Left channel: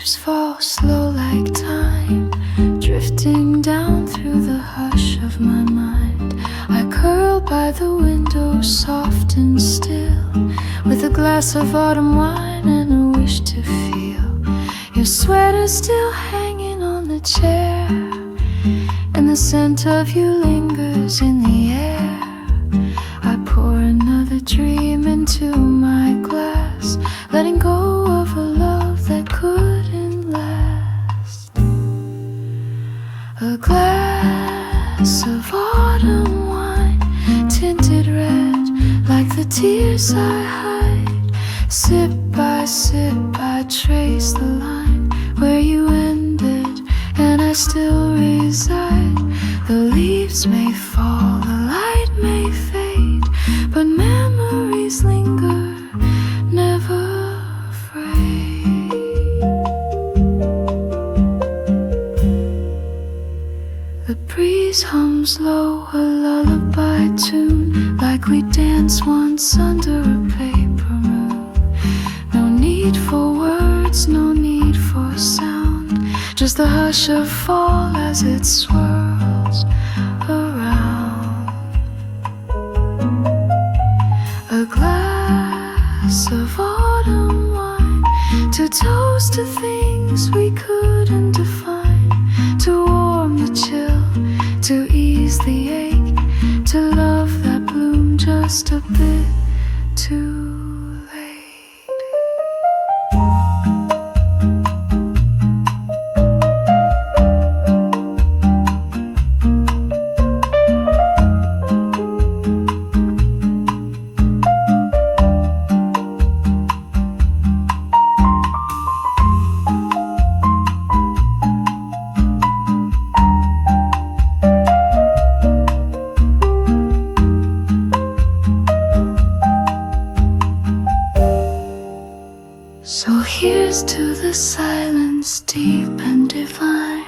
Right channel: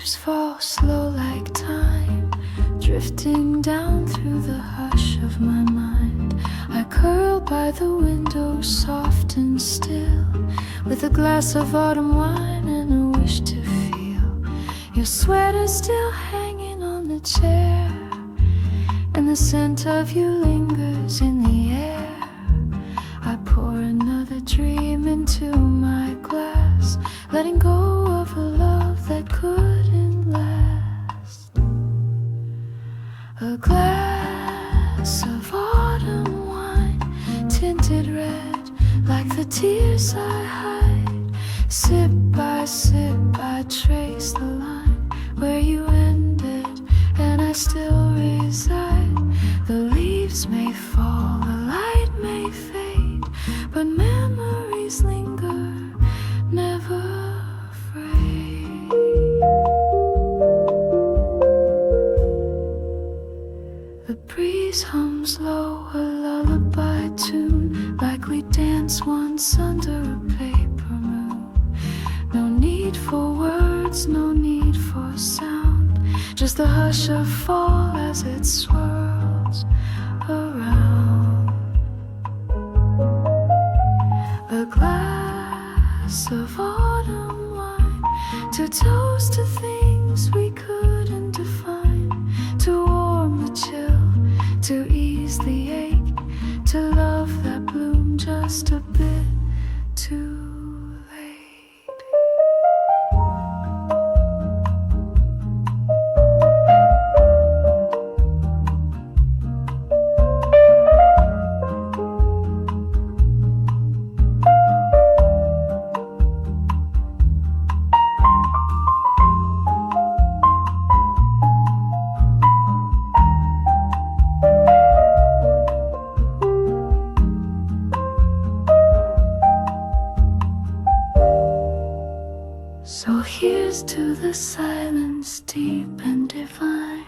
leaves fall slow like time, drifting down through the hush of my mind. I curl by the window, soft and still, with a glass of autumn wine and a wish to feel your sweater still hanging on the chair, and the scent of you lingers in the air. I pour another dream into my glass, letting go of a love that couldn't last. A glass of autumn wine, tinted red like the tears I hide. Sip by sip I trace the line where you ended, and I still reside. The leaves may fall, the light may fade, but memories linger, never afraid. The breeze hums low, a lullaby tune, like we danced once under a paper moon. No need for words, no need for sound, just the hush of fall as it swirls around. A glass of autumn wine, to toast to things we couldn't define, to warm the chill, to ease the ache, to love that bloomed just a bit too to the silence deep and divine,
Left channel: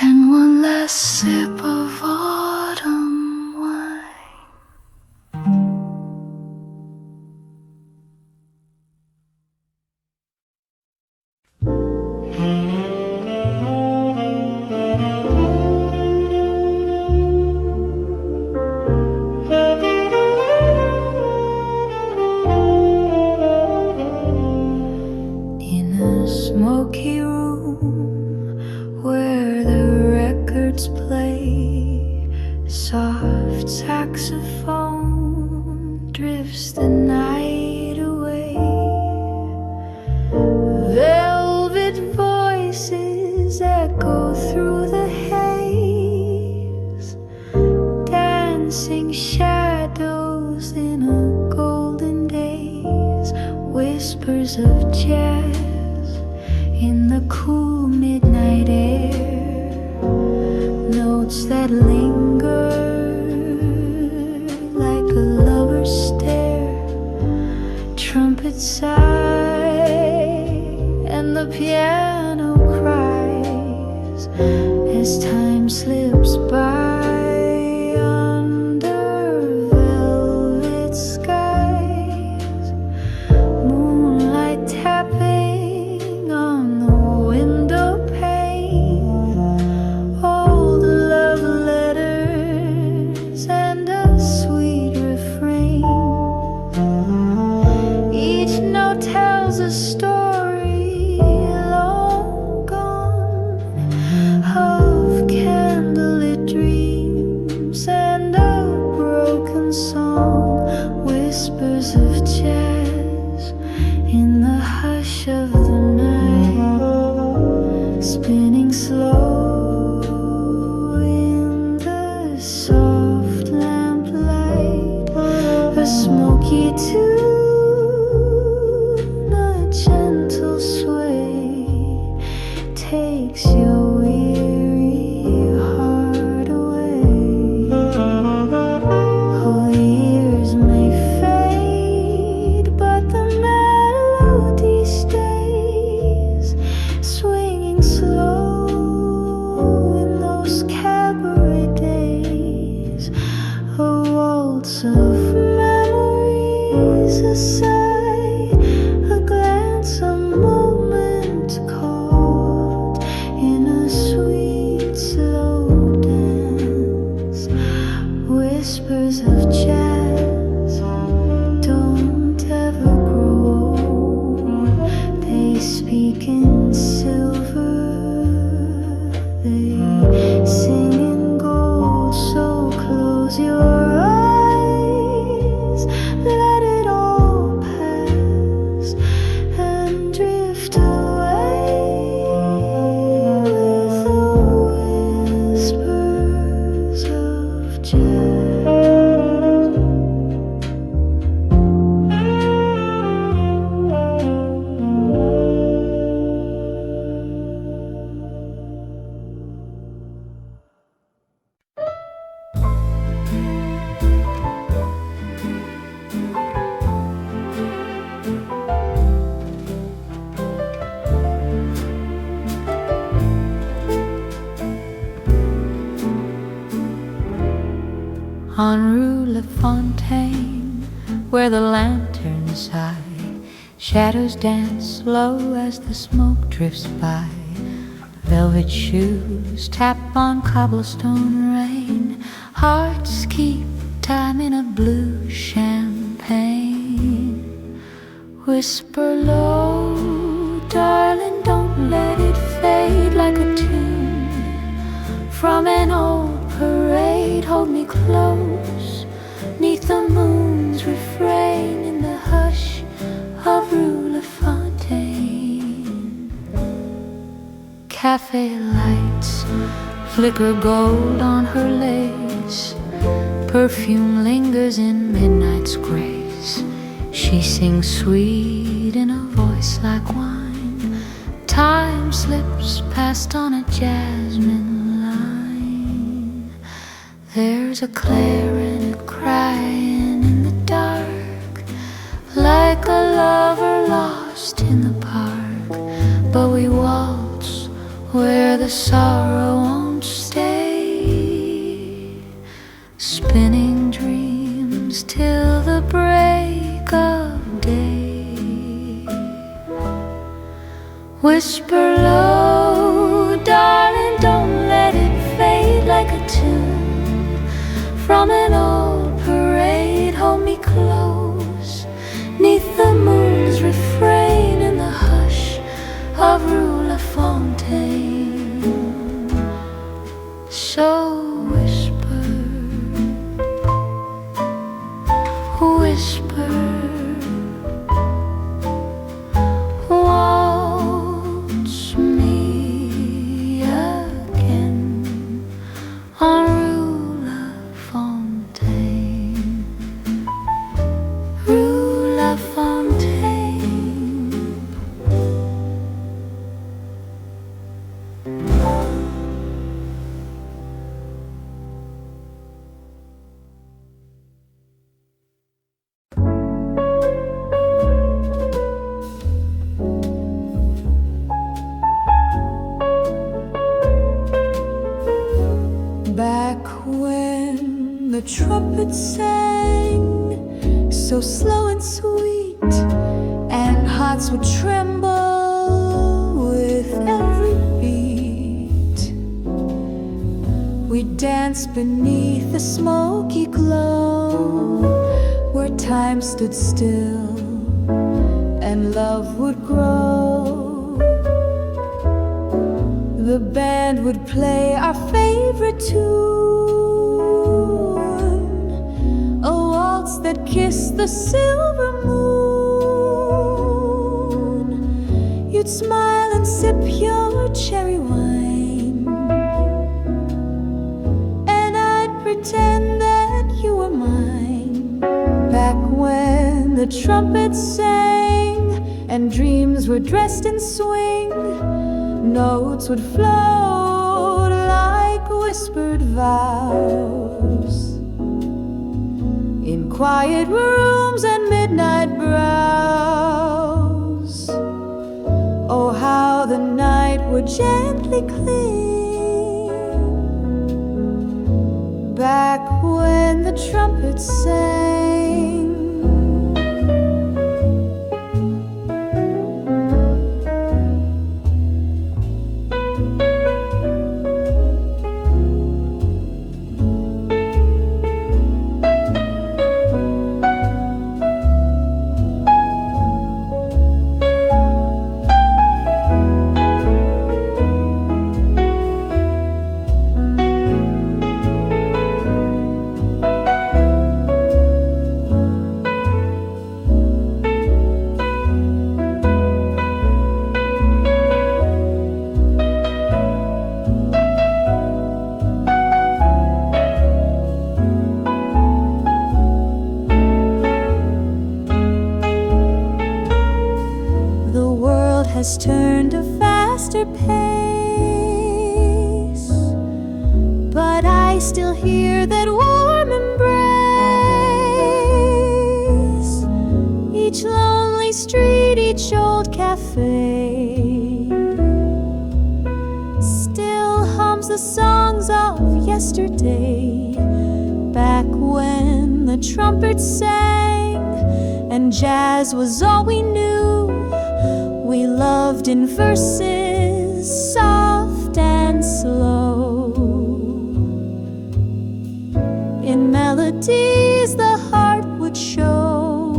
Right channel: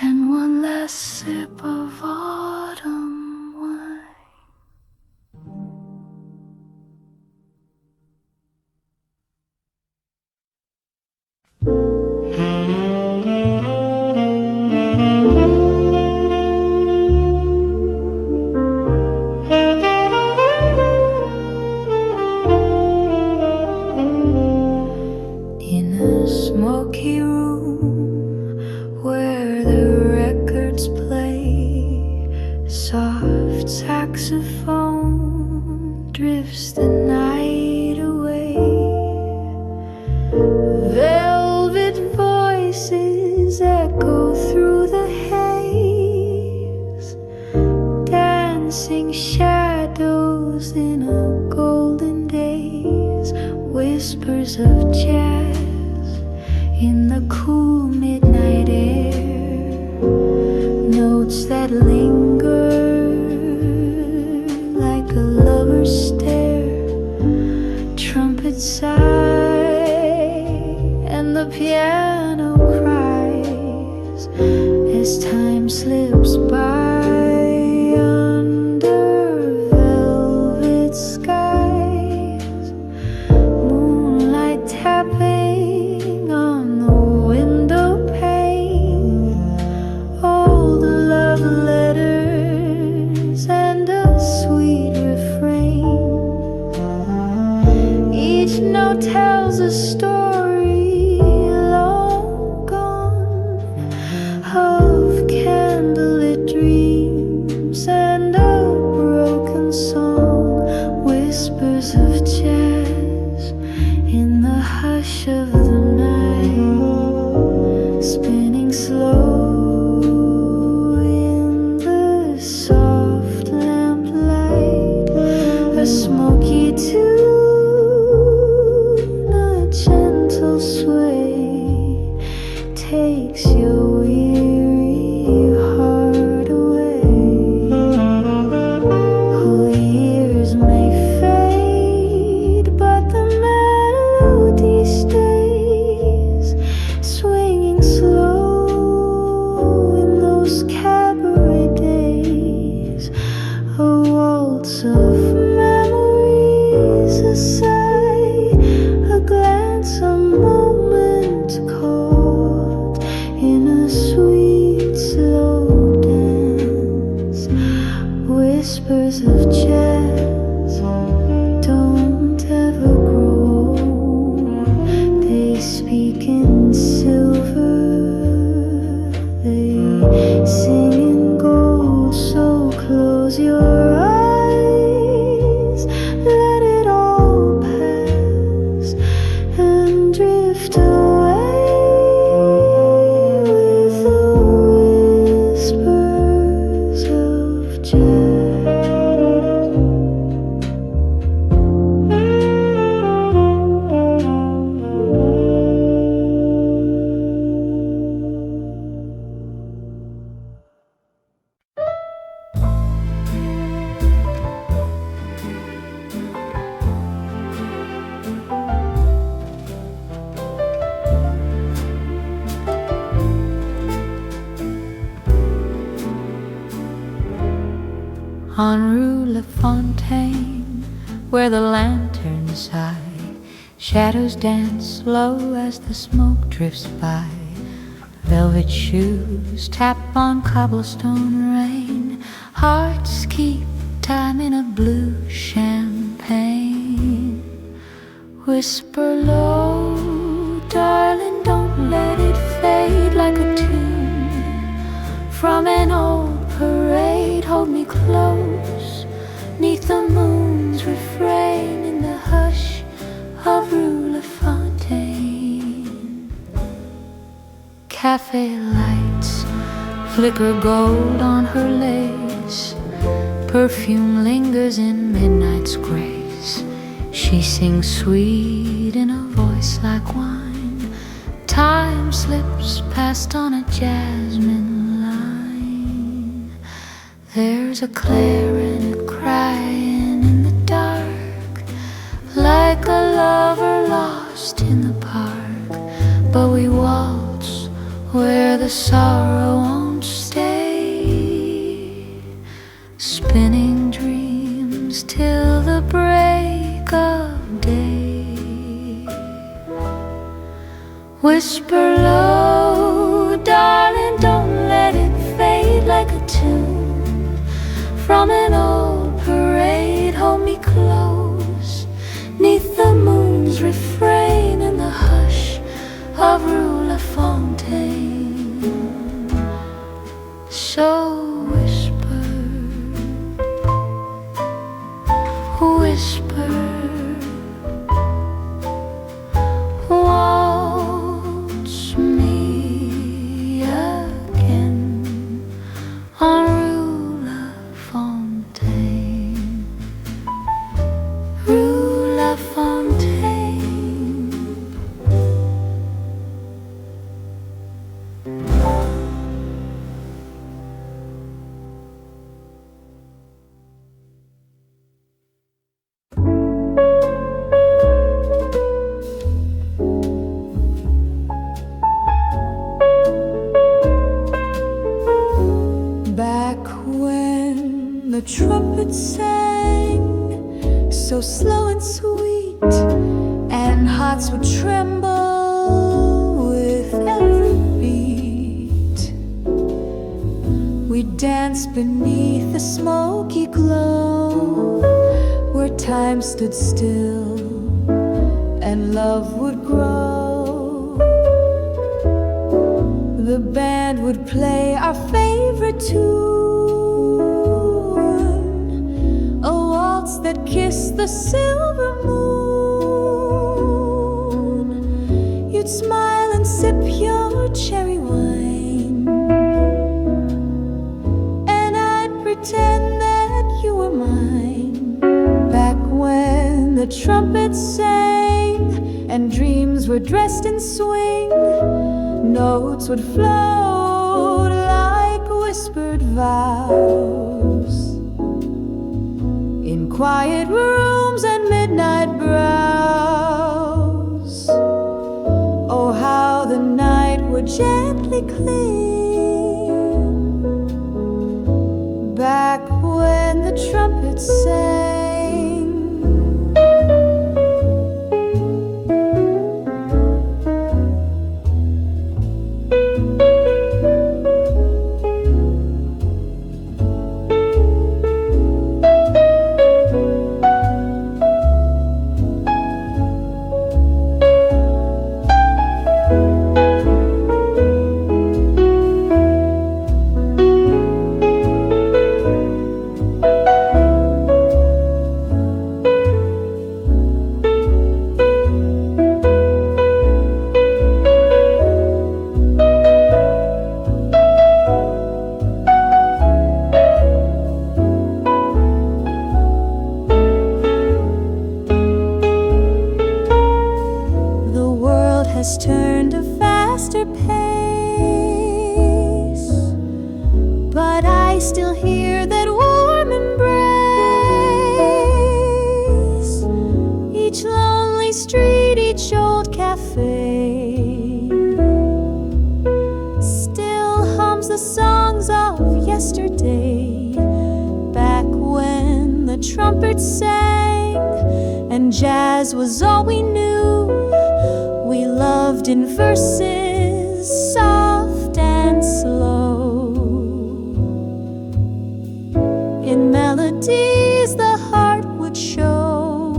and one last sip of autumn wine. Smoky room where the records play, soft saxophone drifts the night away. Velvet voices echo through the haze, dancing shadows in a golden daze, whispers of jazz in the cool midnight air, notes that linger like a lover's stare. Trumpets sigh and the piano cries as time slips by under velvet skies. Moonlight tapping on the window pane, old love letters and a sweet refrain. Each note tells a story long gone, of candlelit dreams and a broken song, whispers of jazz in the hush of the night, spinning slow in the soft lamplight. A smoky tune, a gentle sway, takes your weary heart away. Oh, years may fade, but the melody stays, swinging slow in those cabaret days. A waltz of memories, a sigh, a glance, a moment called They speak in silver, they sing in gold, so close your eyes, let it all pass and drift away with the whispers of jazz. On Rue Lafontaine, where the lanterns high, shadows dance low as the smoke drifts by. Velvet shoes tap on cobblestone rain, hearts keep time in a blue champagne. Whisper low, darling, don't let it fade like a tune from an old parade. Hold me close, 'neath the moon's refrain, in the hush of Rue Lafontaine. Café lights flicker gold on her lace, perfume lingers in midnight's grace. She sings sweet in a voice like wine, time slips past on a jasmine. There's a clarinet crying in the dark, like a lover lost in the park. But we waltz where the sorrow won't stay, spinning dreams till the break of day. Whisper low, darling, don't let it fade like a tune from an old parade. Hold me close, 'neath the moon's refrain, in the hush of Rue Lafontaine. So whisper, whisper, waltz me again on back when the trumpets sang so slow and sweet, and hearts would tremble with every beat. We'd dance beneath the smoky glow, where time stood still and love would grow. The band would play our favorite tune, a waltz that kissed the silver moon. You'd smile and sip your cherry wine, and I'd pretend that you were mine. Back when the trumpets sang and dreams were dressed in swing, notes would float like whispered vows in quiet rooms and midnight brows. Oh, how the night would gently cling, back when the trumpets sang. has turned a faster pace, but I still hear that warm embrace. Each lonely street, each old cafe still hums the songs of yesterday, back when the trumpets sang and jazz was all we knew. We loved in verses soft and slow, in melodies the heart would show.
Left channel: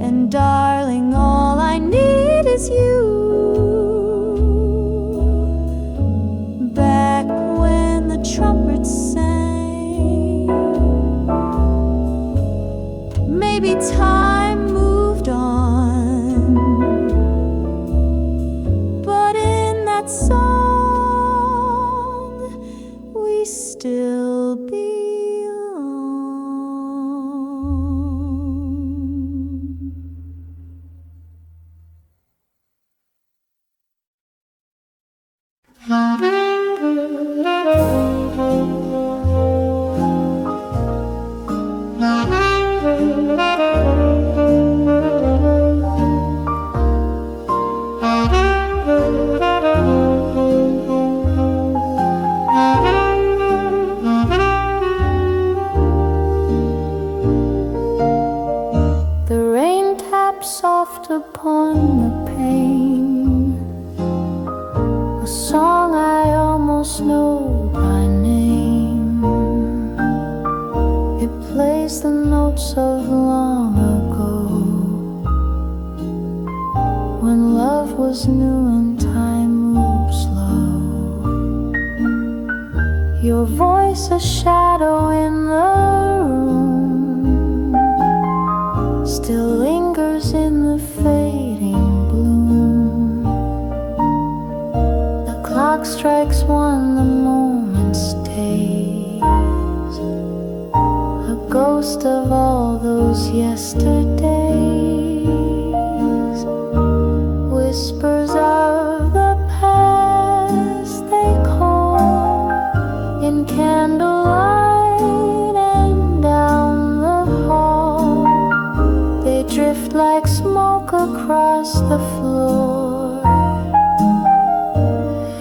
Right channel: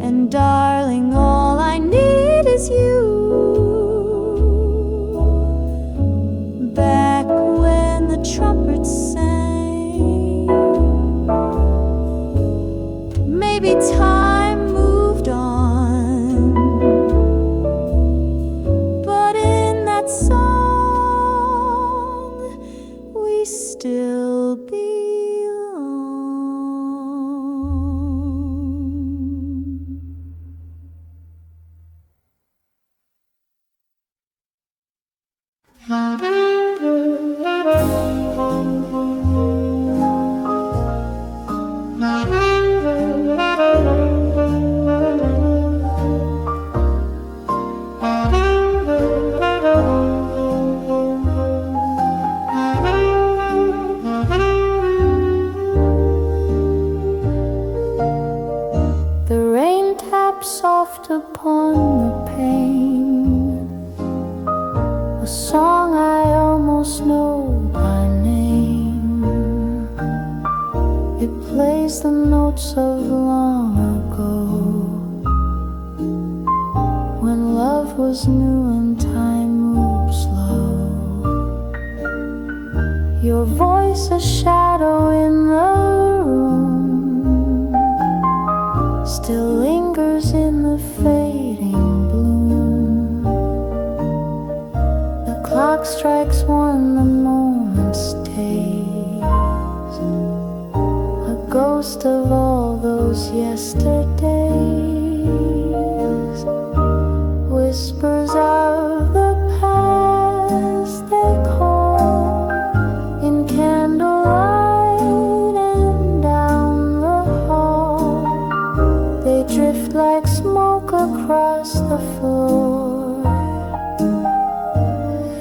And darling, all I need is you, back when the trumpets sang. Maybe time moved on, but in that song we still belong. The rain taps soft upon the pane, a song I almost know by name. It plays the notes of long ago, when love was new and time moved slow. Your voice a shadow in the room, still lingers in the fading bloom. The clock strikes one, the moment stays, a ghost of all those yesterdays. Whispers of the past they call, in candlelight and down the hall. They drift like smoke across the floor,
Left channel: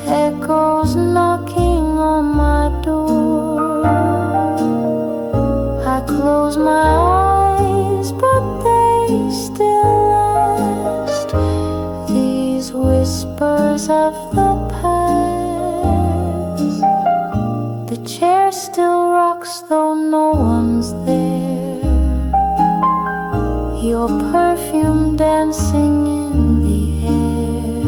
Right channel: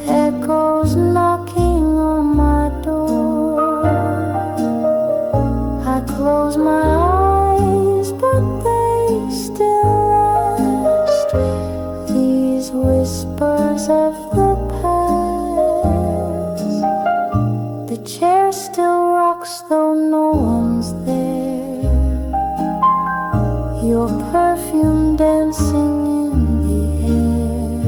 echoes knocking on my door. I close my eyes, but they still last, these whispers of the past. The chair still rocks though no one's there, your perfume dancing in the air.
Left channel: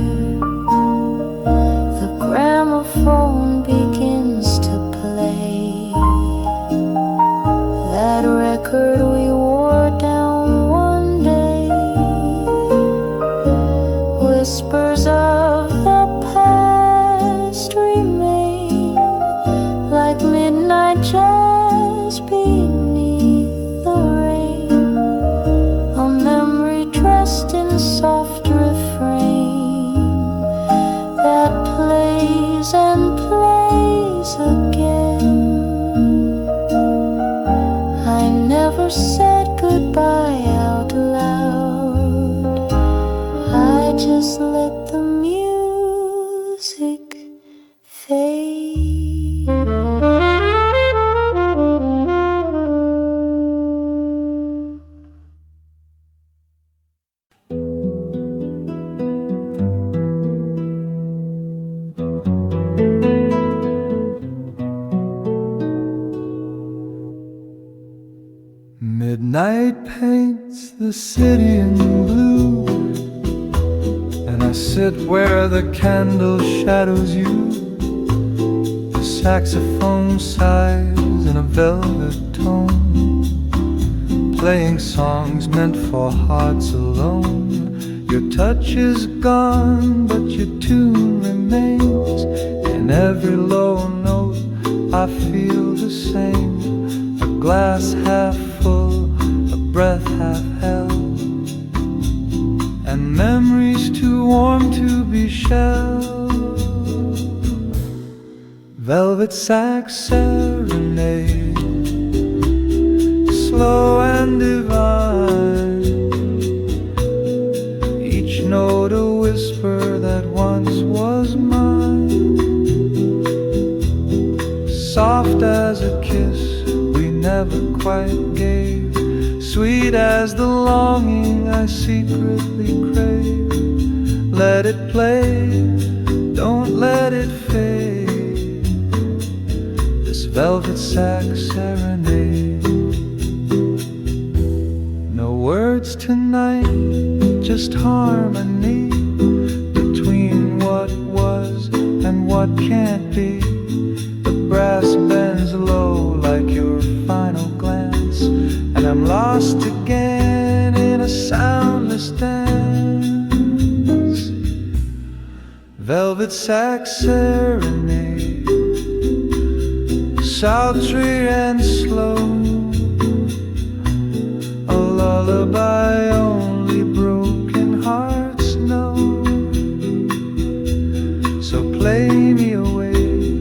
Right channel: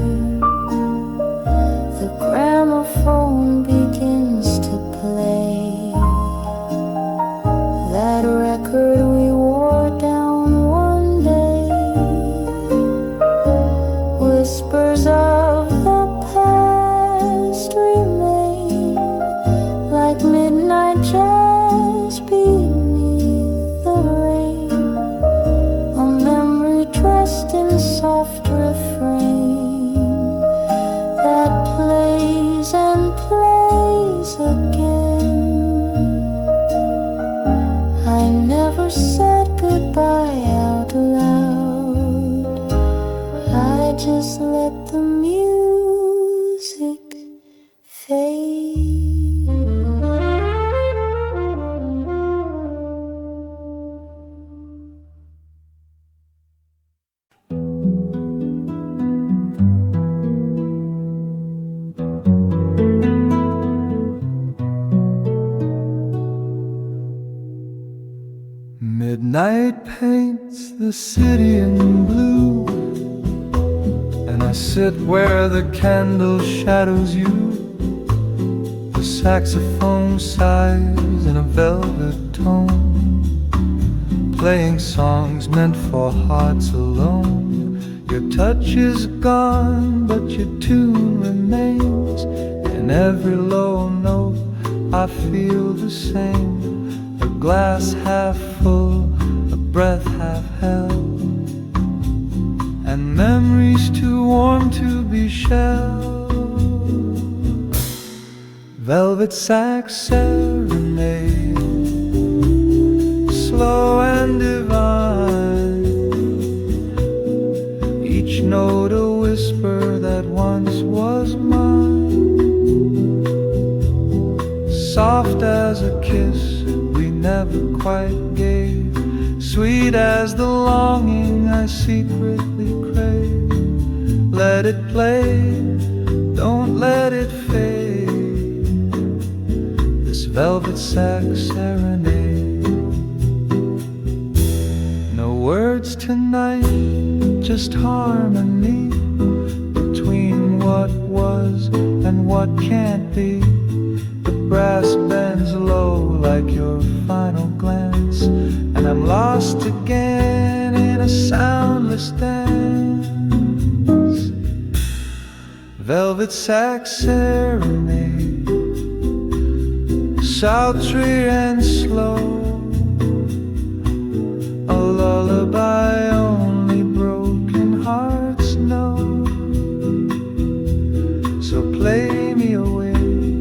The gramophone begins to play that record we wore down one day. Whispers of the past remain like midnight jazz beneath the rain, a memory dressed in soft refrain that plays and plays again. I never said goodbye out loud, I just let the music fade. Midnight paints the city in blue, and I sit where the candle shadows you. The saxophone sighs in a velvet tone, playing songs meant for hearts alone. Your touch is gone, but your tune remains. In every low note I feel the same, a glass half full, a breath half held, and memories too warm to be shelled. Velvet Sax Serenade, slow and divine, each note a whisper that once was mine. Soft as a kiss we never quite gave, sweet as the longing I secretly crave. Let it play, don't let it fade, this velvet sax serenade. No words tonight, just harmony between what was and what can't be. The brass bends low like your final glance, and I'm lost again in a soundless dance. Velvet sax serenade, sultry and slow, a lullaby only broken hearts know. So play me away,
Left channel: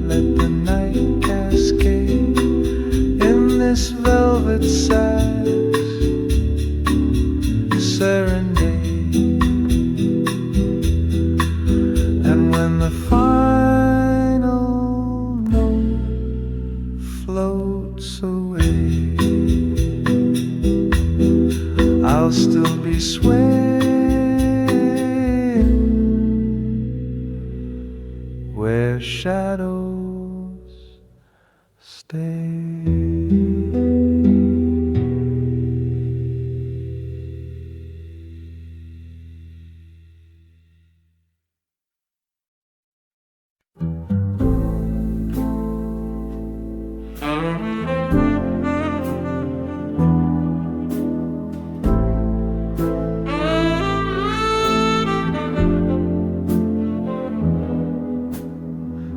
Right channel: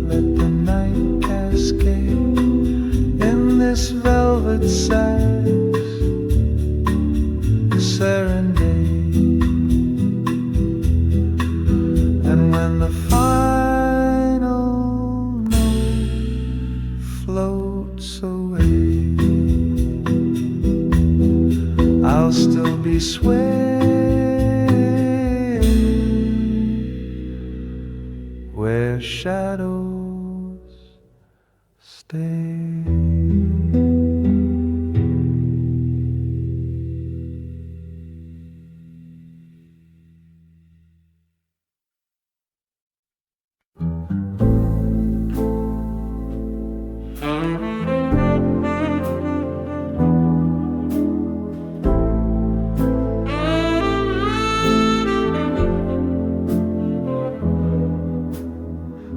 let the night cascade in this velvet sax serenade. And when the final note floats away, I'll still be swaying where shadows stay.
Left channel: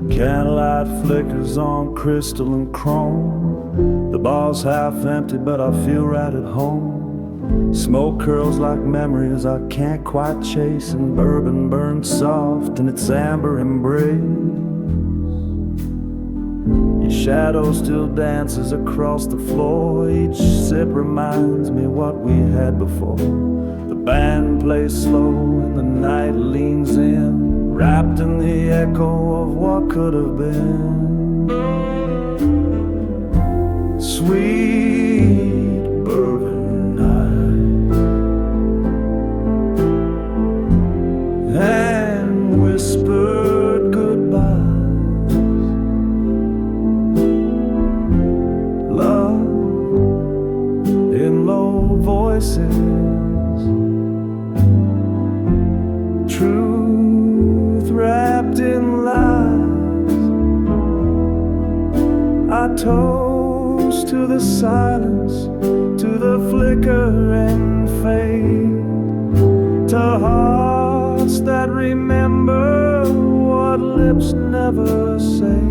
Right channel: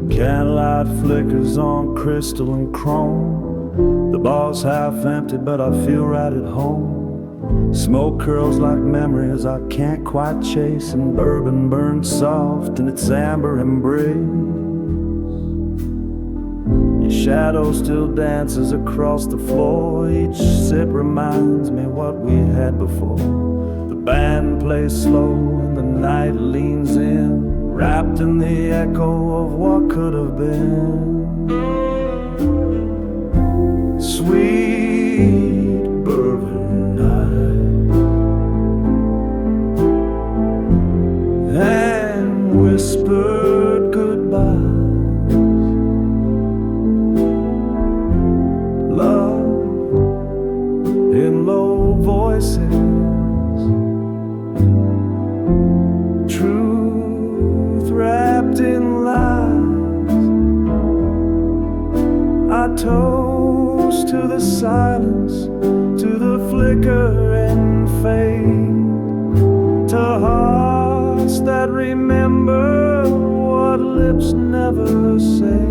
Candlelight flickers on crystal and chrome. The bar's half empty, but I feel right at home. Smoke curls like memories I can't quite chase, and bourbon burns soft in its amber embrace. Your shadow still dances across the floor. Each sip reminds me what we had before. The band plays slow and the night leans in, wrapped in the echo of what could have been. Sweet bourbon night, and whispered goodbyes. Love in low voices, truth wrapped in lies. I toast to the silence, to the flicker and fade, to hearts that remember what lips never say.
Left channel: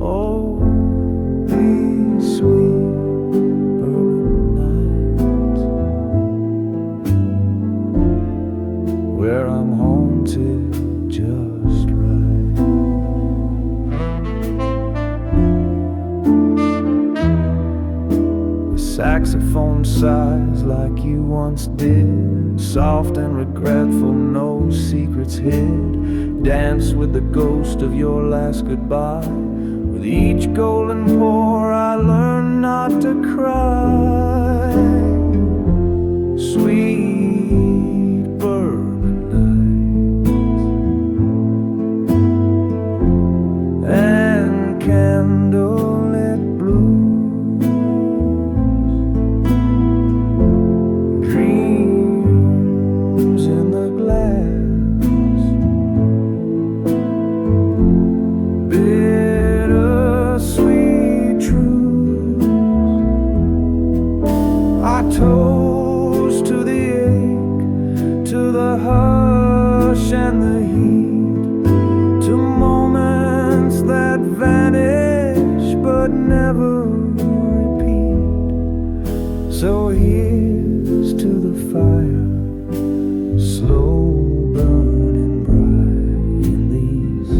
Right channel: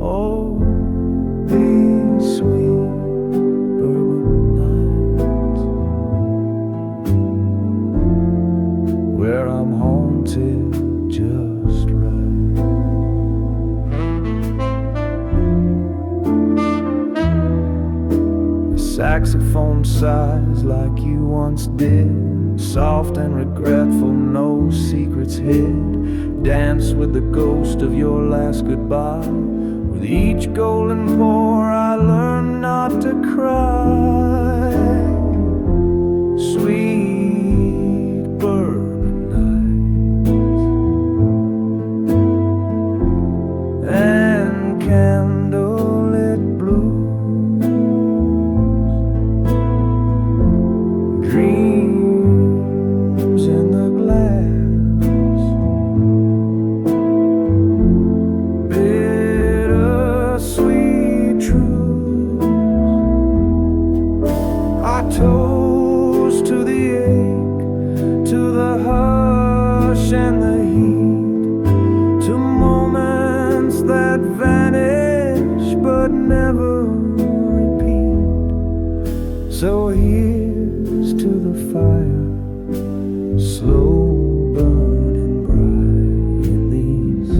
Oh, these sweet bourbon nights, where I'm haunted just right. The saxophone sighs like you once did, soft and regretful, no secrets hid. Dance with the ghost of your last goodbye. With each golden pour I learn not to cry. Sweet bourbon nights and candlelit blues, dreams in the glass, sweet truths. I toast to the ache, to the hush and the heat, to moments that vanish but never repeat. So here's to the fire slow burning bright in these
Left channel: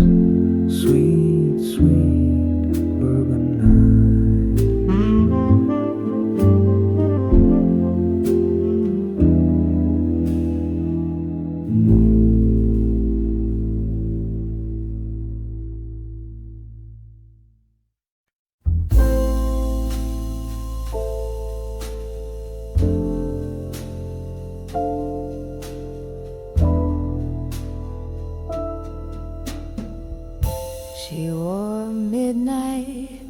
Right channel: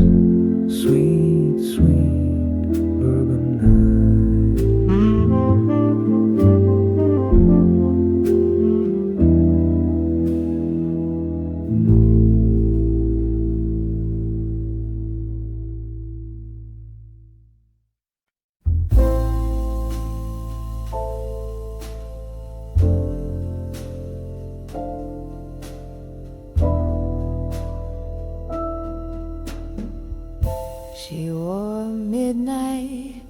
sweet, sweet bourbon nights. She wore midnight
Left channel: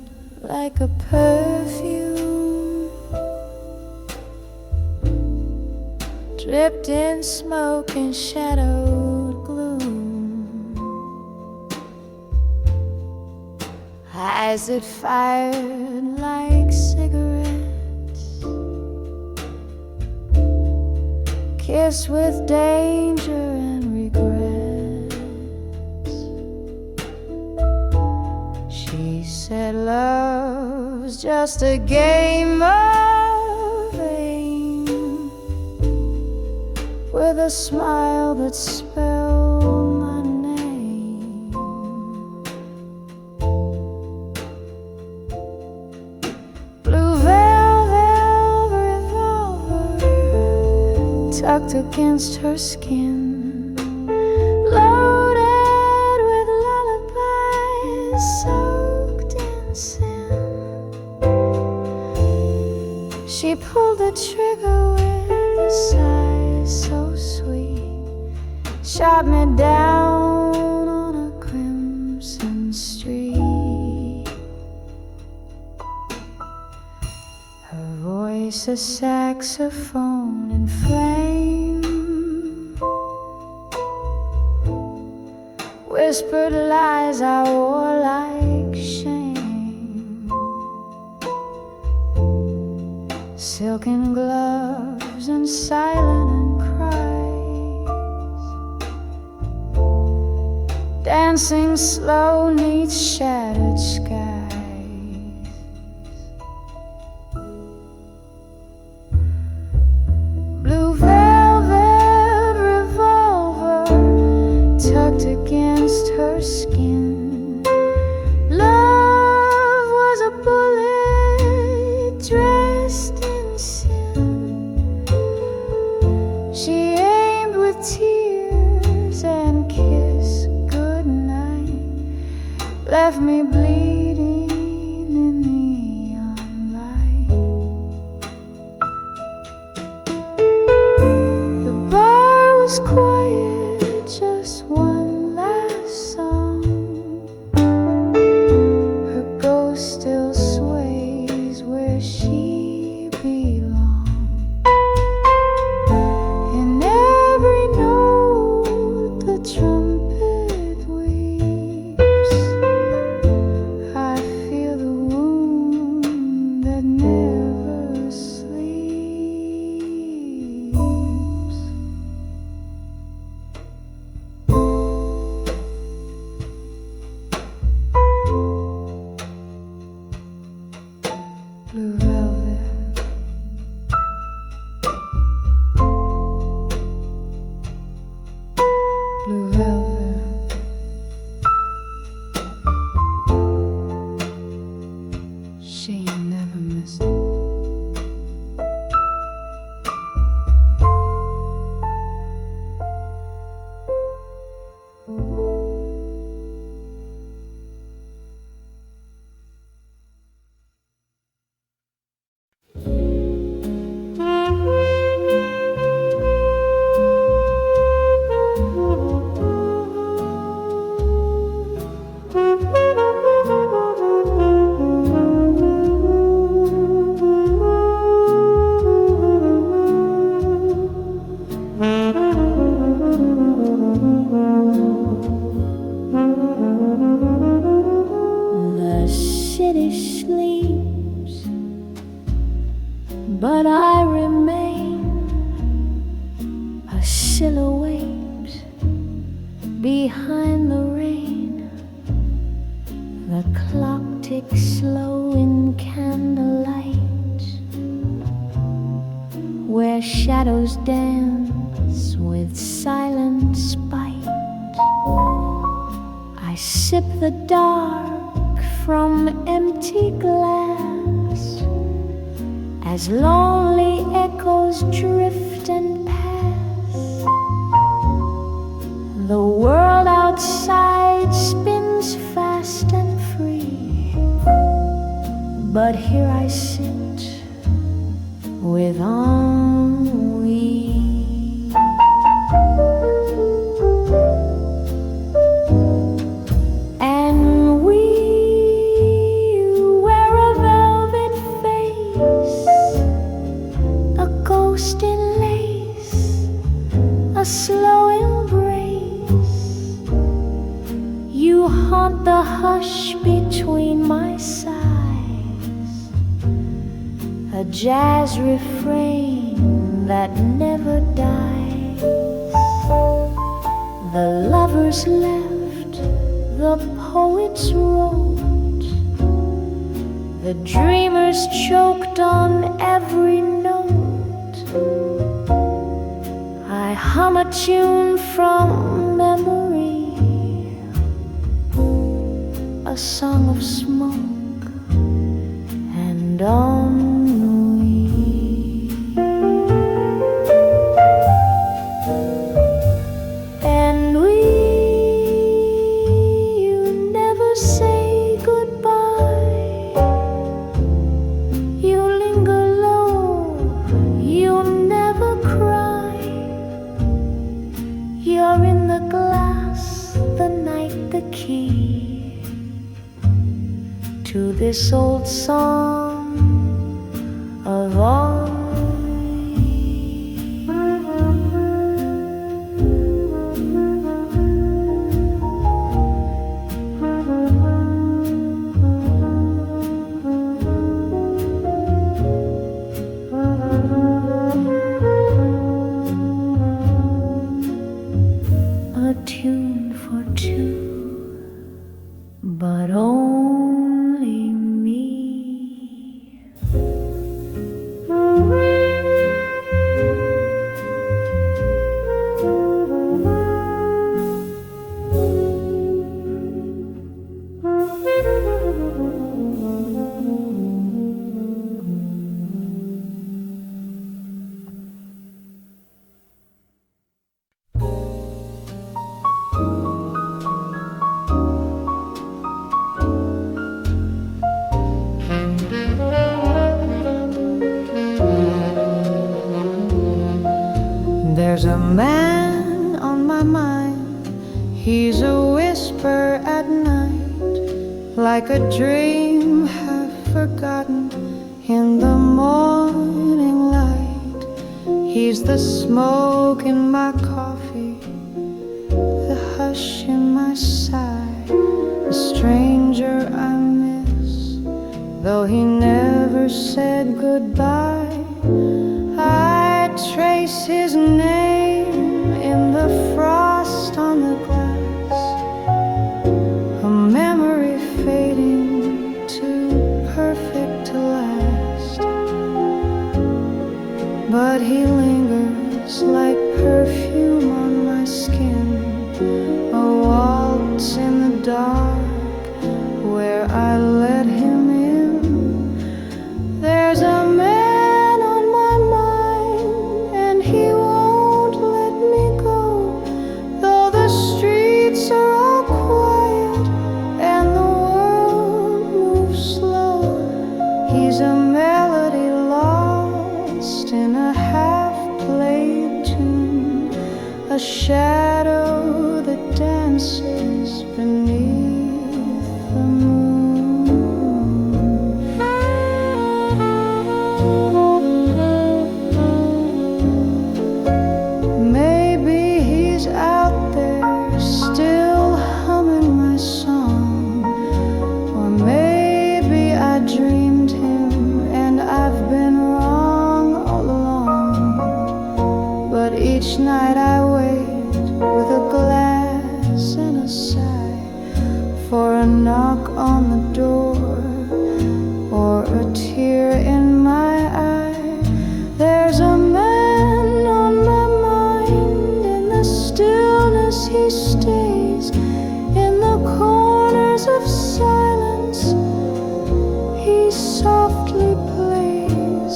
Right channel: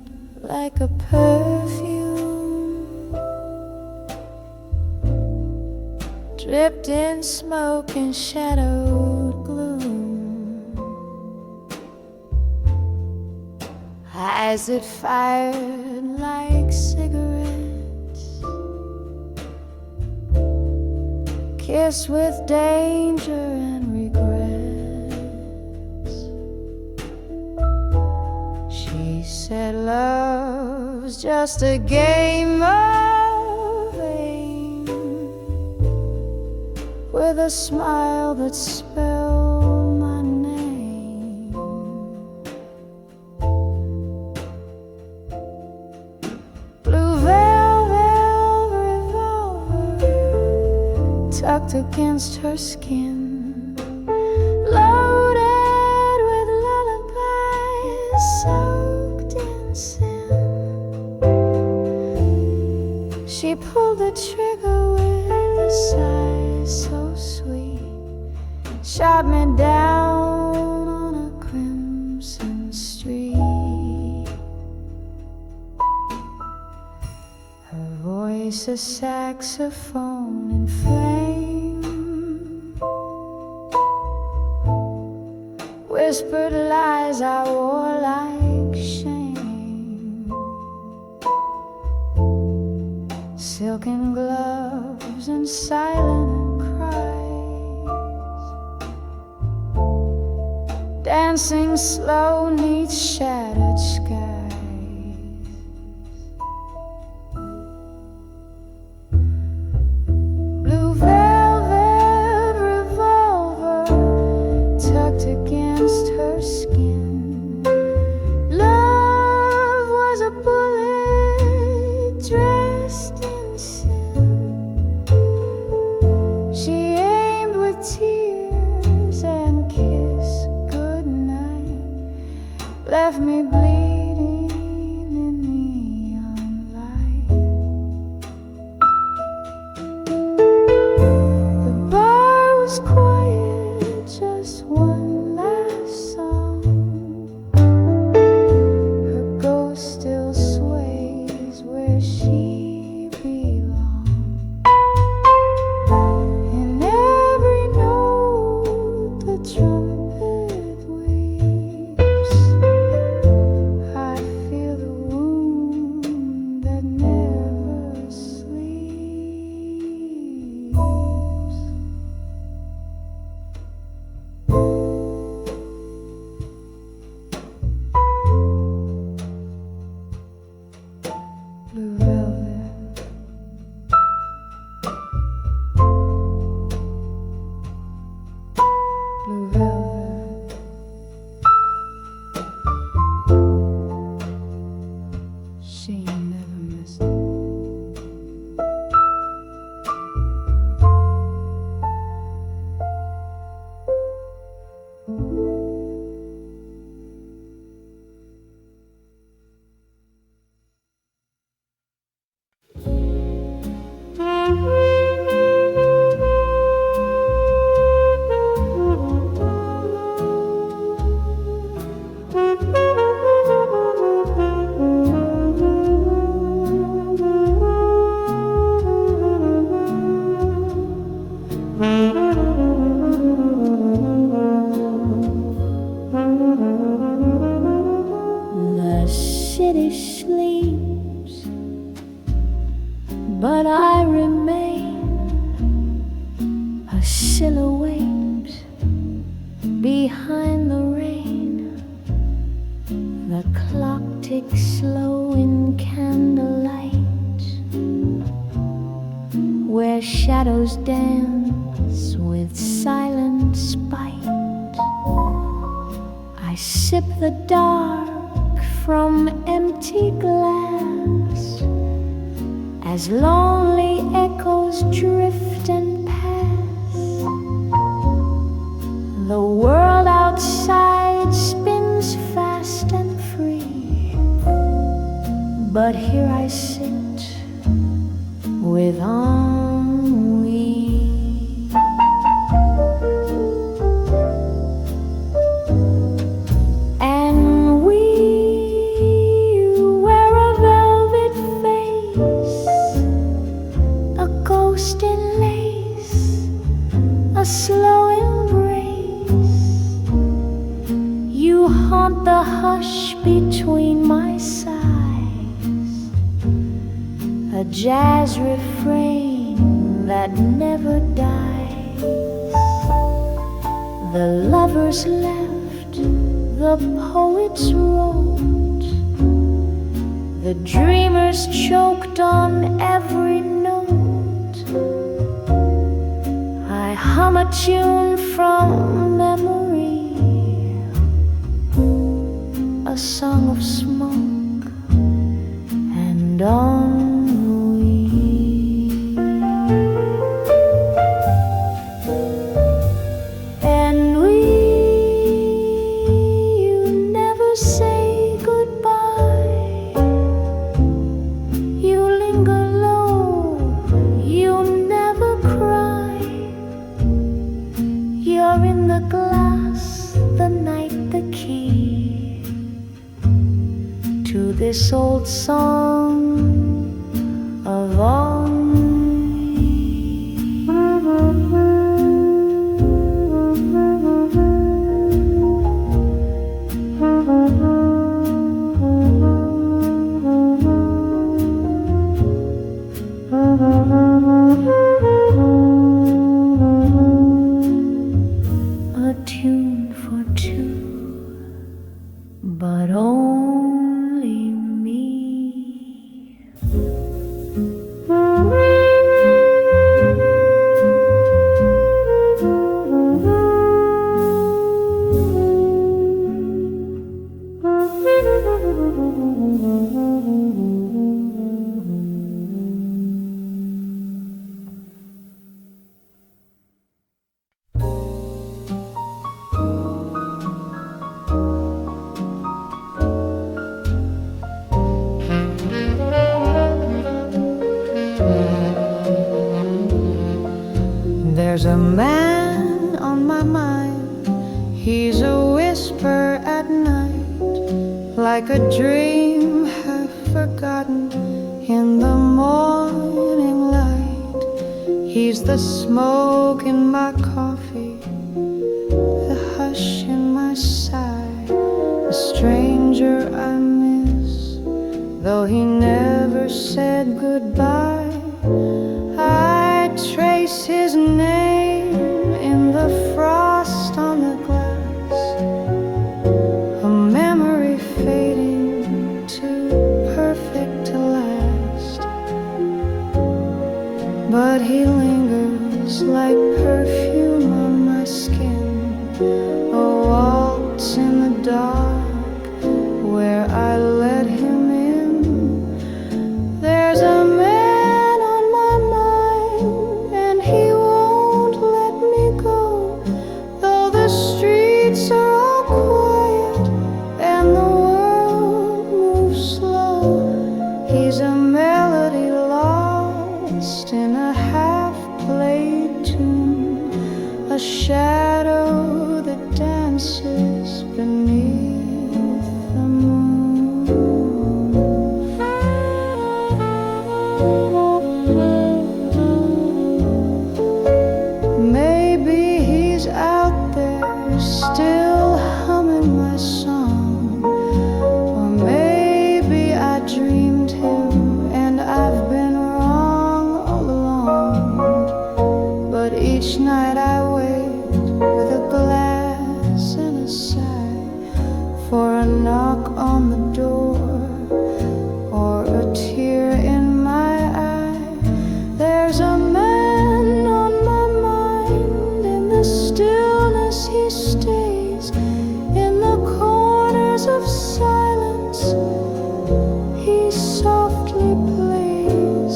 like a perfume, dripped in smoke and shadowed gloom. Eyes that fired like cigarettes, kissed with danger and regret. She said love's just a game of aim, with a smile that spelled my name. Blue velvet revolver tucked against her skin, loaded with lullabies soaked in sin. She pulled the trigger with a sigh so sweet, shot me down on a crimson street. Her voice a saxophone in flame, whispered lies I wore like shame. Silken gloves and silent cries, dancing slow 'neath shattered skies. Blue velvet revolver tucked against her skin. Love was a bullet dressed in sin. She aimed with tears and kissed goodnight, left me bleeding in neon light. The bar was quiet, just one last song. Her ghost still sways where she belongs. In every note the trumpet weeps, I feel the wound that never sleeps. Blue velvet, blue velvet, she never missed it. The city sleeps, but I remain a silhouette behind the rain. The clock ticks slow in candlelight, where shadows dance eyes with silent spite. I sip the dark from empty glass as lonely echoes drift and pass. The world outside spins fast and free, but here I sit with ennui. And we wear a velvet face, a ghost in lace, a slow embrace. You haunt the hush between my sighs, a jazz refrain that never dies. The lovers left, the poets wrote, the dreamers choked on every note. I hum a tune from memory, a song of smoke and ennui. Ennui, you never say goodbye. You linger low, you never cry. You're in the glass, the night, the key to this old song of ennui. A tune for two, but only me. There's a man on my mind, he's a whisper at night, like a dream half forgotten in the morning light. He's the smoke in my coffee, the hush in my sigh, a stranger I miss, though he never said goodbye. I trace his name in the frost on the glass, a memory fading too perfect to last. But he lingers like perfume on my skin, a waltz in the dark where I let him in. There's a man a melody lost in a half-played tune, a shadow that dances beneath the moon. Maybe he's out there still humming my song, or maybe I dreamed him and I've been wrong all along. But each night I wait with a glass and a sigh for a knock on the door or a tear in my eye. There's a man on my mind stillness he stays, in the corners of silence he softly plays.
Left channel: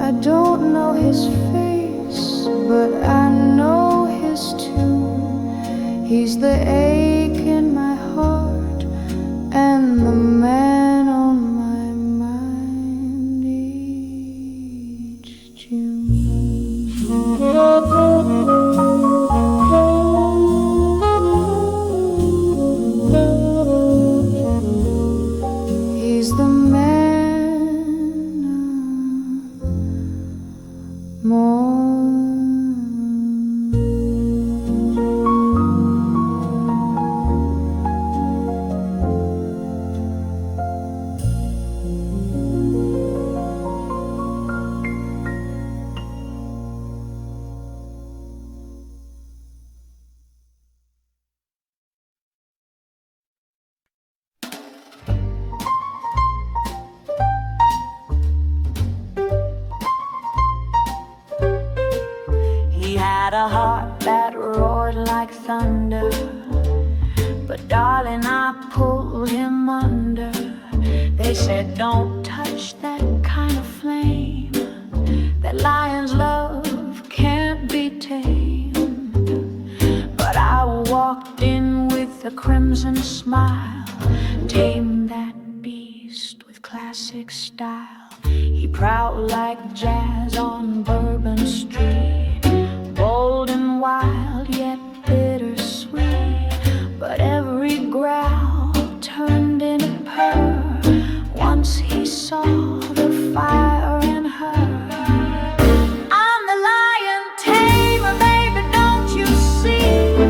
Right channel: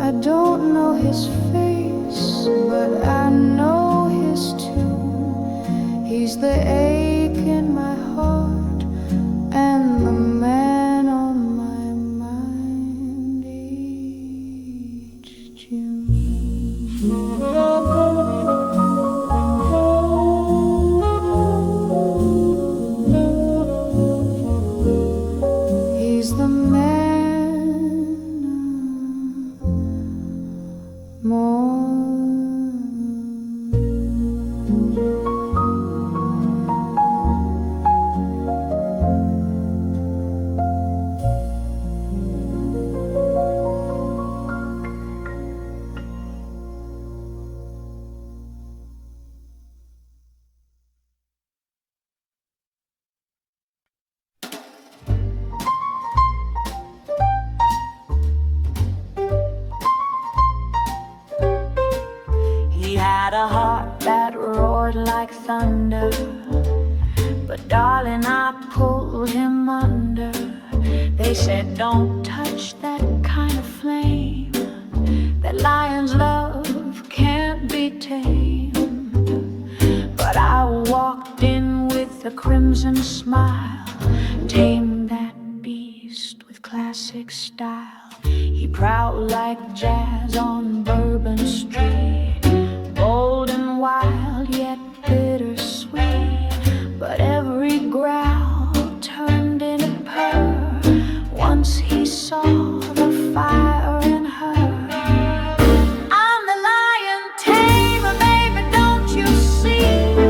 I don't know his face, but I know his tune. He's the ache in my heart and the man on my mind each June. He's the man more. He had a heart that roared like thunder, but darling, I pulled him under. They said don't touch that kind of flame, that lion's love can't be tamed. But I walked in with a crimson smile, tamed that beast with classic style. He prowled like jazz on Bourbon Street, bold and wild, yet bittersweet. But every growl turned into purr once he saw the fire in her. I'm the Lion Tamer, baby, don't you see?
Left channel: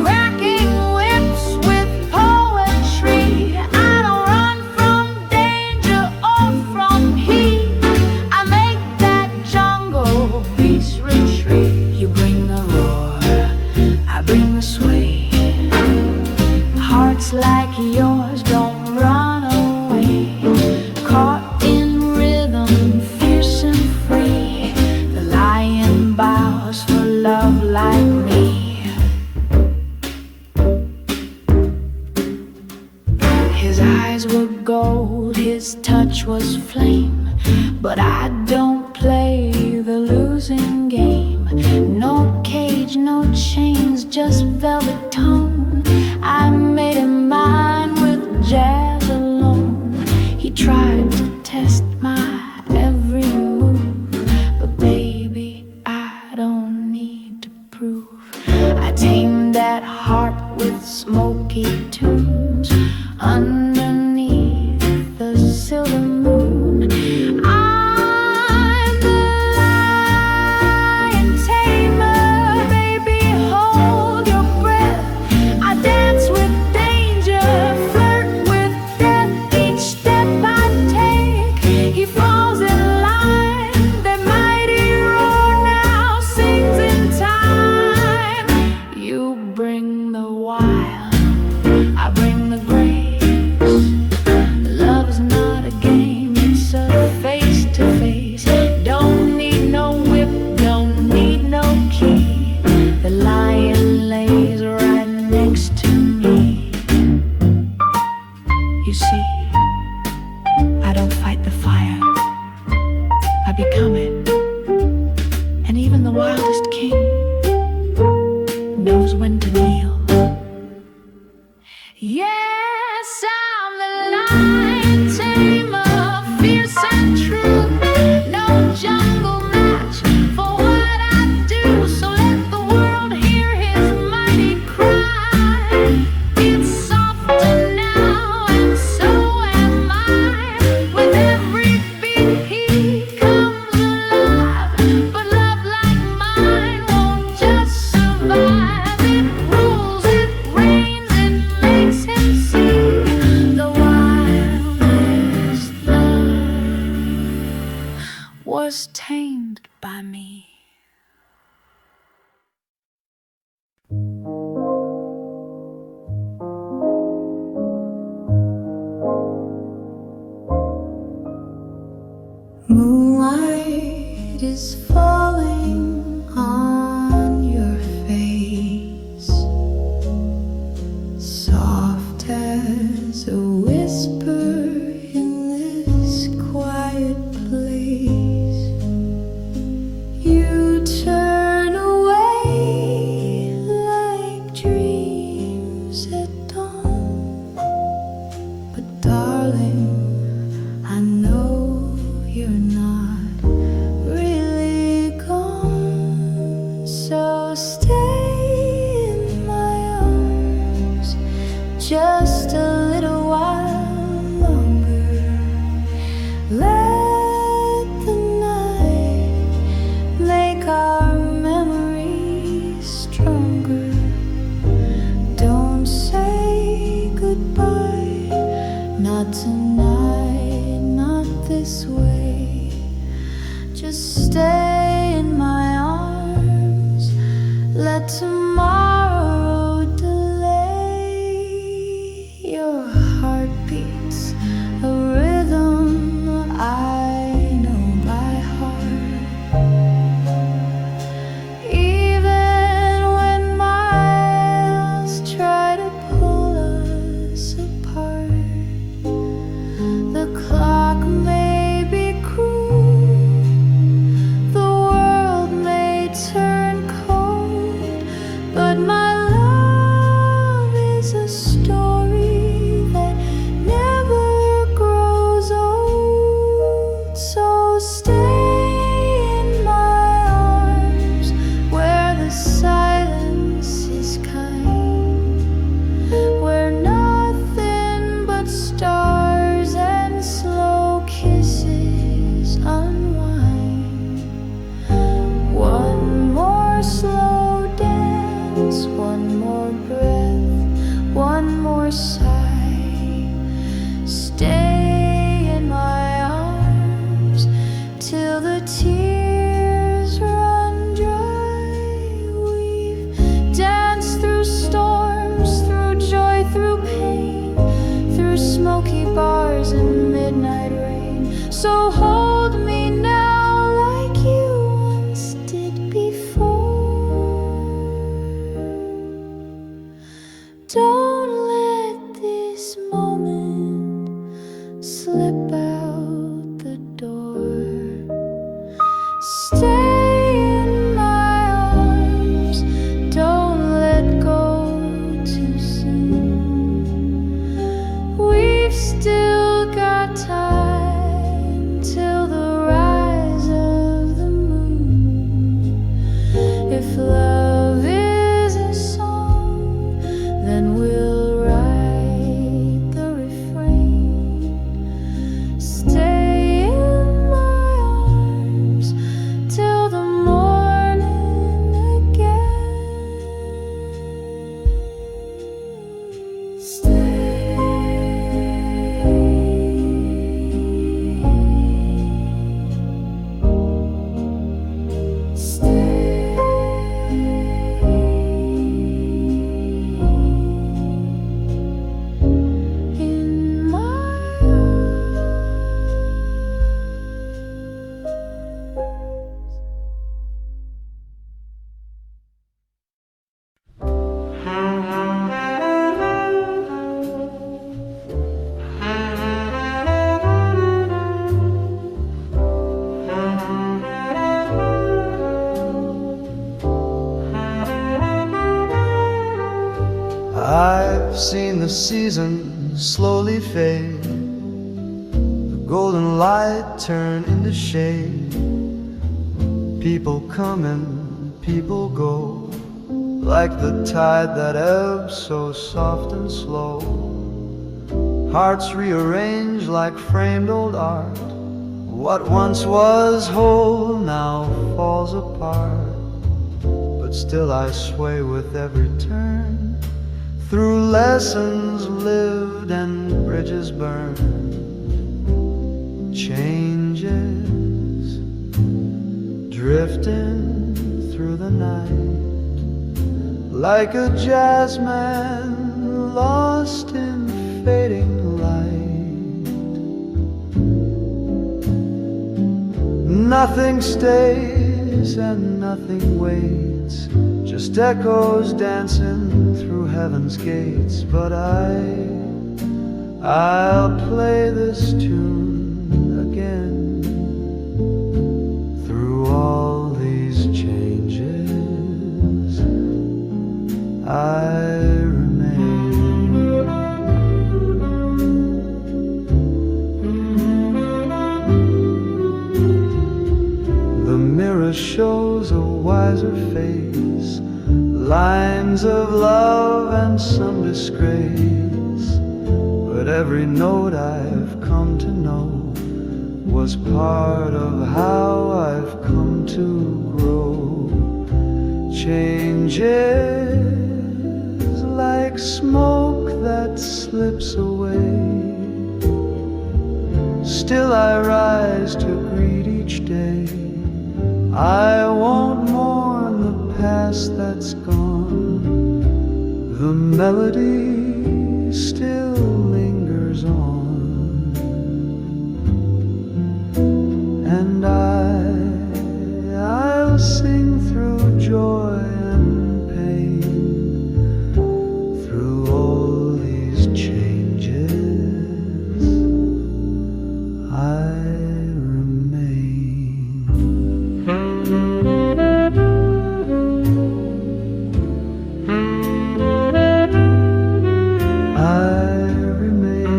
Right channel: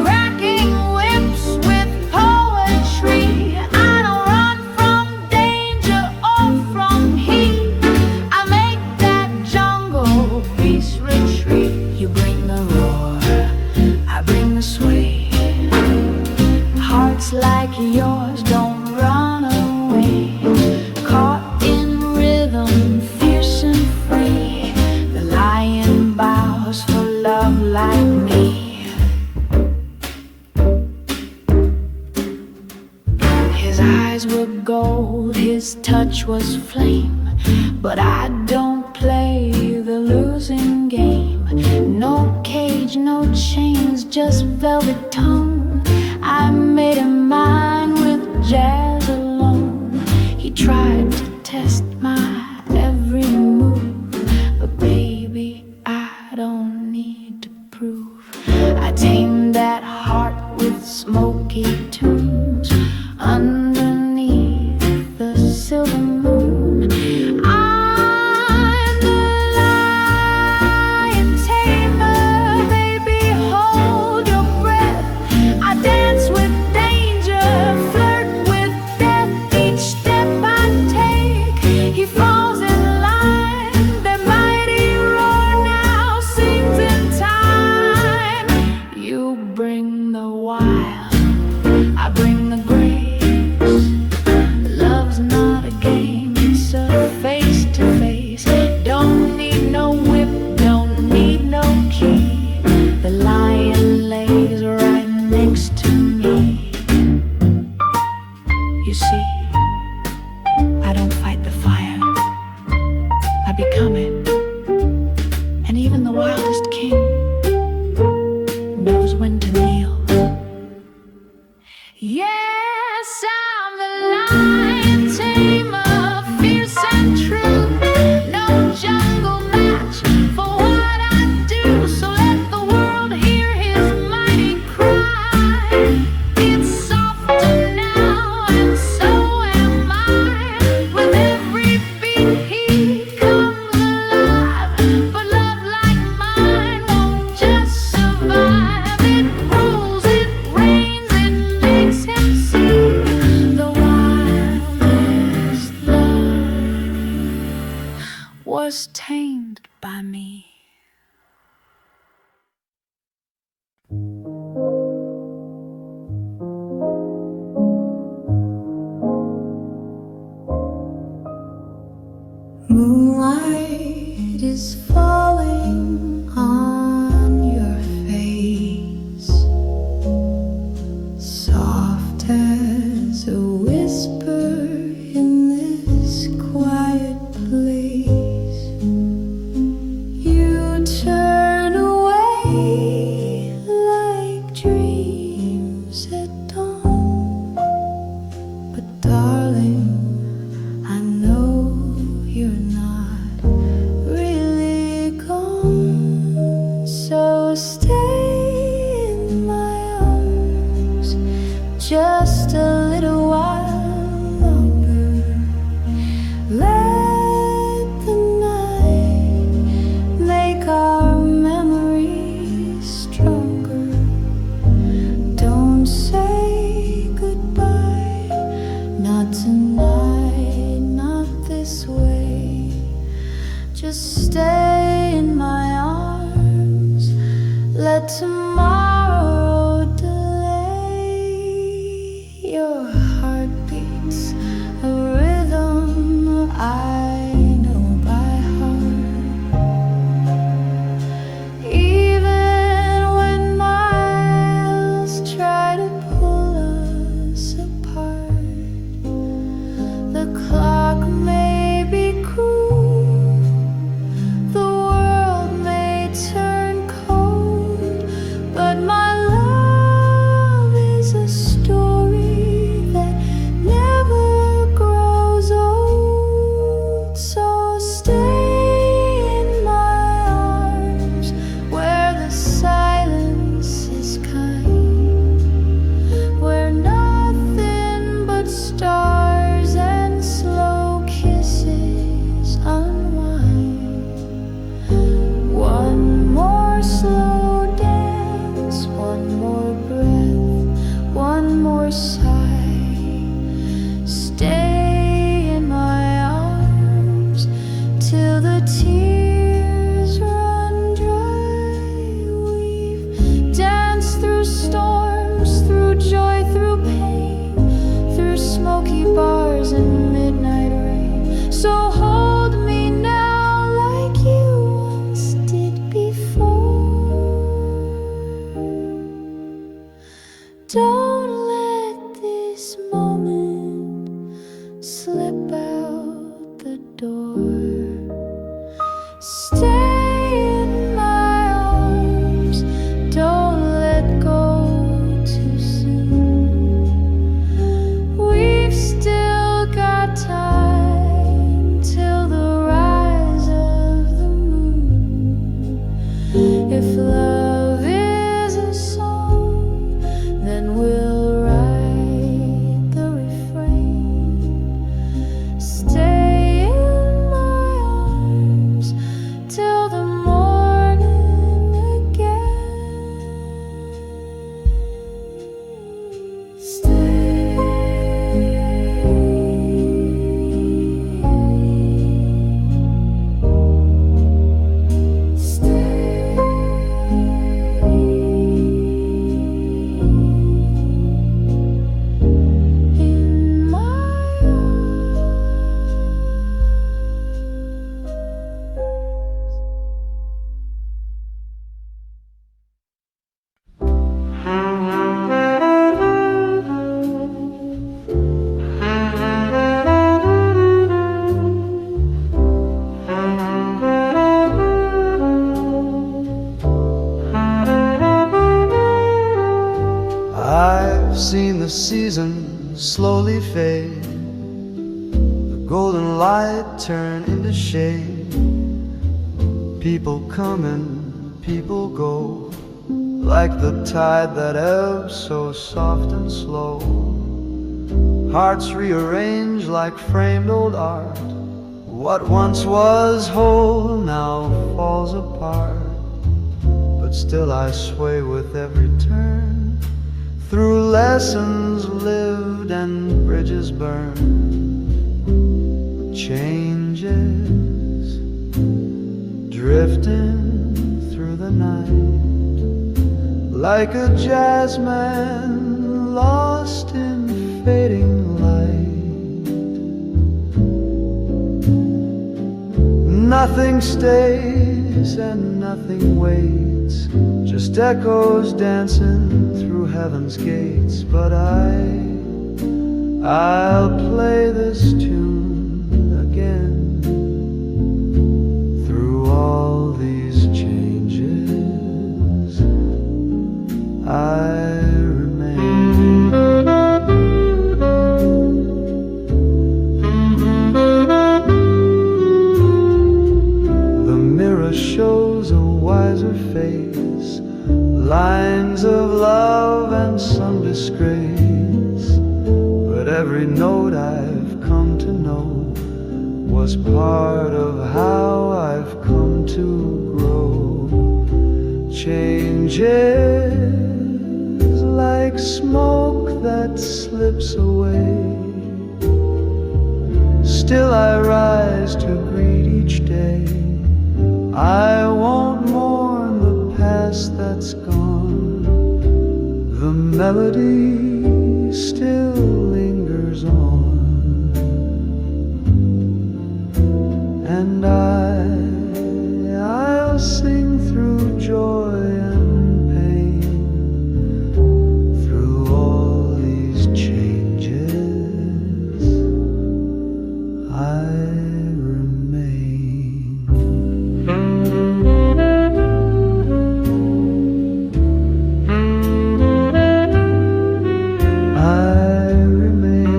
Cracking whips with poetry. I don't run from danger or from heat. I make that jungle beast retreat. You bring the roar, I bring the sway. Hearts like yours don't run away. Caught in rhythm, fierce and free. The lion bows for love like me. His eyes were gold, his touch was flame. But I don't play the losing game. No cage, no chains, just velvet tone. I made him mine with jazz alone. He tried to test my every move, but baby, I don't need to prove. I tamed that heart with smoky tunes underneath the silver moon. I'm the Lion Tamer, baby, hold your breath. I dance with danger, flirt with death. Each step I take, he falls in line. The mighty roar now sings in time. You bring the wild, I bring the grace. Love's not a game, it's a face-to-face. Don't need no whip, don't need no key. The lion lays right next to me. You see, I don't fight the fire, I become it. And even the wildest king knows when to kneel. Yes, I'm the Lion Tamer, fierce and true. No jungle match for what I do. So let the world hear his mighty cry. It's softer now and so am I. With every beat he comes alive. But love like mine won't just survive. It rules, it reigns, it makes him see the wildest love was tamed by me. Moonlight is falling on your So stay in my arms just a little while longer. Let the night make our memories stronger. Don't say goodbye, not tonight, not this way. Just stay in my arms, let tomorrow delay. Your heart beats a rhythm I know by heart. Even when miles try to pull us apart, the clock may be cruel, the world may turn cold, but my love is a story that never grows old. So stay in my arms where the silence is kind, where nothing but stars and slow kisses unwind. One more slow dance, one more breath, one more sigh. Stay in my arms till the tears run dry. We've danced through storms, through joy, through pain, through smoky bars and midnight rain. So hold me now like you once did before. Don't let this moment slip out the door. Stay in my arms, don't let go too soon. We've still got time till the rise of the moon. If love is a song, then we'll write the refrain. Stay in my arms till the morning again. Stay. In my I've seen the season slowly fade, the golden light turn into shade. People come and people go, like the tide that ebbs so soft and slow. Hearts rearrange like framed old art. What once was whole now falls apart, but still I sway with every turn, through lessons lived and bridges burned. Changes drifting through the night, like a jazzman lost in fading light. Nothing stays and nothing waits, just echoes dancing through heaven's gates. But I'll play this tune again. Through all these changes, I remain. The mirror shows a wiser face, lines of love and some disgrace. But every note I've come to know was part of how I've come to grow. Changes like smoke that slips away. Still I rise to greet each day. I won't mourn the past that's gone. The melody still lingers on. And I'll sing through joy and pain, through all these changes. I remain. I remain.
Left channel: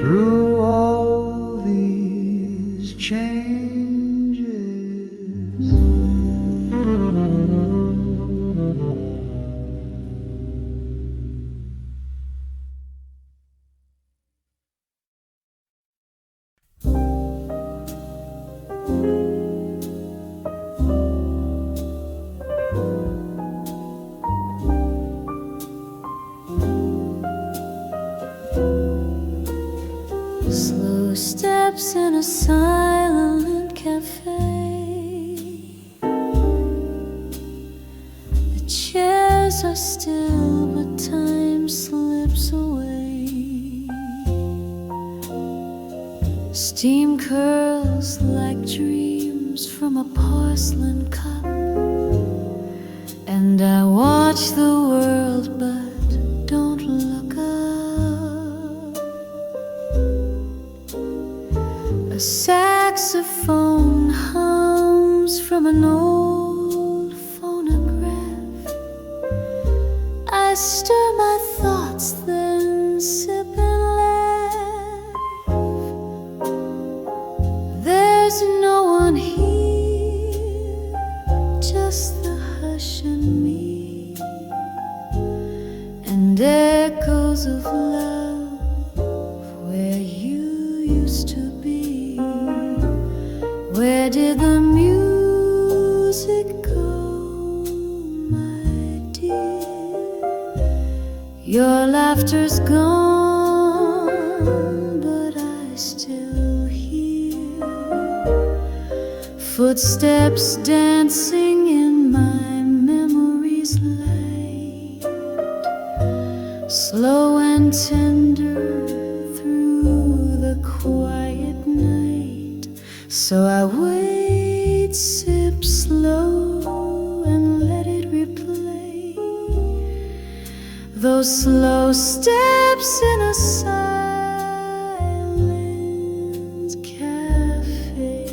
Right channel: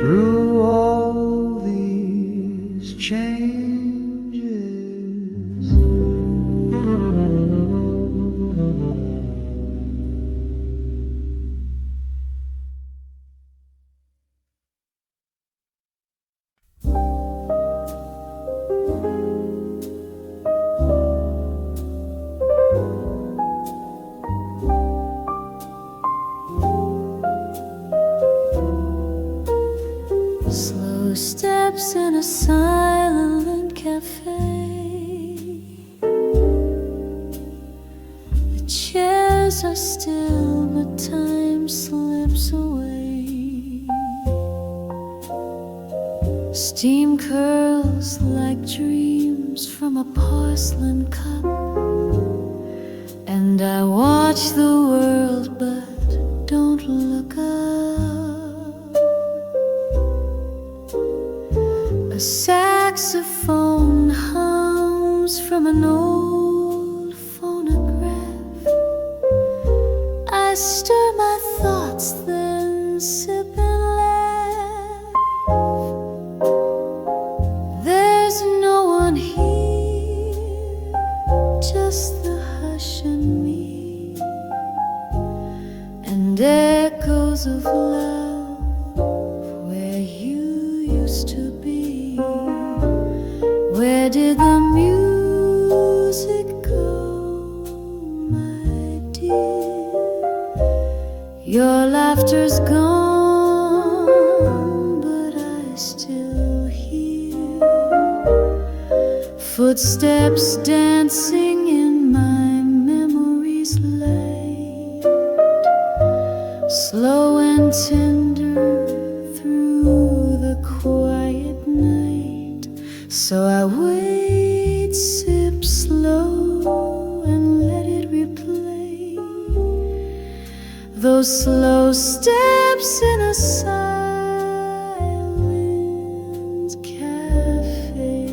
Through all these changes. Slow steps in a silent cafe. The chairs are still, but time slips away. Steam curls like dreams from a porcelain cup, and I watch the world but don't look up. A saxophone hums from an old phonograph. I stir my thoughts, then sip and laugh. There's no one here, just the hush and me, and echoes of love where you used to be. Where did the music go, my dear? Your laughter's gone, but I still hear footsteps dancing in my memory's light, slow and tender through the quiet night. So I wait, sip slow, and let it replay those slow steps in a silent cafe.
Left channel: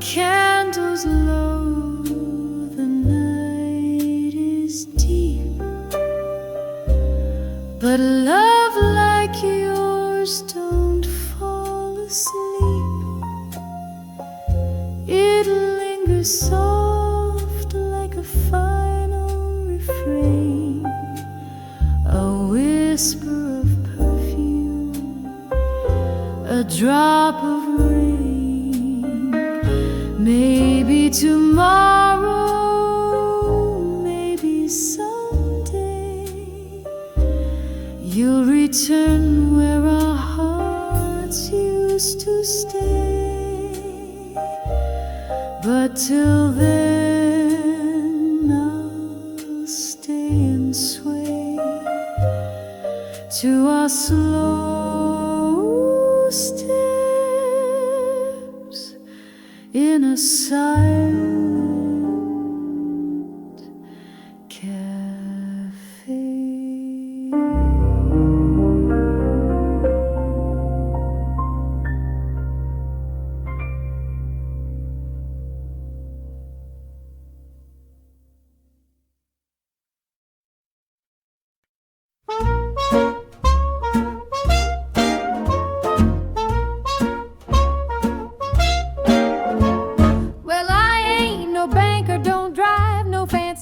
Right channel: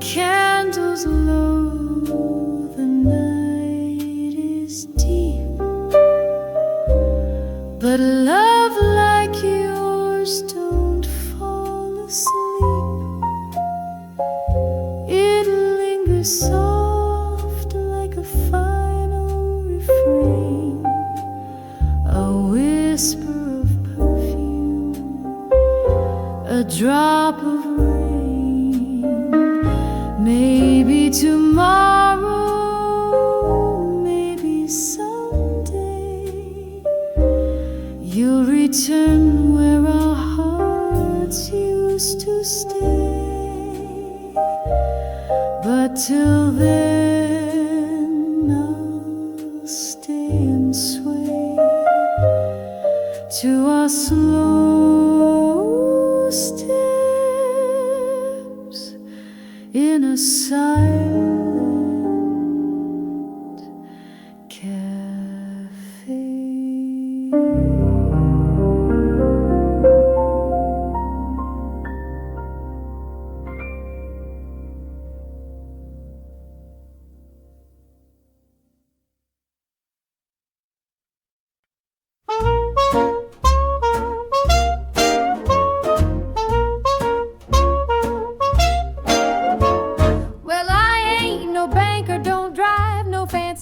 Candles low, the night is deep, but love like yours don't fall asleep. It lingers soft like a final refrain, a whisper of perfume, a drop of rain. Maybe tomorrow, maybe someday, you'll return where our hearts used to stay. But till then, I'll stay and sway to our slow steps in a silent cafe.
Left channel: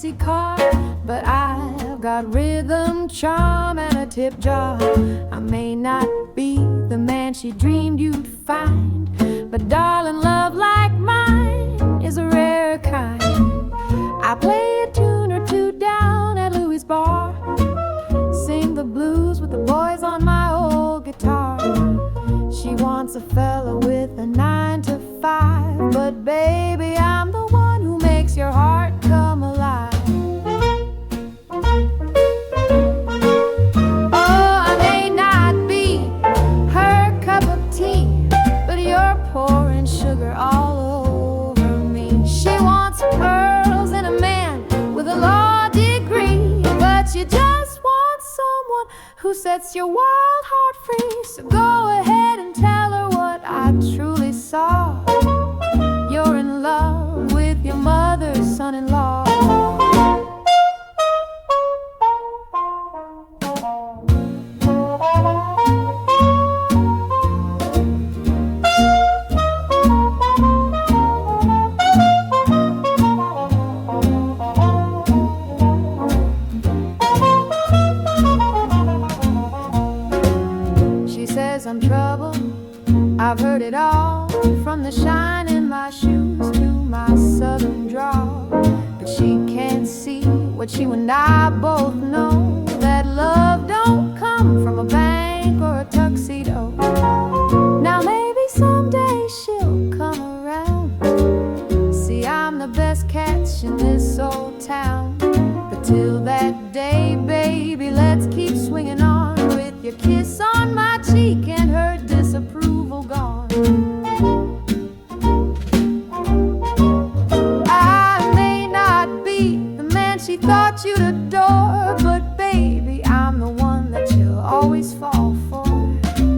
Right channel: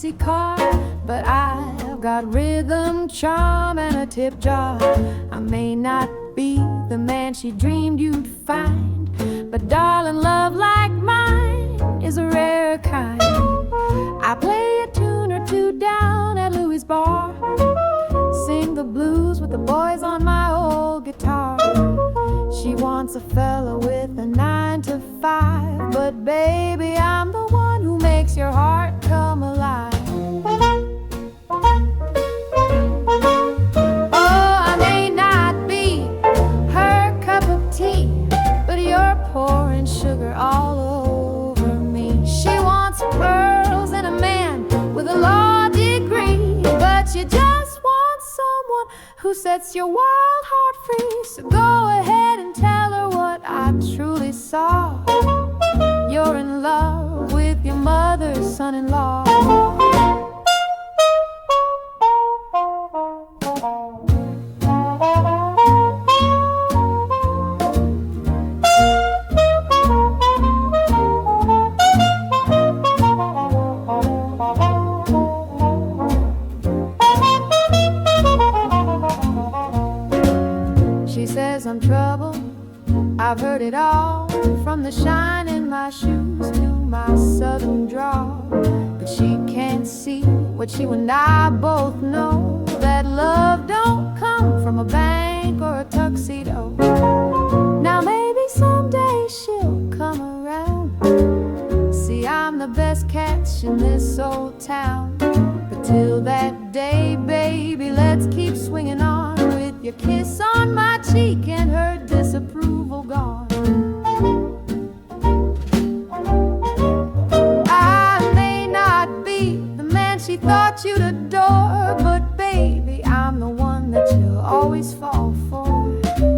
fancy car, but I've got rhythm, charm, and a tip jar. I may not be the man she dreamed you'd find, but darling, love like mine is a rare kind. I play a tune or two down at Louis' bar, sing the blues with the boys on my old guitar. She wants a fella with a 9 to 5, but baby, I'm the one who makes your heart come alive. Oh, I may not be her cup of tea, but you're pouring sugar all over me. She wants pearls and a man with a law degree, but you just want someone who sets your wild heart free. So go ahead and tell her what I truly saw. You're in love with your mother's son-in-law. She says I'm trouble, I've heard it all, from the shine in my shoes to my southern drawl. But she can't see what you and I both know, that love don't come from a bank or a tuxedo. Now maybe someday she'll come around. See, I'm the best catch in this old town. But till that day, baby, let's keep swinging on, with your kiss on my cheek and her disapproval gone. I may not be the man she thought you'd adore, but baby, I'm the one that you'll always fall for.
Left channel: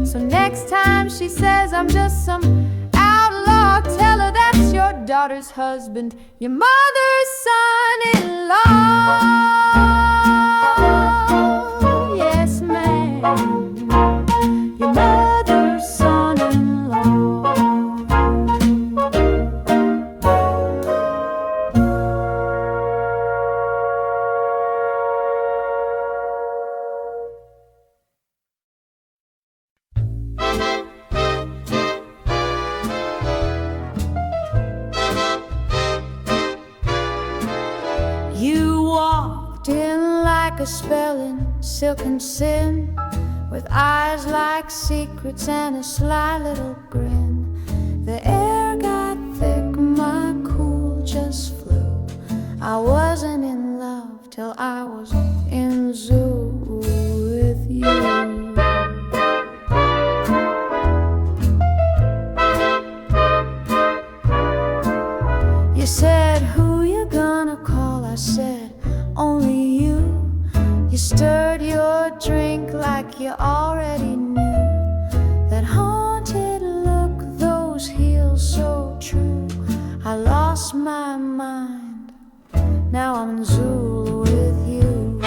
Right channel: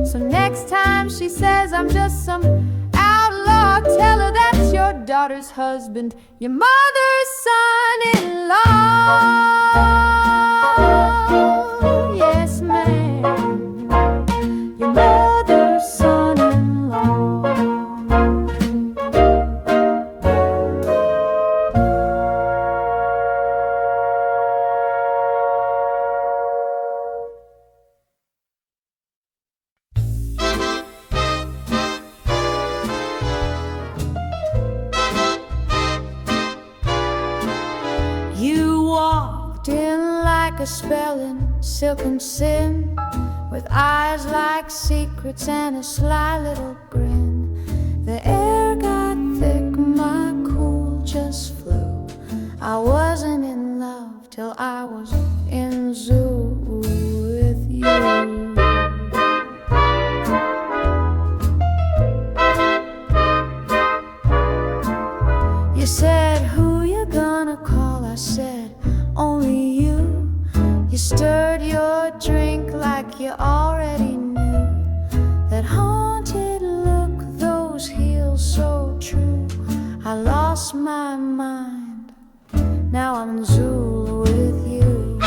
So next time she says I'm just some outlaw, tell her that's your daughter's husband, your mother's son-in-law. Yes, ma'am, your mother's son-in-law. You walked in like a spell in silken sin, with eyes like secrets and a sly little grin. The air got thick, my cool just flew. I wasn't in love till I was in Zuul with you. You said, who you gonna call? I said, only you. You stirred your drink like you already knew. That haunted look, those heels so true. I lost my mind, now I'm in Zuul with you.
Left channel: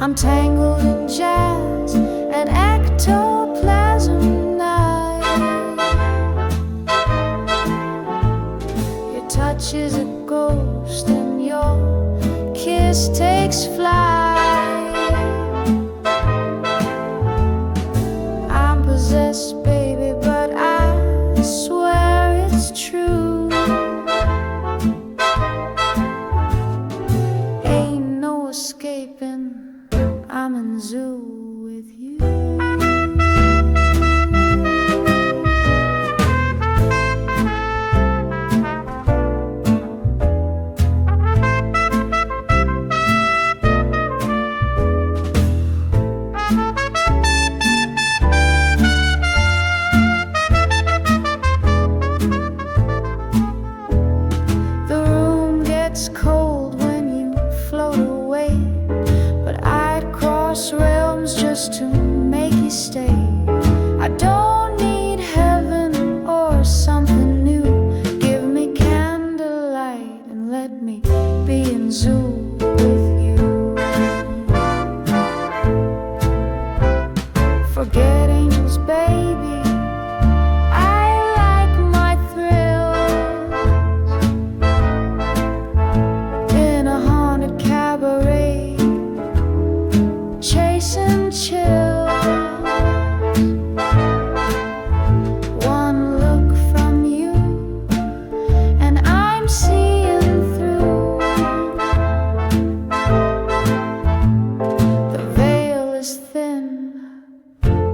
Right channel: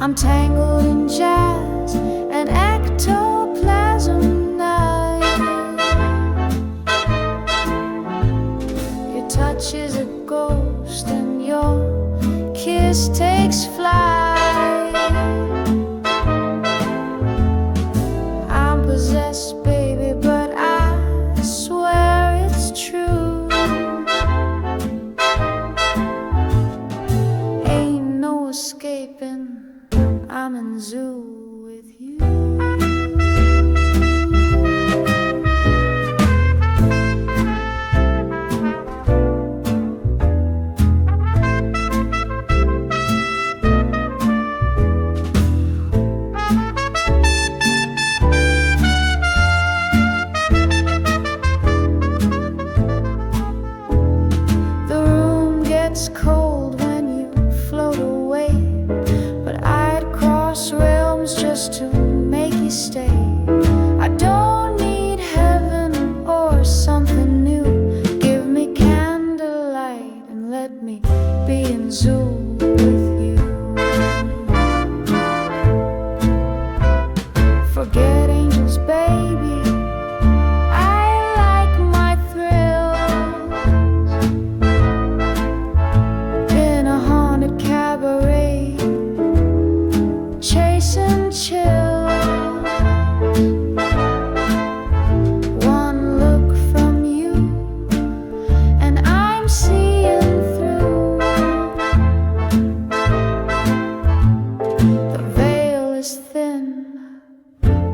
I'm tangled in jazz and ectoplasm night. Your touch is a ghost and your kiss takes flight. I'm possessed, baby, but I swear it's true. Ain't no escaping, I'm in Zuul with you. It's cold when you float away, but I'd cross realms just to make you stay. I don't need heaven or something new. Give me candlelight and let me be in Zuul with you. Forget angels, baby, I like my thrills.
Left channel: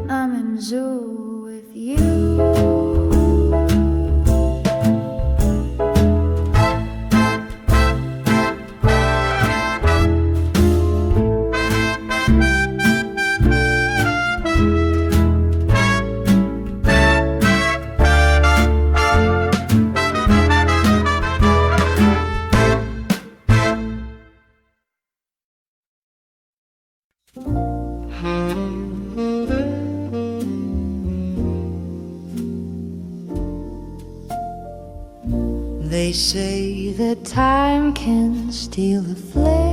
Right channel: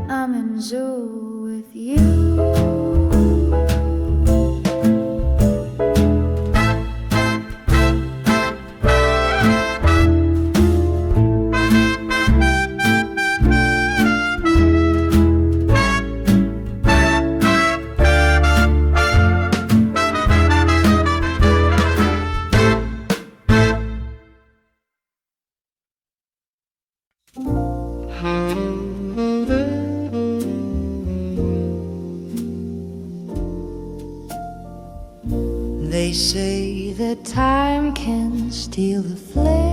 I'm in Zuul with you. They say that time can steal the flame,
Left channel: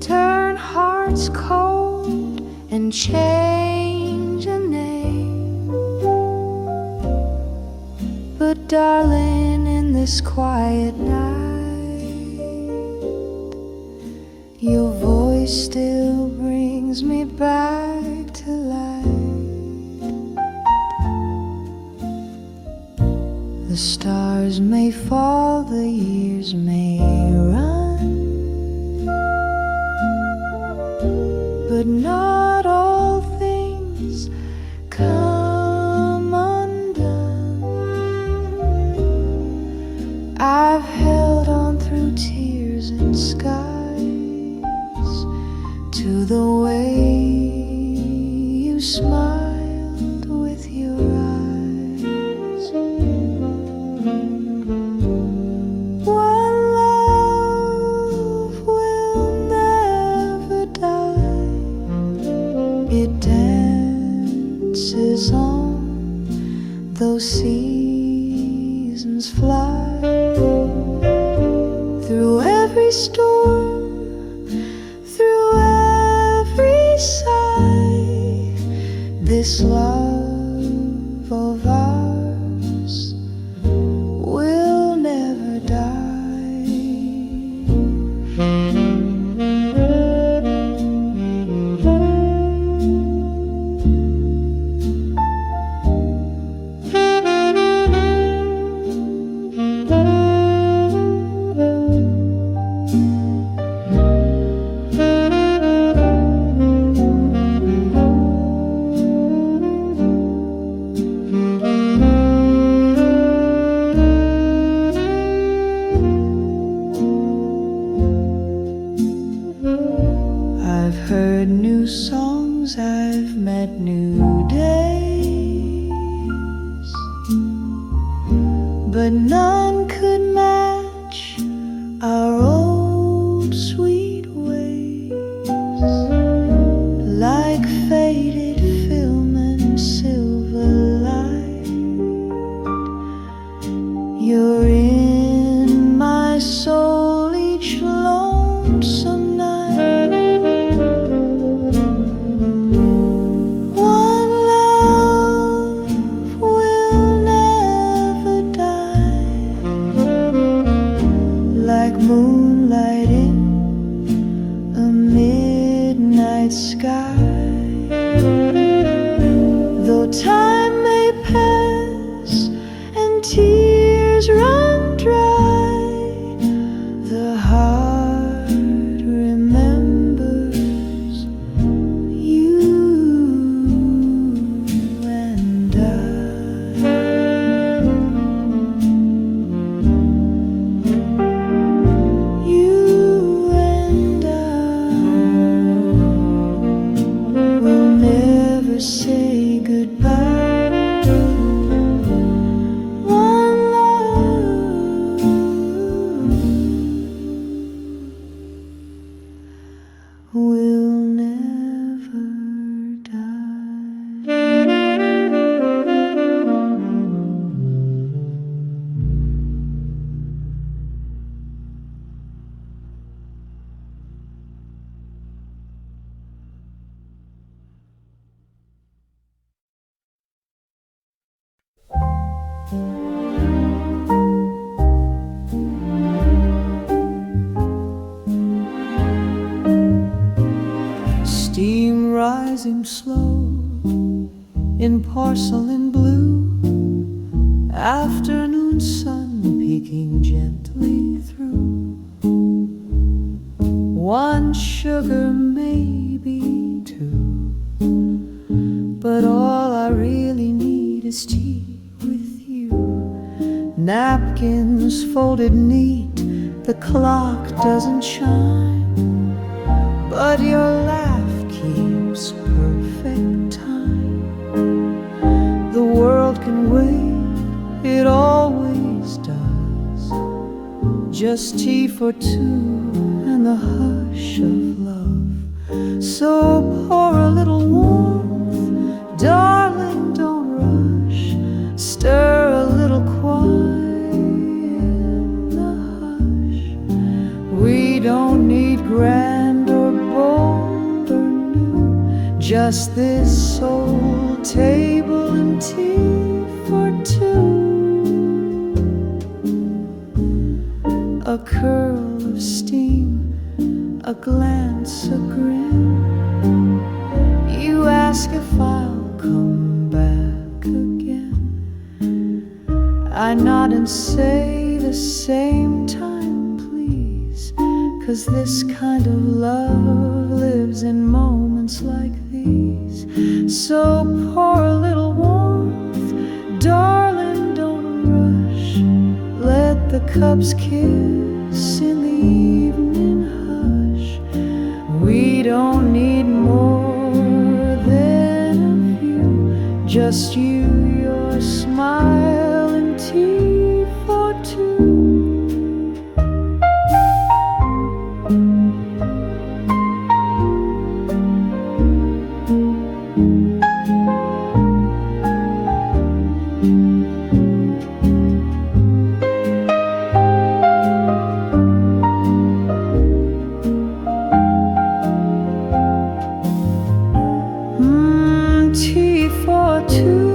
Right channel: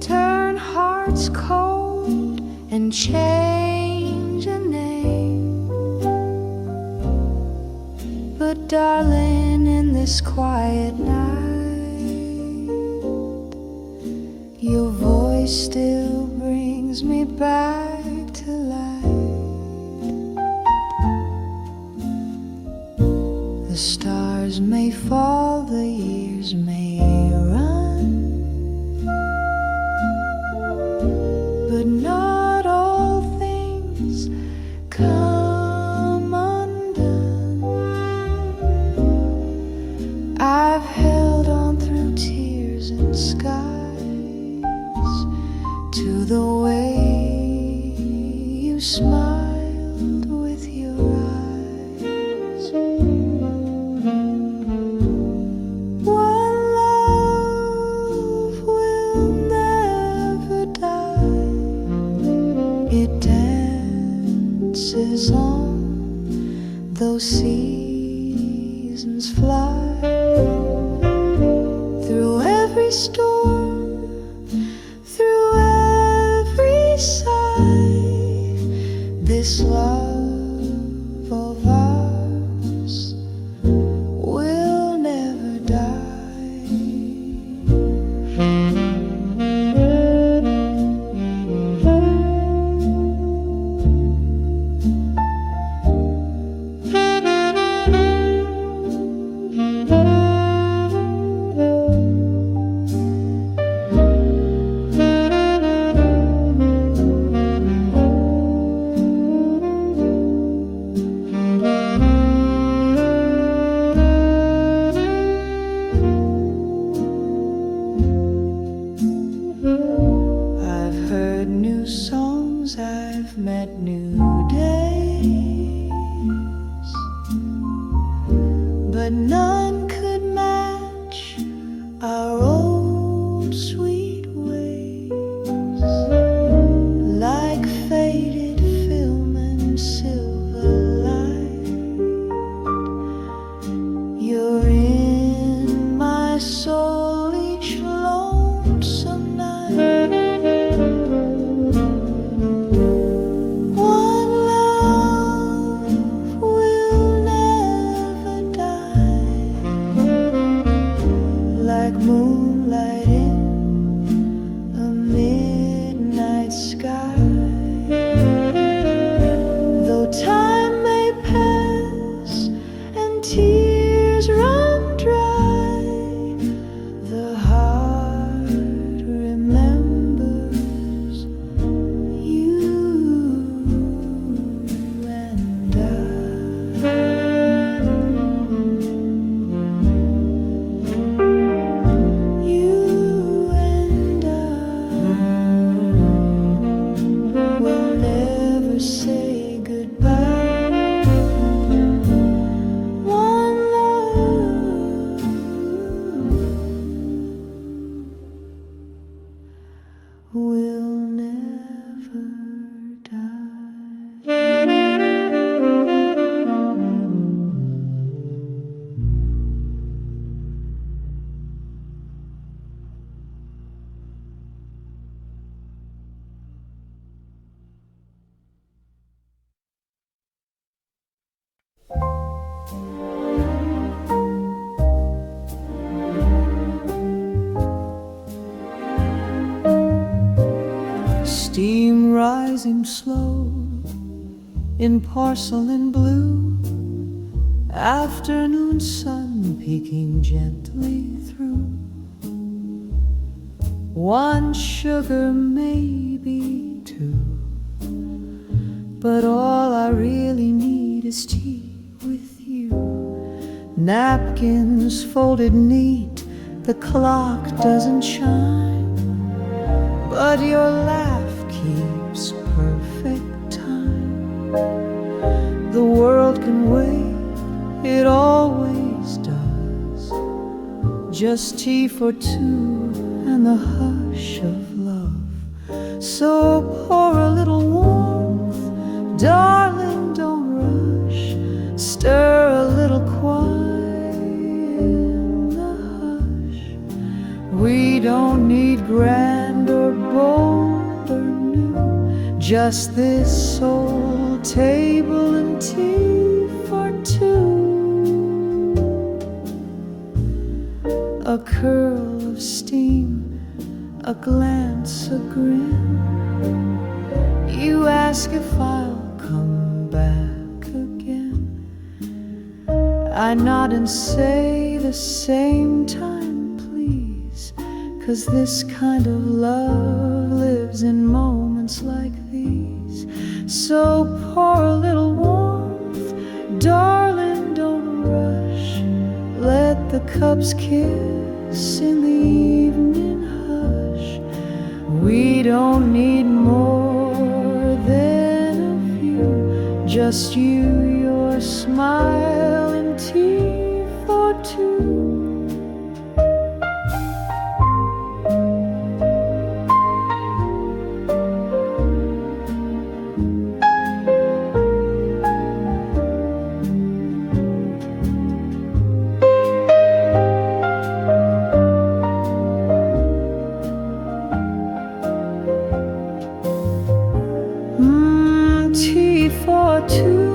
turn hearts cold and change a name. But darling, in this quiet night, your voice still brings me back to life. The stars may fall, the years may run, but not all things come undone. I've held on through tears and skies to the way you smiled with your eyes. On those seasons fly through every storm, through every sigh. This love of ours will never die. I've met new days, but none could match our old sweet ways. Like faded film and silver light, you're in my soul each lonesome night. Moonlight in a midnight sky. Though time may pass and tears run dry, the heart remembers you and I. Say goodbye. One love will never die. Steam rising slow in porcelain blue, afternoon sun peeking gently through. one sugar, maybe two, but all I really need is tea with you. Napkins folded neat, the clock doesn't chime, but your laugh keeps perfect time. The world can wait, it always does. Just tea for two and the hush of love. So pour a little warmth, darling, don't rush. Stir a little quiet in the hush. We don't need grand or bold or new, just this soul table and tea for two. A curl of steam, a glance, a grin. You ask if I'll come back again. I nod and say the same time, please, 'cause this kind of love lives in moments like these. So pour a little warmth, darling, don't rush. Let the cups kiss in the evening hush. We don't need more than a few, just you, your smile, and tea for two. Tea for two.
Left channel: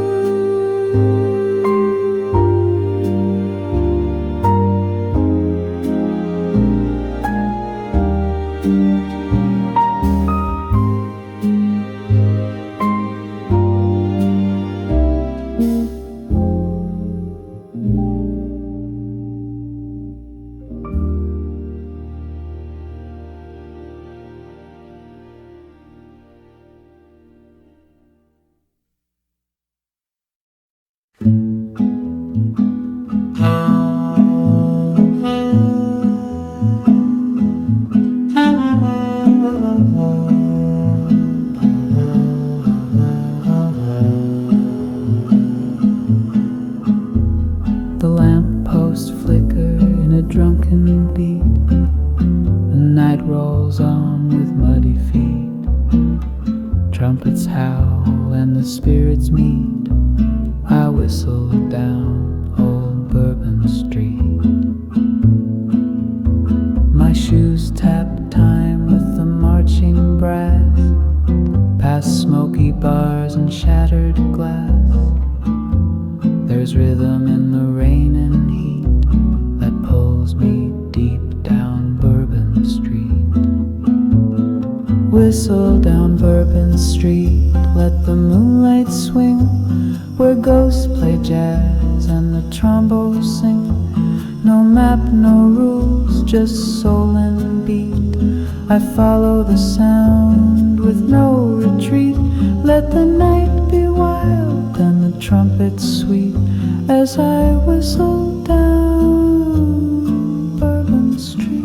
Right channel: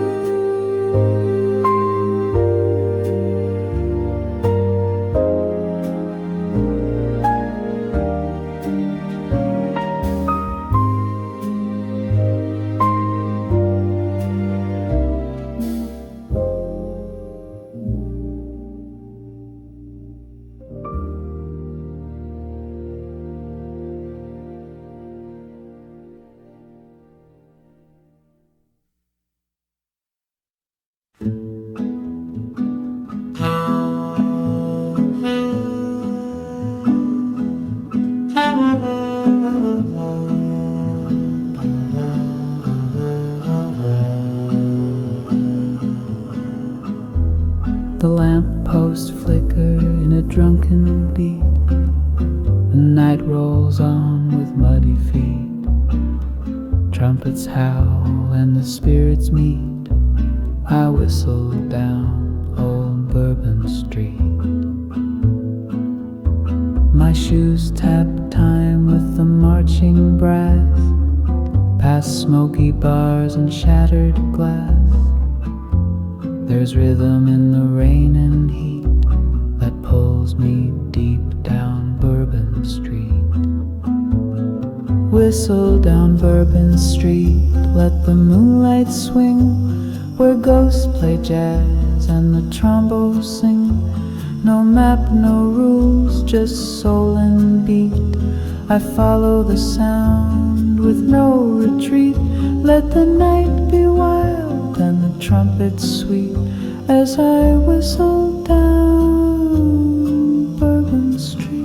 The lamppost flicker in a drunken beat. The night rolls on with muddy feet. Trumpets howl and the spirits meet. I whistle down old Bourbon Street. My shoes tap time with the marching brass, past smoky bars and shattered glass. There's rhythm in the rain and heat that pulls me deep down Bourbon Street. Whistle down Bourbon Street, let the moonlight swing, where ghosts play jazz and the trombos sing. No map, no rules, just soul and beat. I follow the sound with no retreat. Let the night be wild and the trumpets sweet as I whistle down Bourbon Street.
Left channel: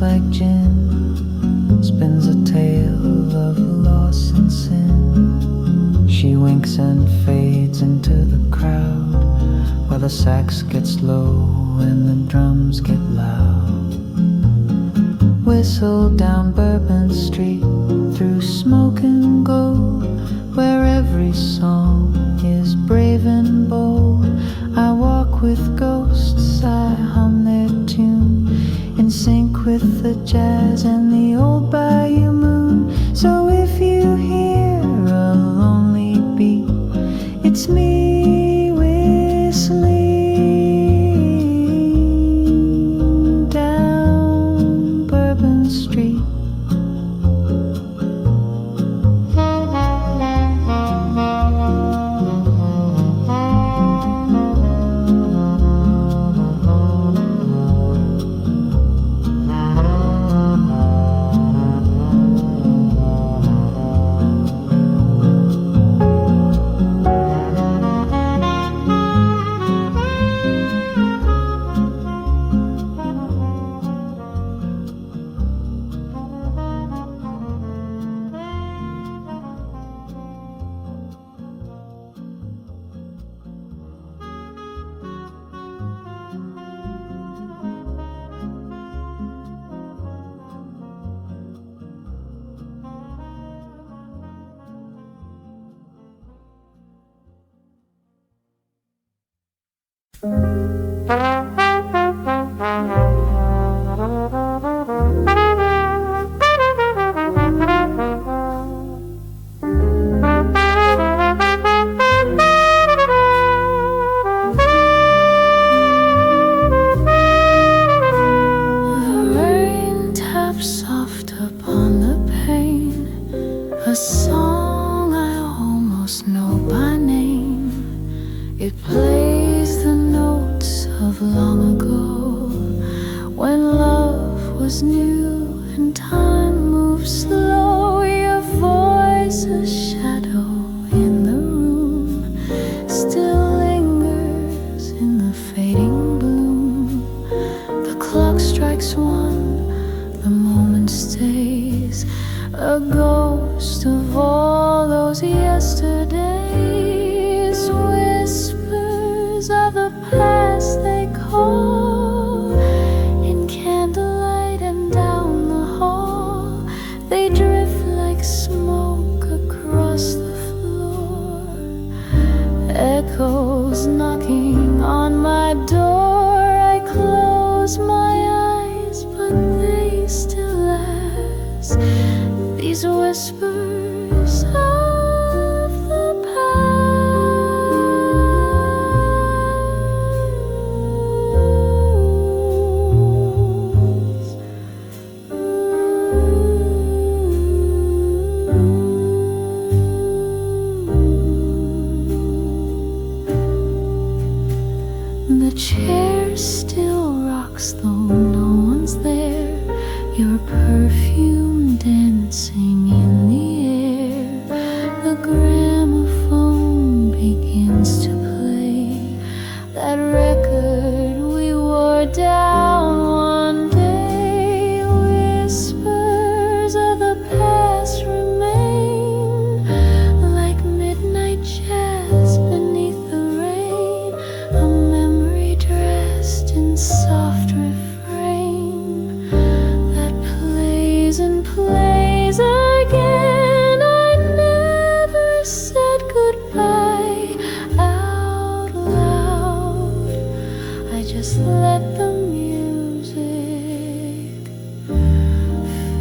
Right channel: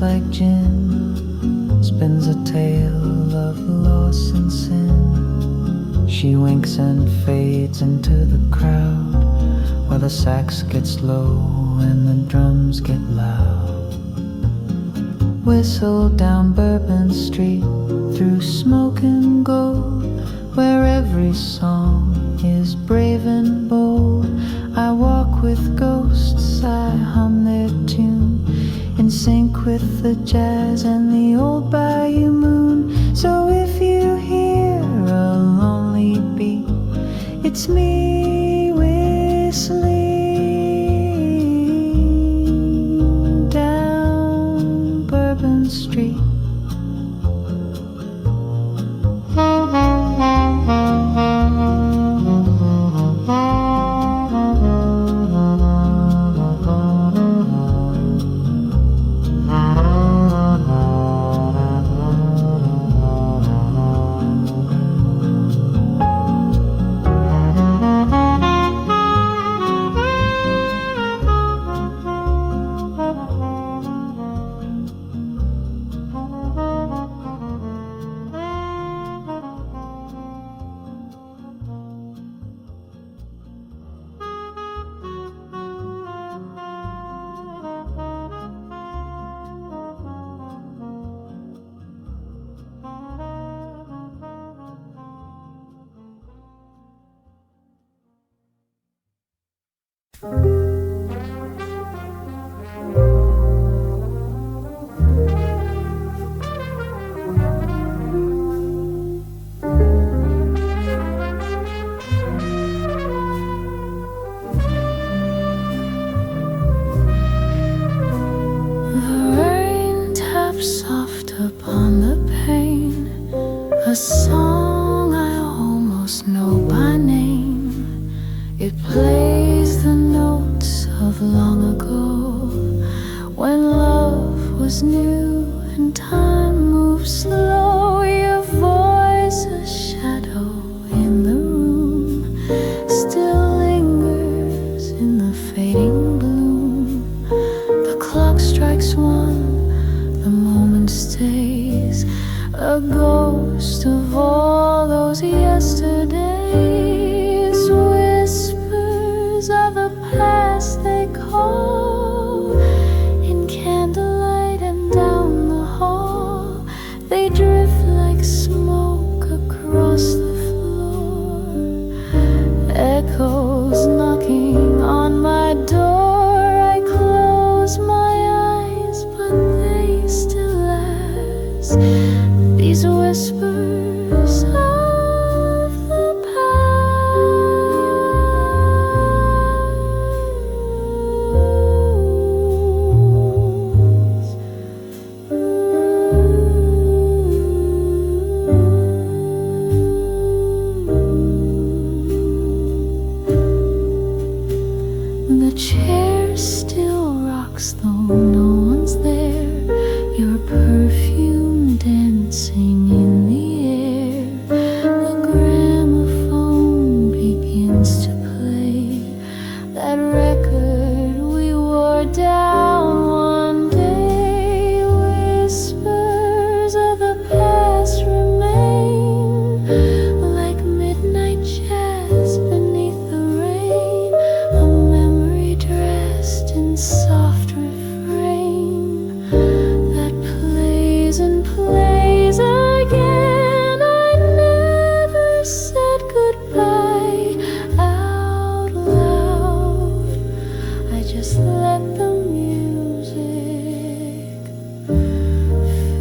Like gin spins a tale of loss and sin. She winks and fades into the crowd, where the sax gets low and the drums get loud. Whistle down Bourbon Street through smoke and gold, where every song is brave and bold. I walk with ghosts, I hum their tune, in sync with the jazz and the old bayou moon. So if you hear a lonely beat, it's me whistling down Bourbon Street. Soft upon the pane, a song I almost know by name. It plays the notes of long ago, when love was new and time moved slow. Your voice, a shadow in the room, still lingers in the fading bloom. The clock strikes one, the moment stays, a ghost of all those yesterdays. Whispers of the past they call, in candlelight and down the hall. They drift like smoke across the floor, echoes knocking on my door. I close my eyes, but they still last, these whispers of the past. The chair still rocks though no one's there, your perfume dancing in the air. The gramophone begins to play that record we wore down one day. Whispers of the past remain, like midnight jazz beneath the rain, a memory dressed in soft refrain that plays and plays again. I never said goodbye out loud, I just let the music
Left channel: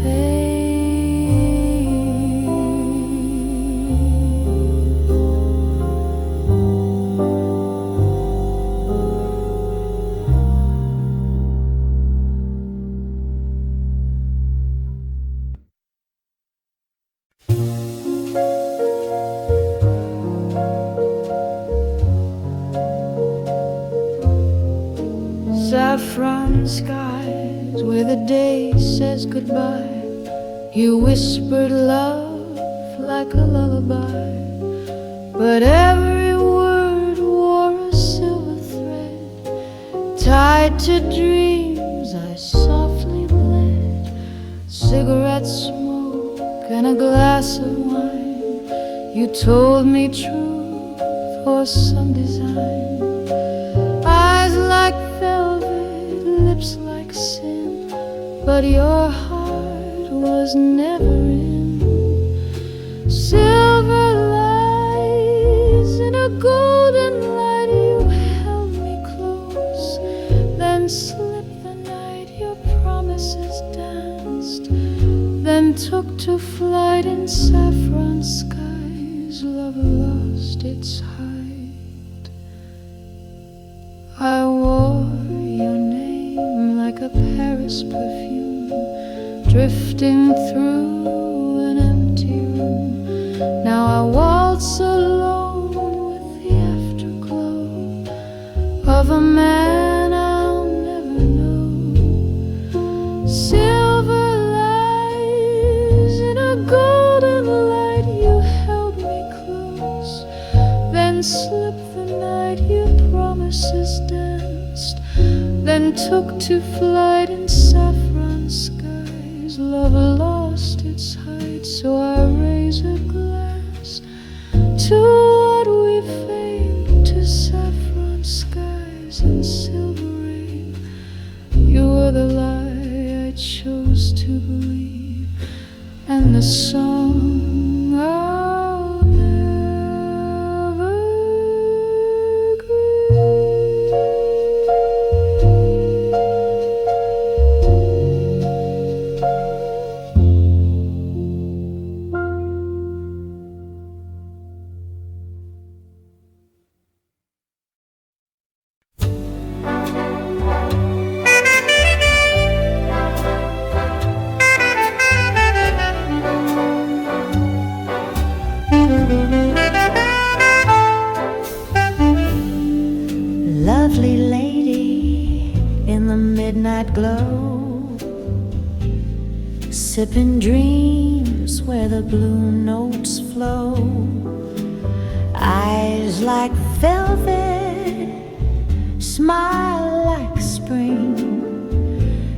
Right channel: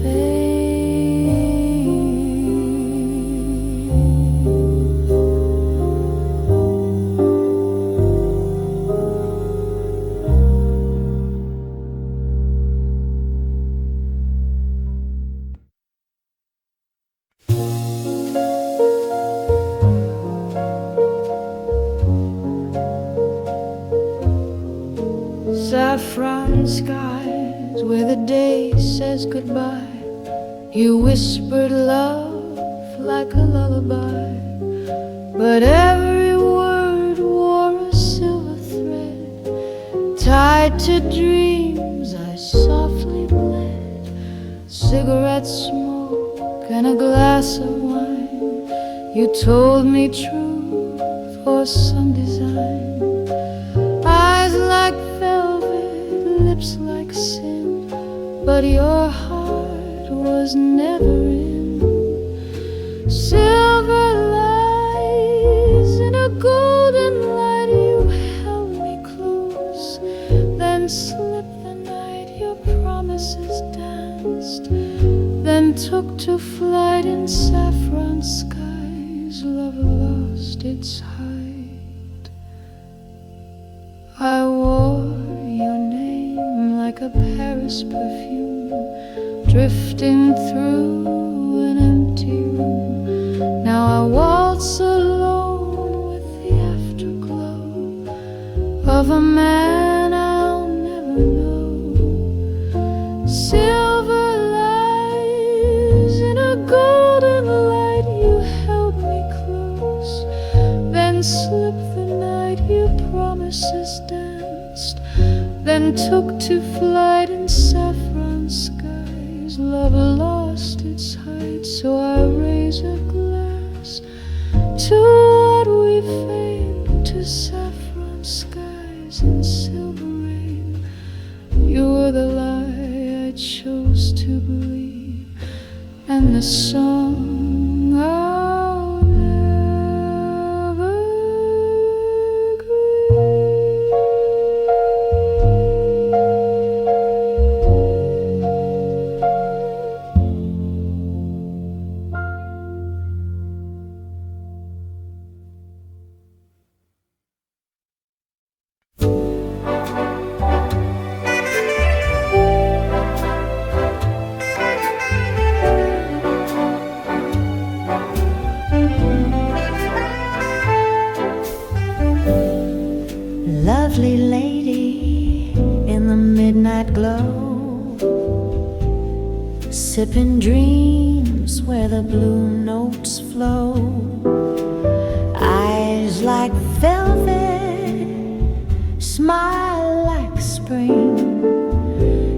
fade. Saffron skies where the day says goodbye, you whispered love like a lullaby, but every word wore a silver thread. Tied to dreams I softly bled, cigarette smoke and a glass of wine. You told me true for some design, eyes like velvet, lips like sin, but your heart was never in. Silver lies in a golden light. You held me close, then slipped the night. Your promises danced, then took to flight in saffron skies. Love lost its height. I wore your name like a Paris perfume, drifting through an empty room. Now I waltz alone with the afterglow of a man I'll never know. Silver lies in a golden light. You held me close, then slipped the night. Your promises danced, then took to flight in saffron skies. Love lost its height, so I raise a glass to what we famed, to saffron skies and silver rain. You were the lie I chose to believe, and the song I'll never Lovely lady in the midnight glow, sipping dreams where the blue notes flow. Eyes like velvet, smile like spring.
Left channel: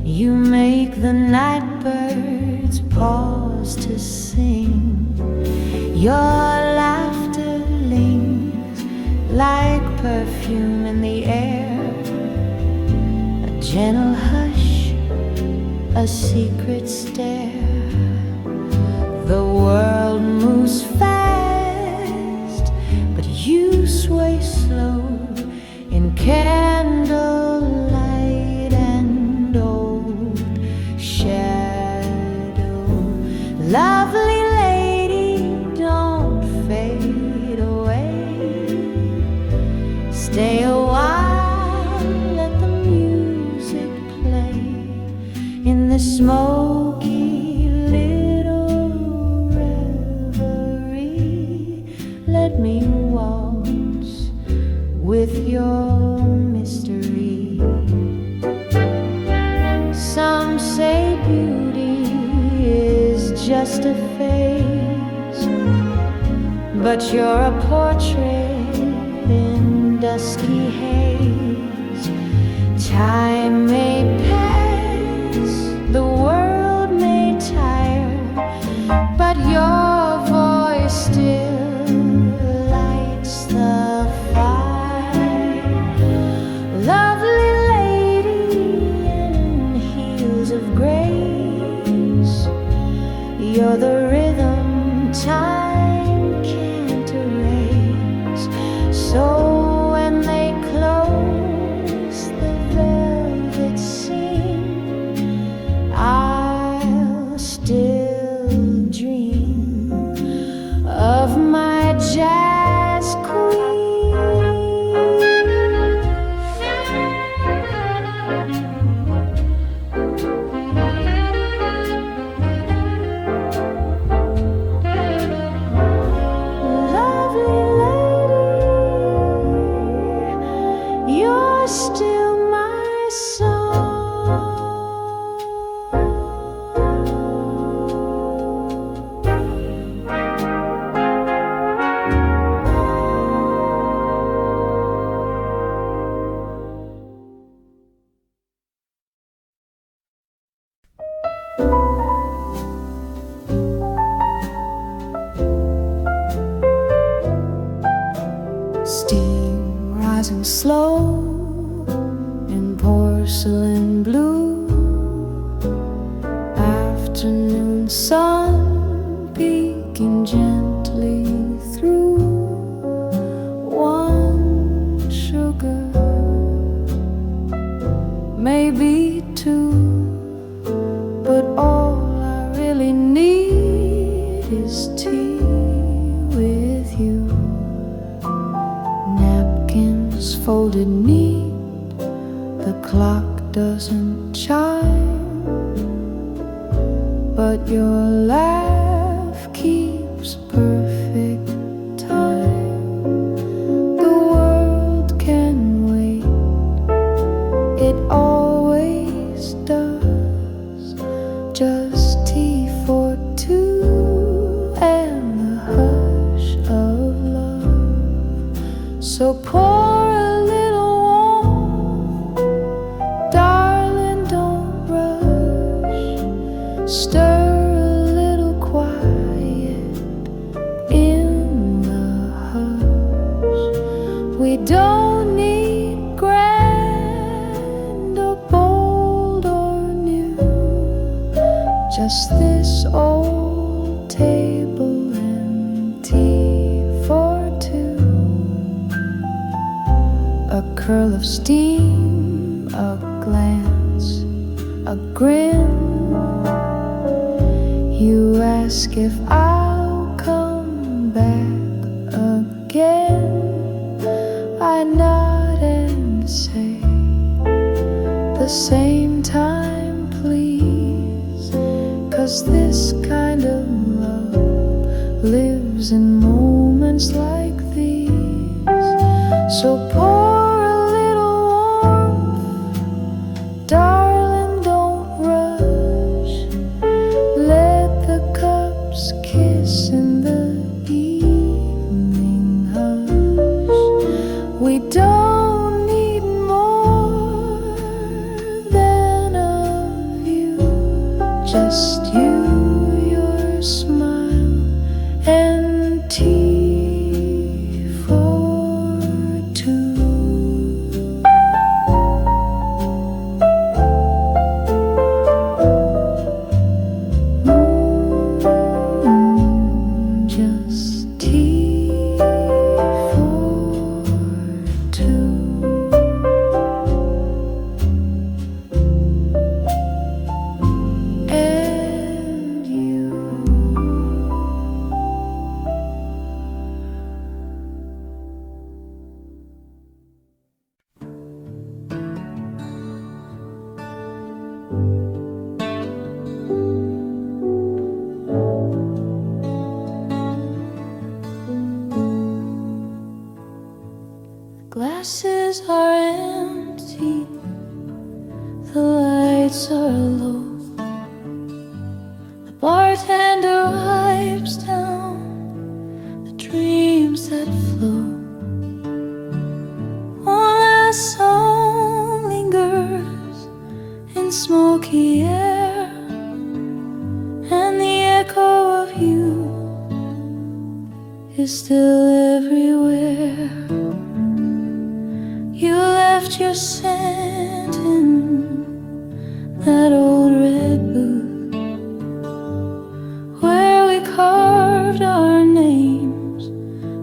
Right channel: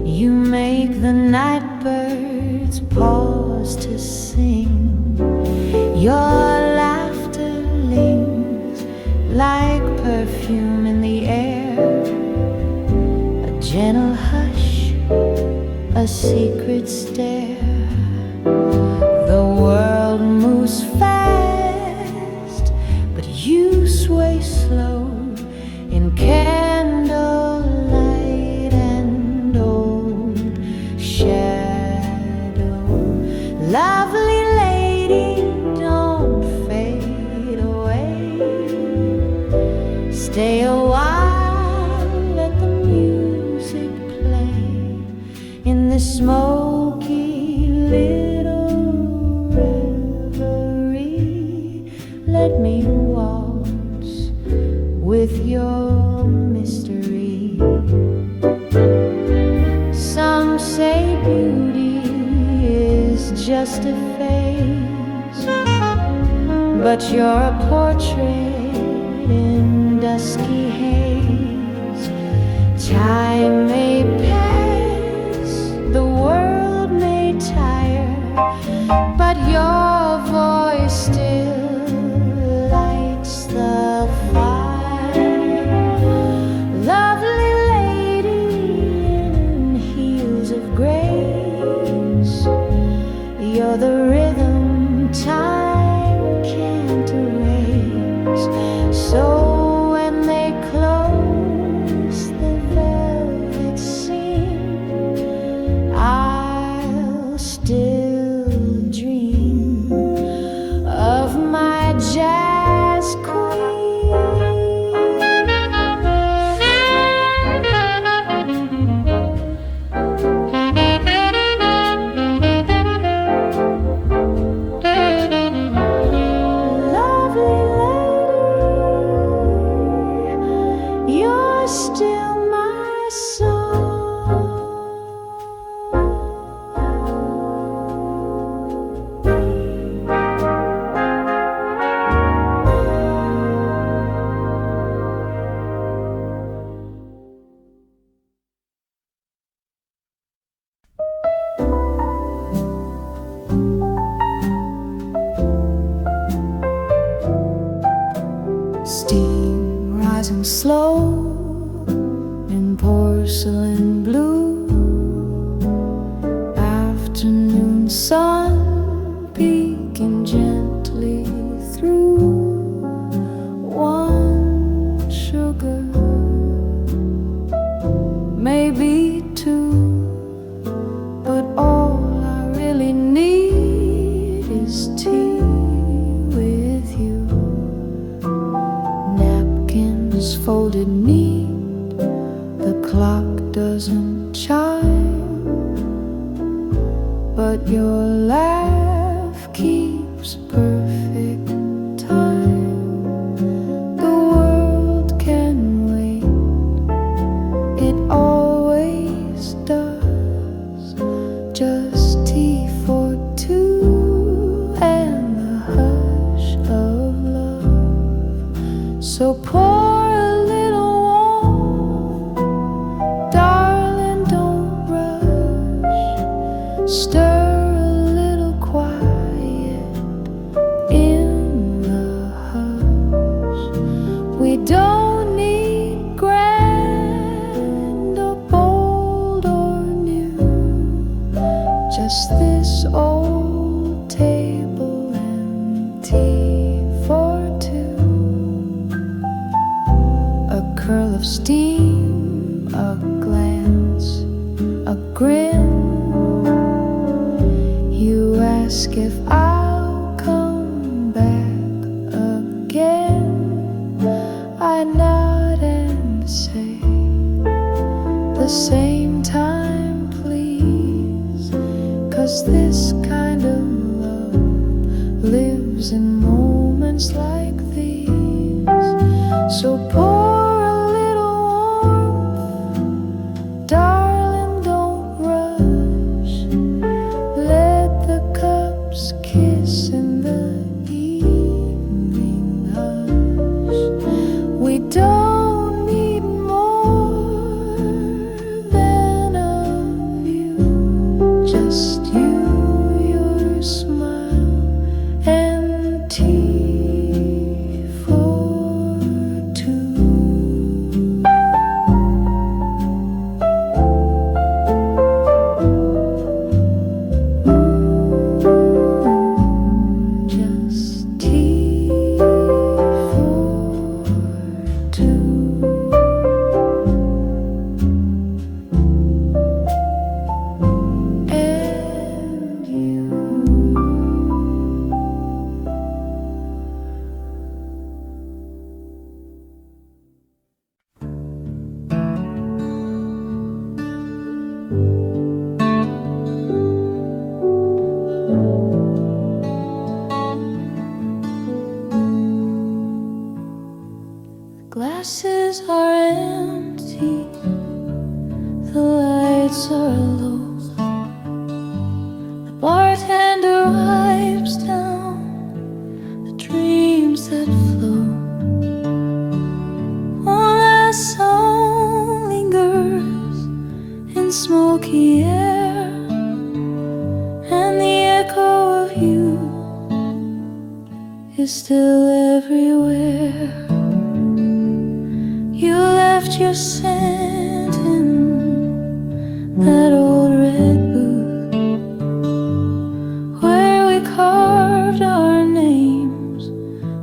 You make the night birds pause to sing. Your laughter lingers like perfume in the air, a gentle hush, a secret stare. The world moves fast, but you sway slow in candlelight and old shadow. Lovely lady, don't fade away. Stay a while, let the music play in the smoky little reverie. Let me waltz with your mystery. Some say beauty is just a phase, but you're a portrait in dusky haze. Time may pass, the world may tire, but your voice still lights the fire. Lovely lady in heels of grace, you're the rhythm time can't erase. So when they close the velvet seam, I'll still dream of my jazz queen. You're still my song. Steam rising slow in porcelain blue, afternoon sun peeking gently through one sugar, maybe two, but all I really need is tea with you. Napkins folded neat, the clock doesn't chime, but your laugh keeps perfect time. The world can wait, it always does. Just tea for two and the hush of love. So pour a little warm, darling, don't rush. Stir a little quiet in the hush. We don't need grand or bold or new, just this old table and tea for two. A curl of steam, a glance, a grin. You ask if I'll come back again. I nod and say, the same time please, 'cause this kind of love lives in moments like these. So pour a little warmth, darling, don't rush. Let the cups kiss in the evening hush. We don't need more than a view, just you, your smile, and tea for two. Just tea for two. And you. Glasses are empty, the lights are low. The bartender wipes down the dreams that flow. One last song lingers in smoky air, and the echo of you is still everywhere. You left your scent in that old red booth where we carved our names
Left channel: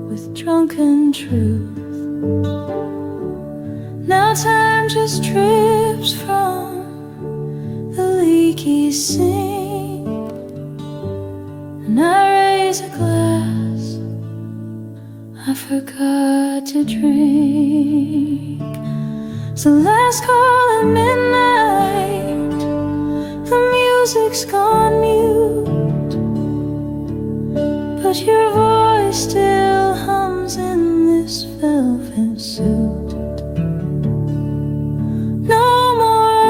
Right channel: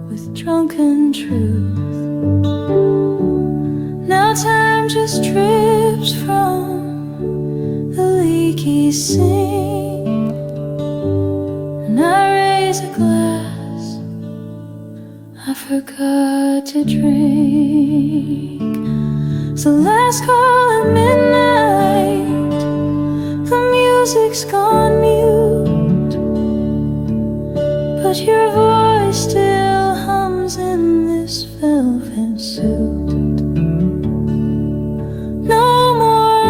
with drunken truth. Now time just drips from the leaky sink, and I raise a glass I forgot to drink. So last call at midnight, the music's gone mute, but your voice still hums in this velvet suit. No more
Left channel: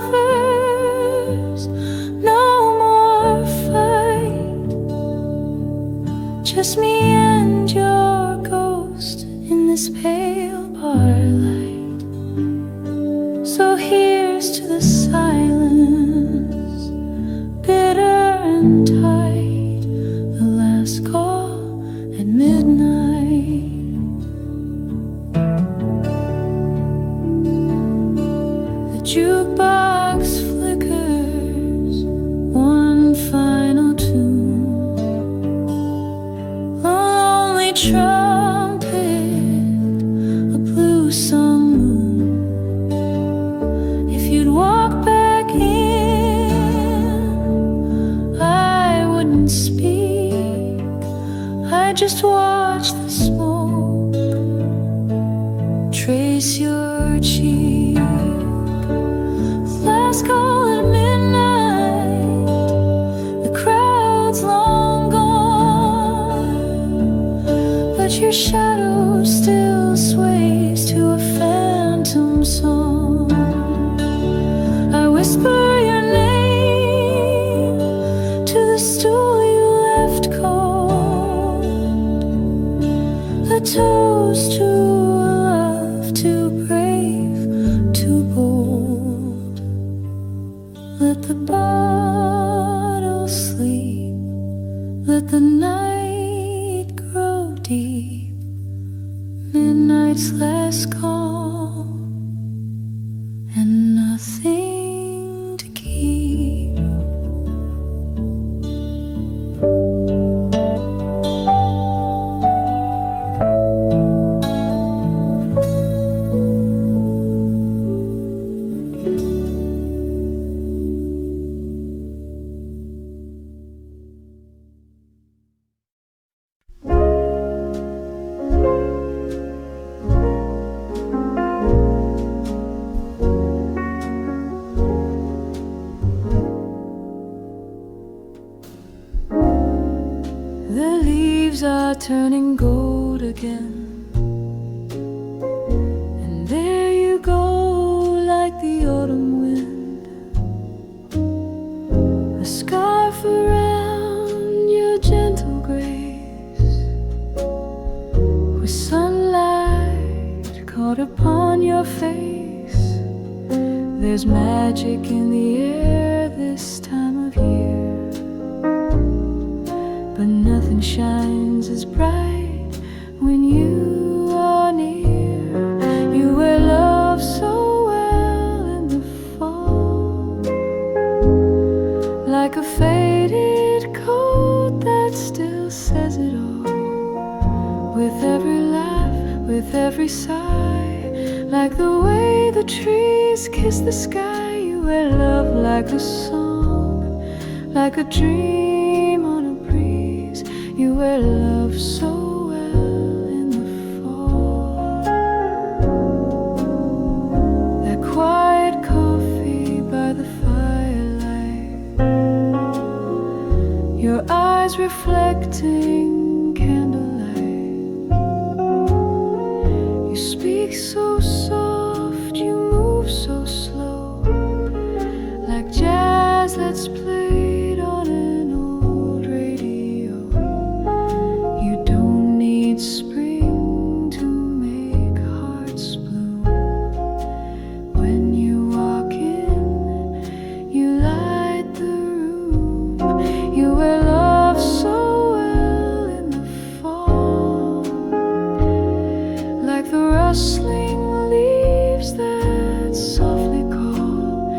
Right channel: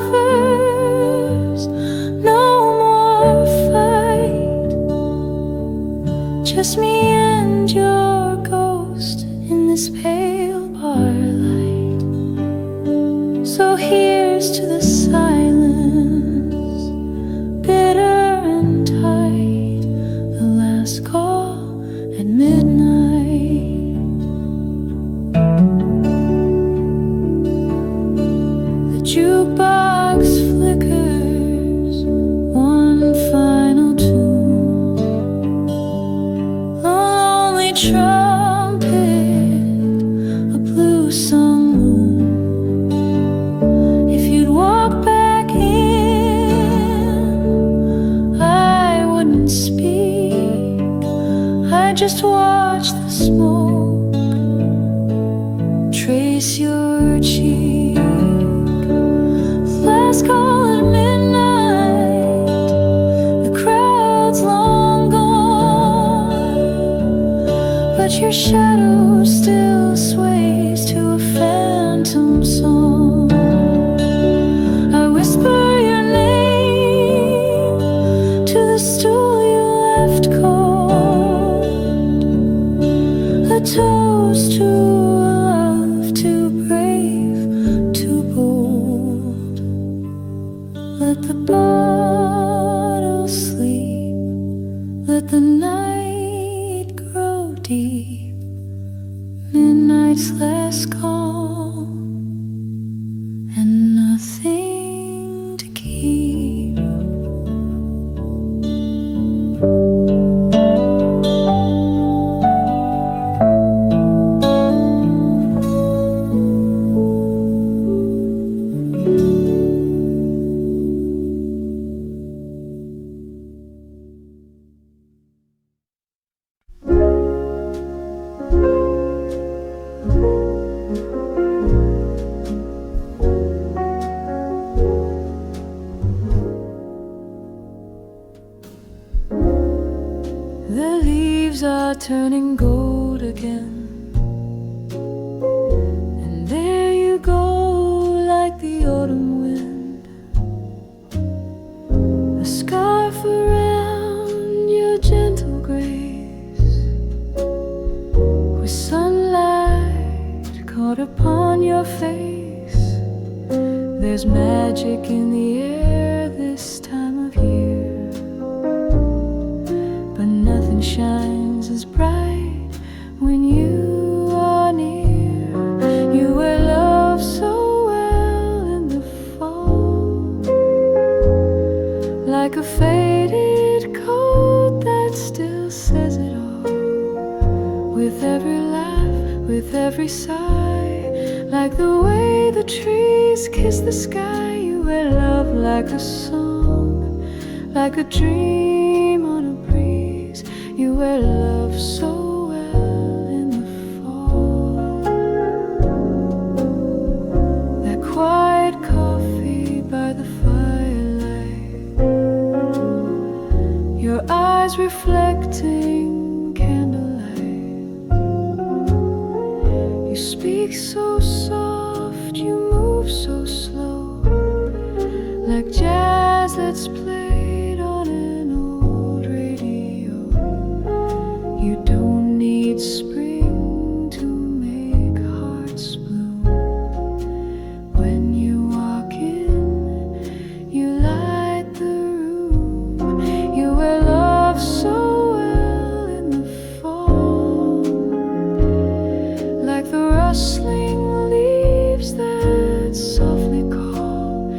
lovers, no more fight, just me and your ghost in this pale bar light. So here's to the silence, bitter and tight, the last call at midnight. The jukebox flickers one final tune, a lonely trumpet, a blue sung moon. If you'd walk back in, I wouldn't speak, I'd just watch the smoke trace your cheek. Last call at midnight, the crowd's long gone, but your shadow still sways to a phantom song. I whisper your name to the stool you left cold, a toast to a love too brave, too bold. Let the bottle sleep, let the night grow deep, midnight's last call, and nothing to keep. The leaves are turning gold again, and there you go like the autumn wind, a scarf around your gentle grace, with sunlight caught upon your face. There's magic in the air this time of year, but nothing shines as bright when you are near. You wear love so well in the fall, like a faded coat that still says it all. With every laugh, with every sigh, like the way the trees kiss the sky. You wear love like a song, like a dream on a breeze. You wear love so well in the fall. That quiet coffee by the firelight, your eyes reflecting candlelight. You speak so soft, you move so slow, like jazz that's played on an old radio. You don't need spring to make hearts bloom. When you walk in, you light the room. You wear love so well in the fall, like the rustling leaves that softly call.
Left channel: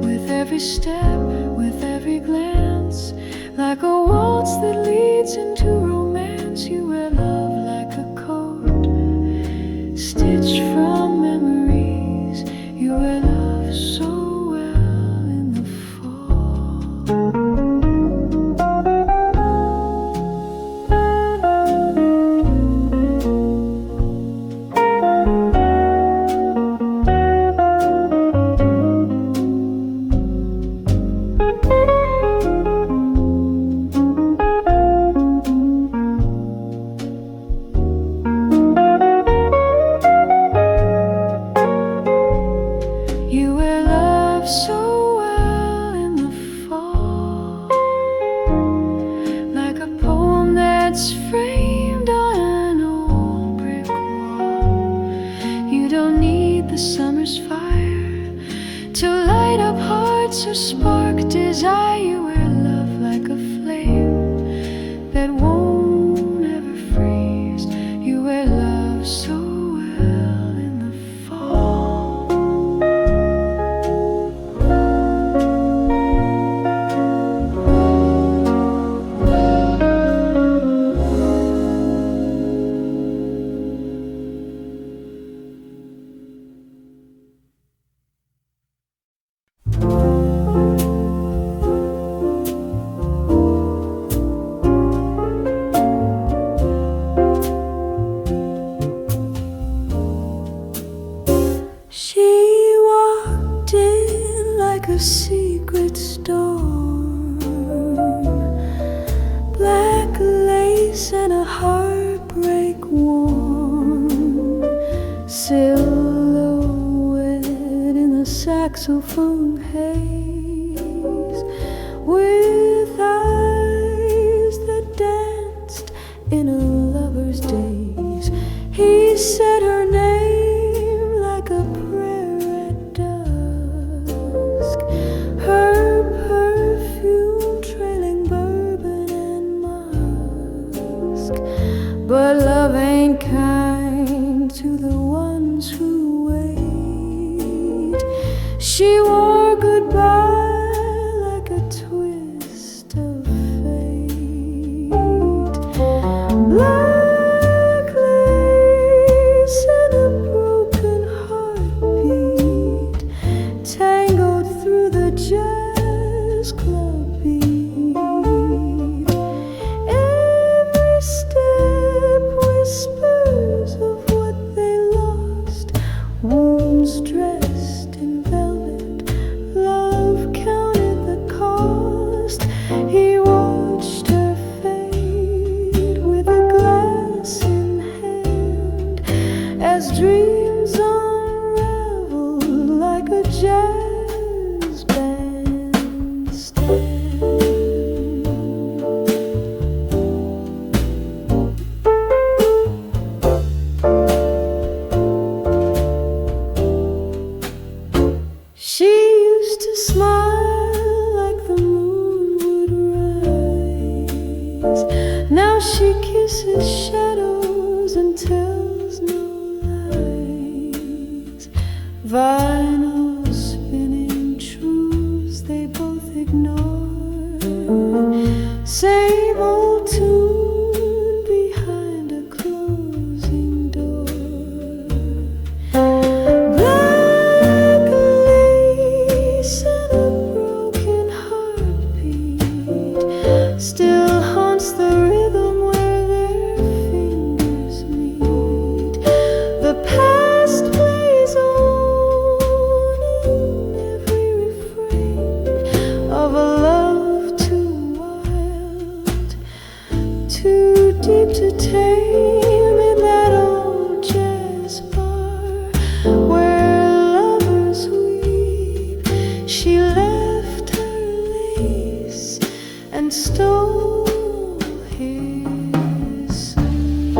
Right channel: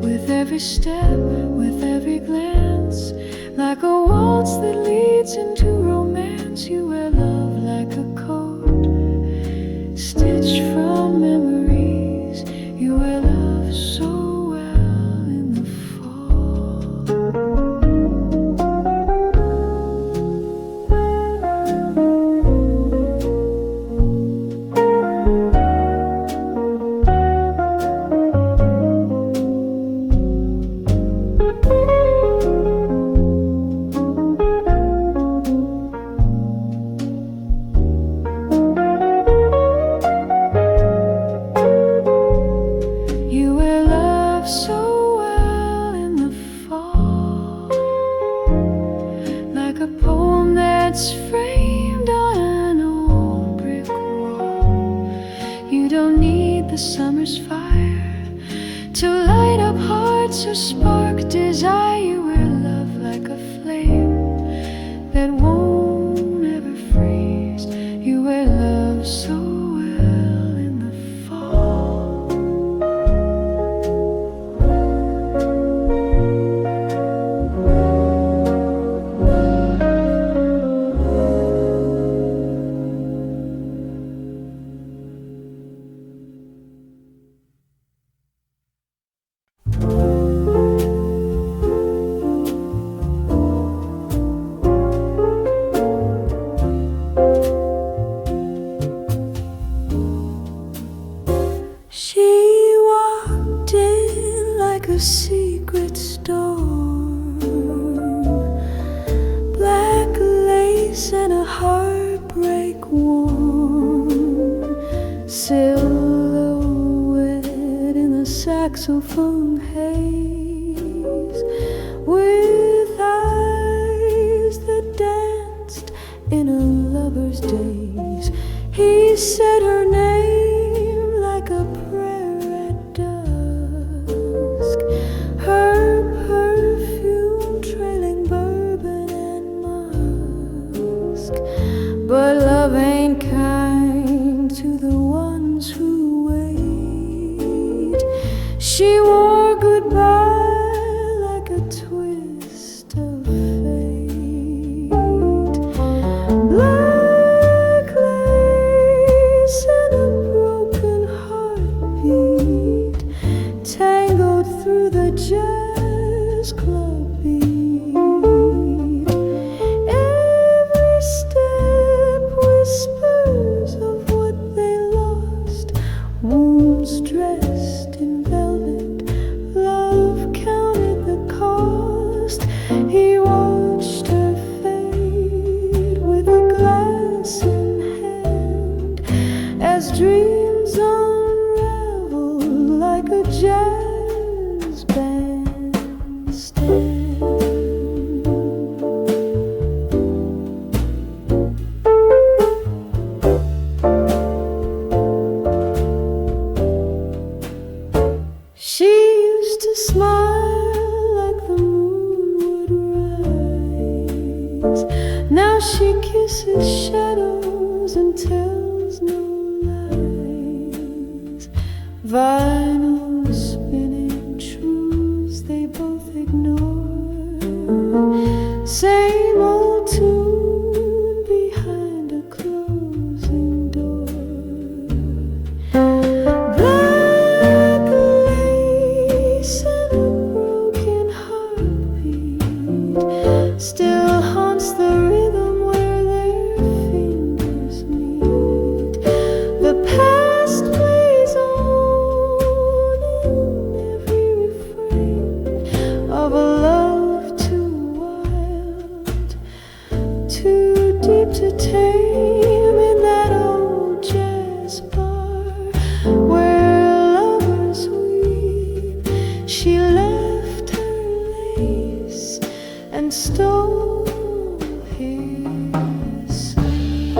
With every step, with every glance, like a waltz that leads into romance. You wear love like a coat stitched from memories. You wear love so well in the fall. You wear love so well in the fall, like a poem that's framed on an old brick wall. You don't need the summer's fire to light up hearts or spark desire. You wear love like a flame that won't ever freeze. You wear love so well in the fall. secret storm, black lace and a heartbreak warm silhouette in the saxophone haze, with eyes that danced in a lover's daze. He said her name like a prayer at dusk, her perfume trailing bourbon and musk. But love ain't kind to the ones who wait. She wore goodbye like a twist of fate. Black lace and a broken heartbeat tangled through the jazz club beat. Every step whispers of what they lost, wounds dressed in velvet. Love counted the cost. He watched her fade with a glass in hand as dreams unravel like a jazz band stand. She used to smile like the moon would rise. Now she kisses shadows and tells no lies. Vinyl spinning truths they both ignore. Same old tune behind a closing door. Black lace and a broken heartbeat still haunts the rhythm where their fingers meet. The past plays on in every refrain of a love too wild, too deep to tame, in that old jazz bar where lovers weep. She left her lace and stole his sleep.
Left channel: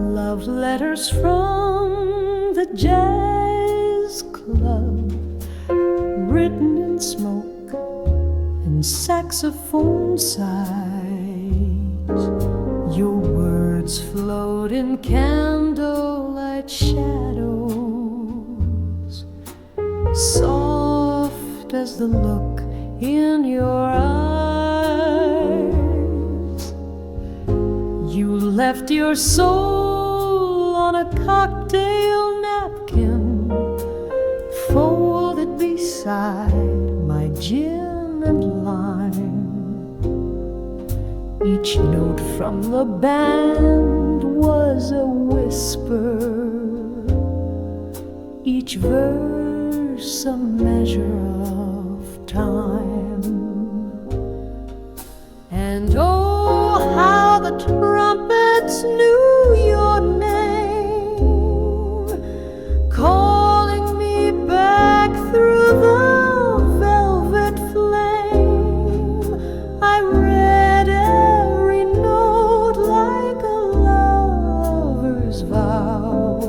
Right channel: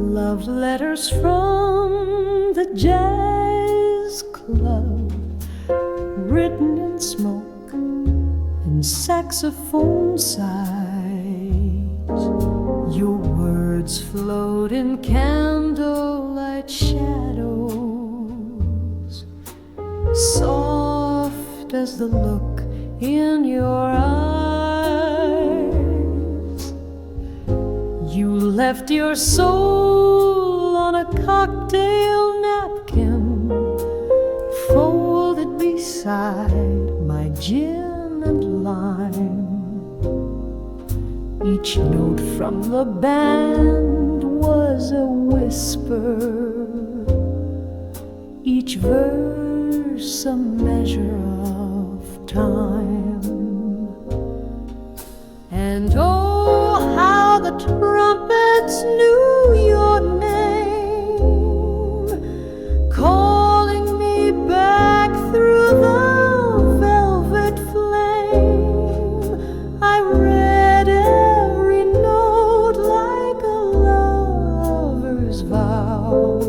Love letters from the jazz club, written in smoke and saxophone sighs. Your words float in candlelight shadows, soft as the look in your eyes. You left your soul on a cocktail napkin, folded beside my gin and lime. Each note from the band was a whisper, each verse a measure of time. And oh, how the trumpets knew your name, calling me back through the velvet flame. I read every note like a lover's vow,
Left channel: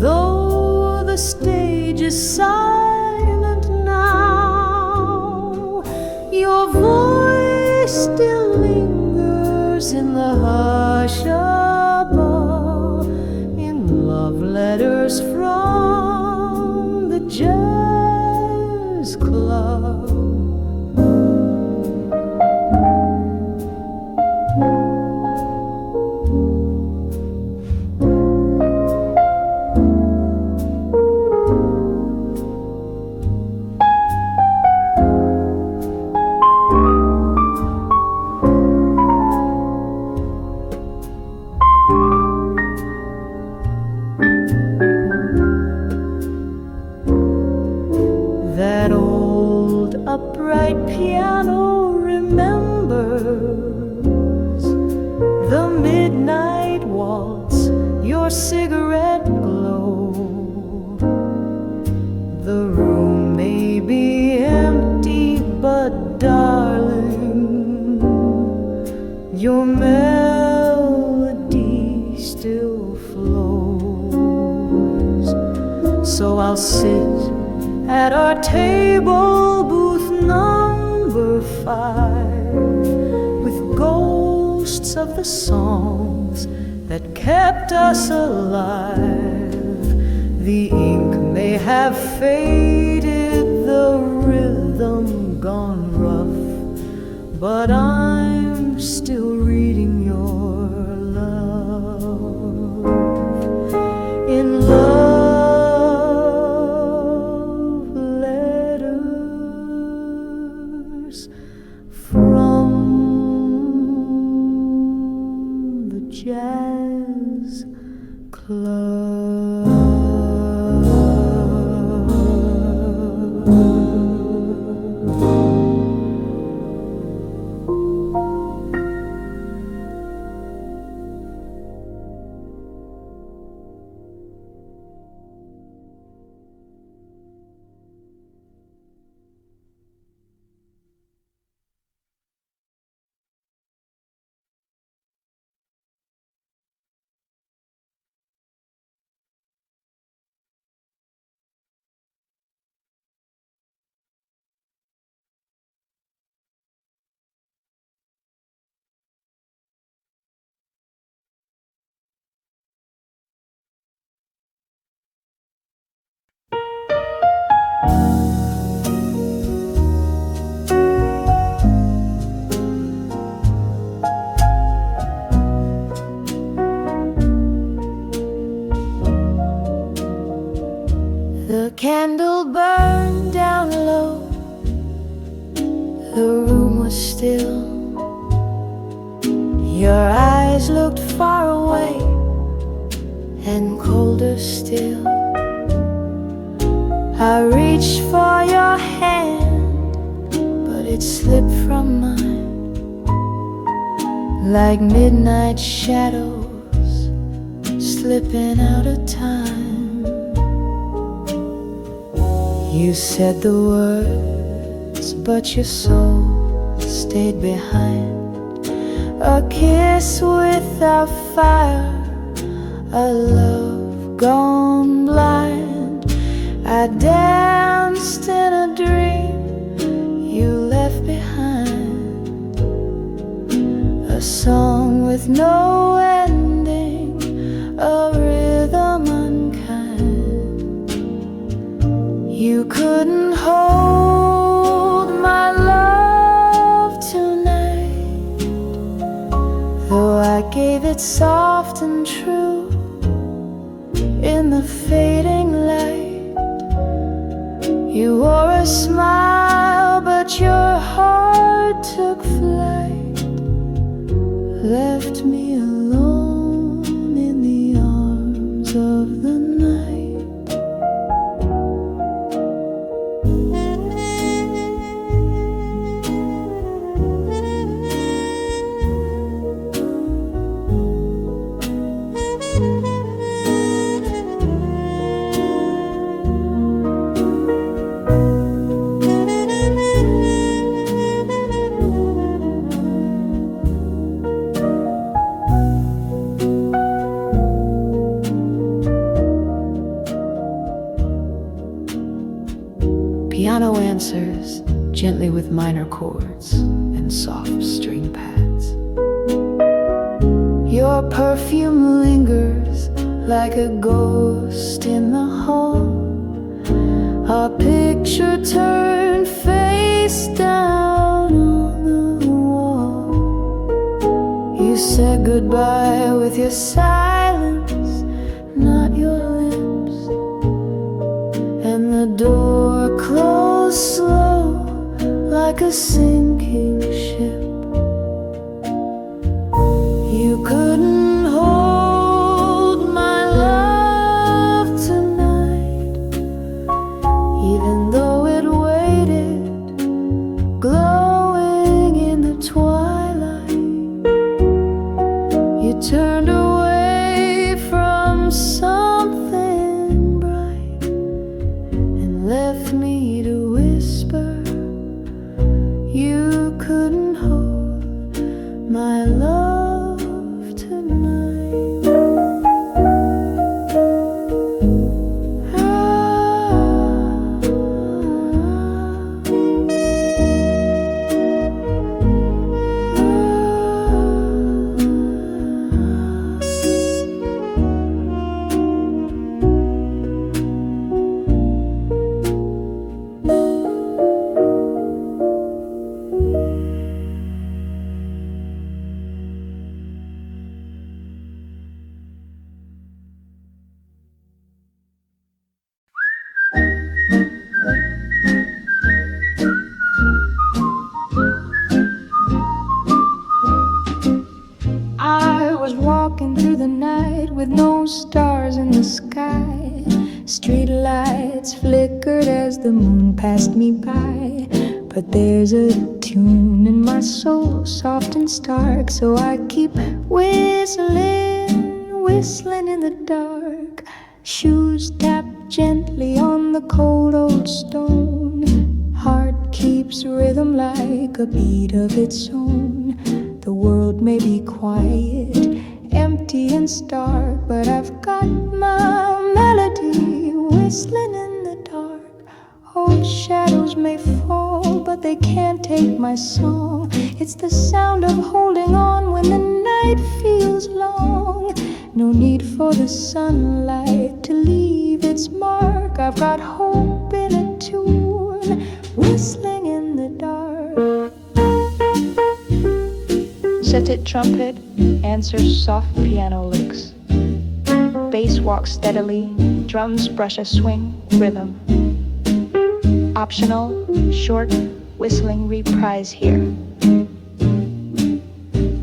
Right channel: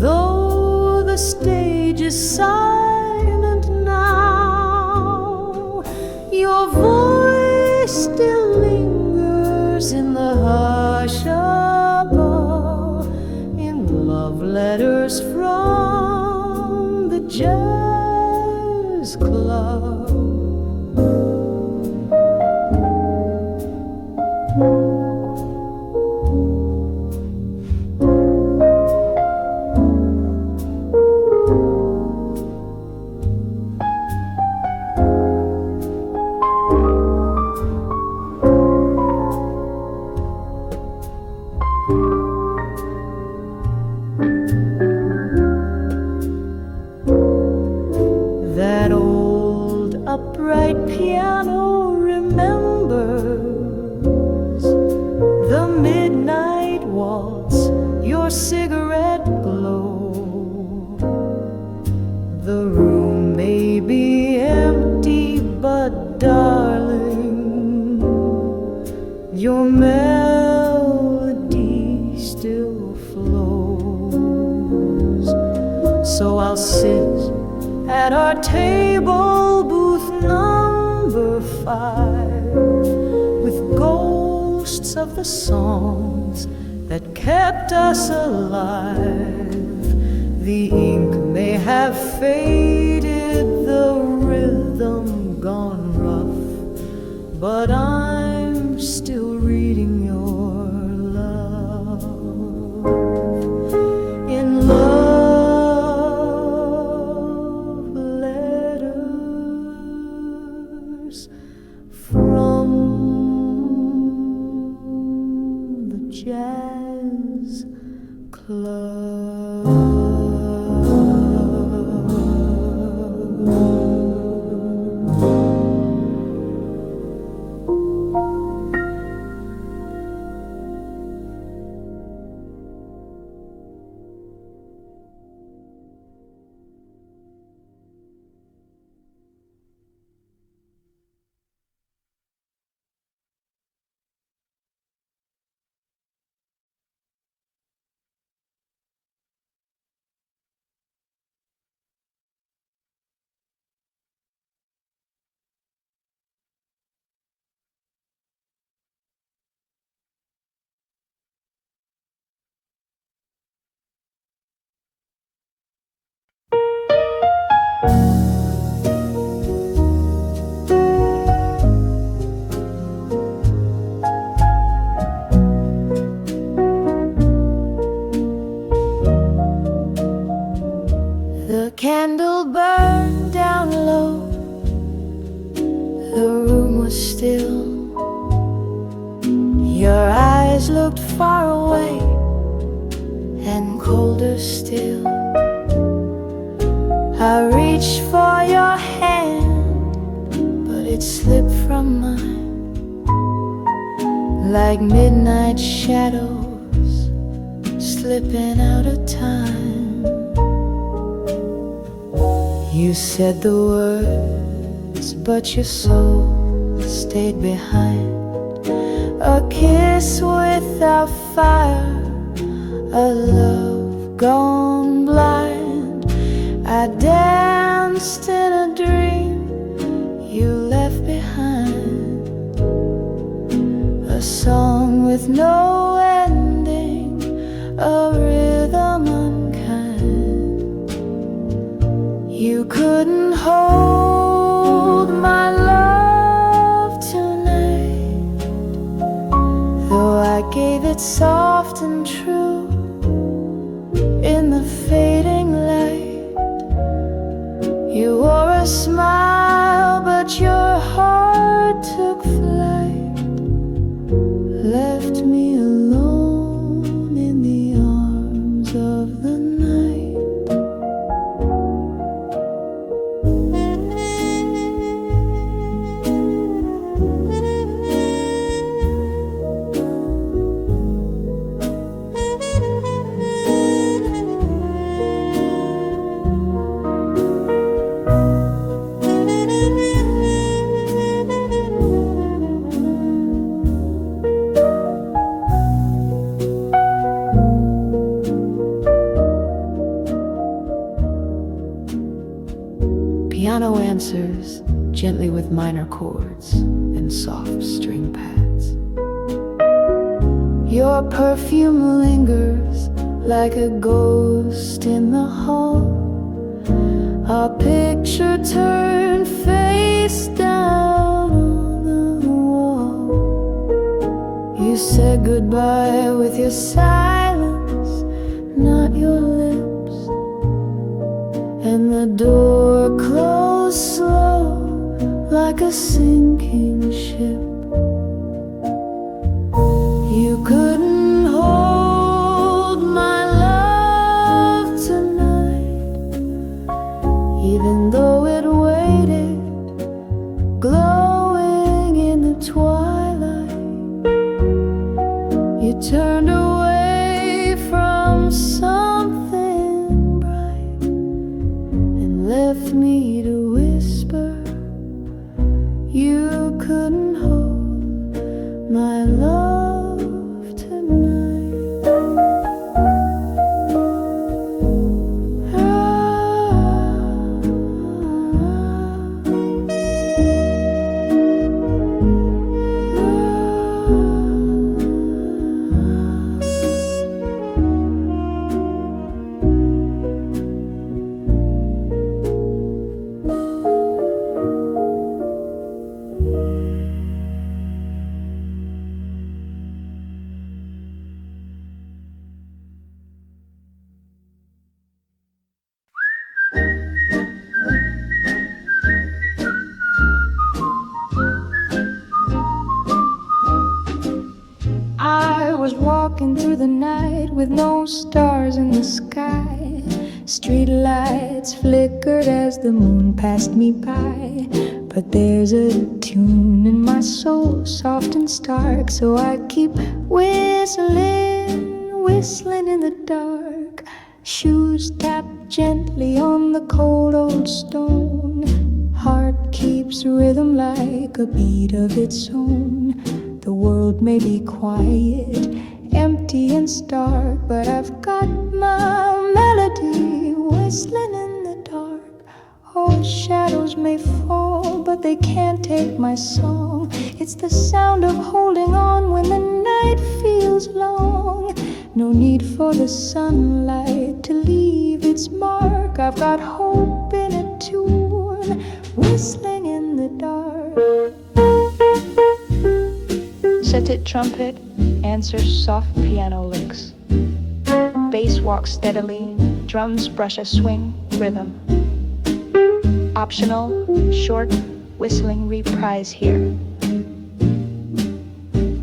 though the stage is silent now. Your voice still lingers in the hush above, in love letters from the jazz club. remembers the midnight waltz, your cigarette glow. The room may be empty, but darling, your melody still flows. So I'll sit at our table, booth number 5, with ghosts of the songs that kept us alive. The ink may have faded, the rhythm gone rough, but I'm still reading your love. In love letters from the jazz club. The candle burned down low, the room was still. Your eyes looked far away and colder still. I reached for your hand, but it slipped from mine, like midnight shadows slipping out of time. You said the words, but your soul stayed behind. A kiss without fire, a love gone blind. I danced in a dream you left behind, a song with no ending, a rhythm unkind. You couldn't hold my love tonight, though I gave it soft and true in the fading light. You wore a smile, but your heart took flight, left me alone in the arms of the night. Piano answers gently with minor chords and soft string pads. Your perfume lingers like a ghost in the hall. Our picture turned face down on the wall. You said goodbye with your silence, not your lips. And the door closed slow like a sinking ship. You couldn't hold my love tonight, even though it waited, glowing in You turned away from something bright and left me to whisper. You couldn't hold my love tonight. I was walking through the night with no stars in the sky. Street lights flickered as the moon passed me by. But there's a tune in my soul, soft and stark, so I keep whistling, whistling in the dark. Shoes tap gently on the cold old stone. Heart keeps rhythm like a beat of its own. The world may be quiet, empty and stark, but I've got my melody whistling in the dark. Oh, shadows may fall, but they can't take my song. It's the sound of holding on when the night feels long. No need for the sunlight to leave its mark. I've got hope in a tune, whistling in the dark. Set-it trumpet answers soft piano licks. Bass walks steadily, drums brush a swing rhythm. Optional, short, whistling reprise here.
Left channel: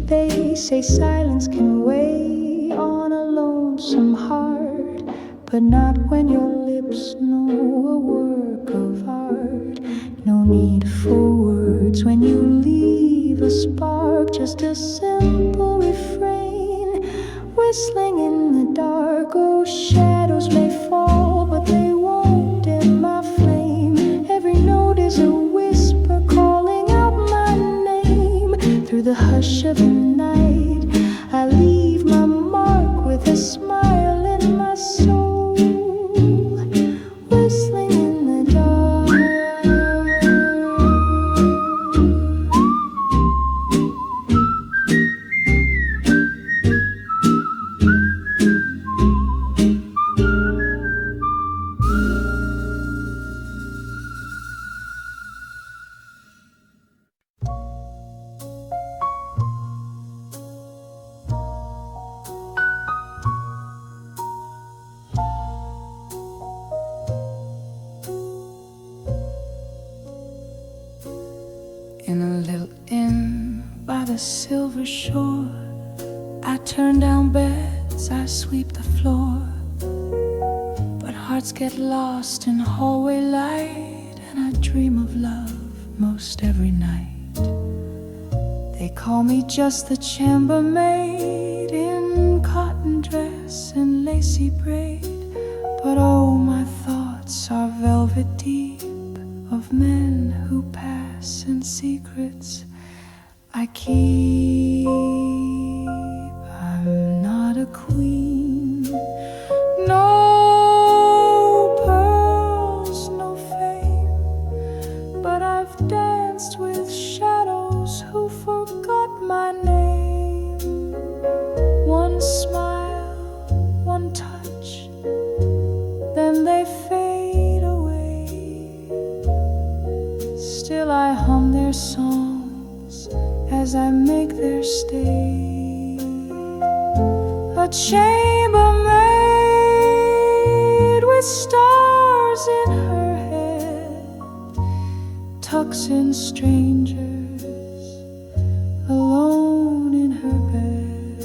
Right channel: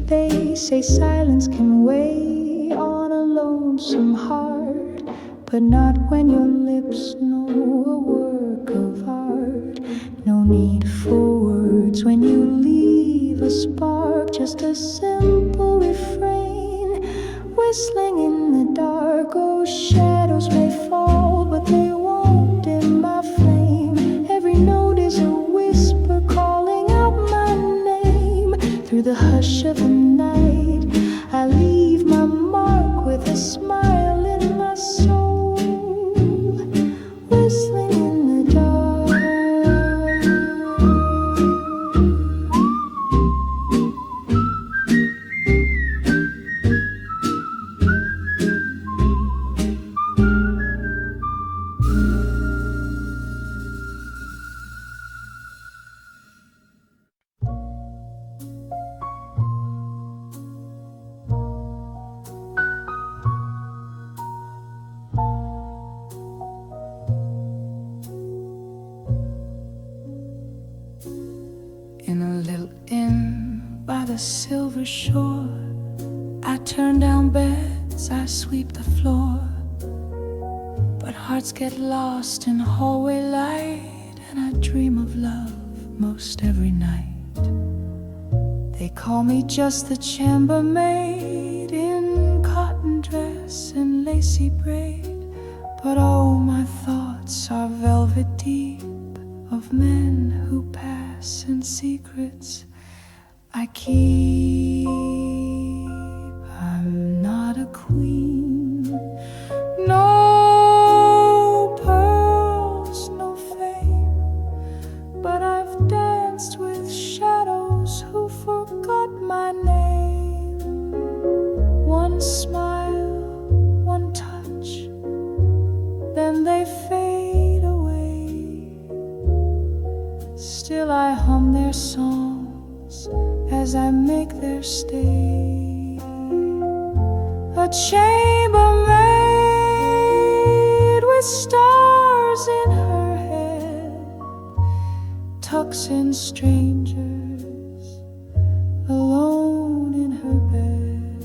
They say silence can weigh on a lonesome heart, but not when your lips know a work of art. No need for words when you leave a spark, just a simple refrain, whistling in the dark. Oh, shadows may fall, but they won't dim my flame. Every note is a whisper calling out my name. Through the hush of the night, I leave my mark with a smile in my soul, whistling in the dark. In a little inn by the silver shore, I turn down beds, I sweep the floor. But hearts get lost in hallway light, and I dream of love most every night. They call me just the chambermaid, in cotton dress and lacy braid. But oh, my thoughts are velvet deep, of men who pass and secrets I keep. I'm not a queen, no pearls, no fame, but I've danced with shadows who forgot my name. One smile, one touch, then they fade away. Still I hum their songs as I make their stay. A chambermaid with stars in her head tucks in strangers alone in her bed.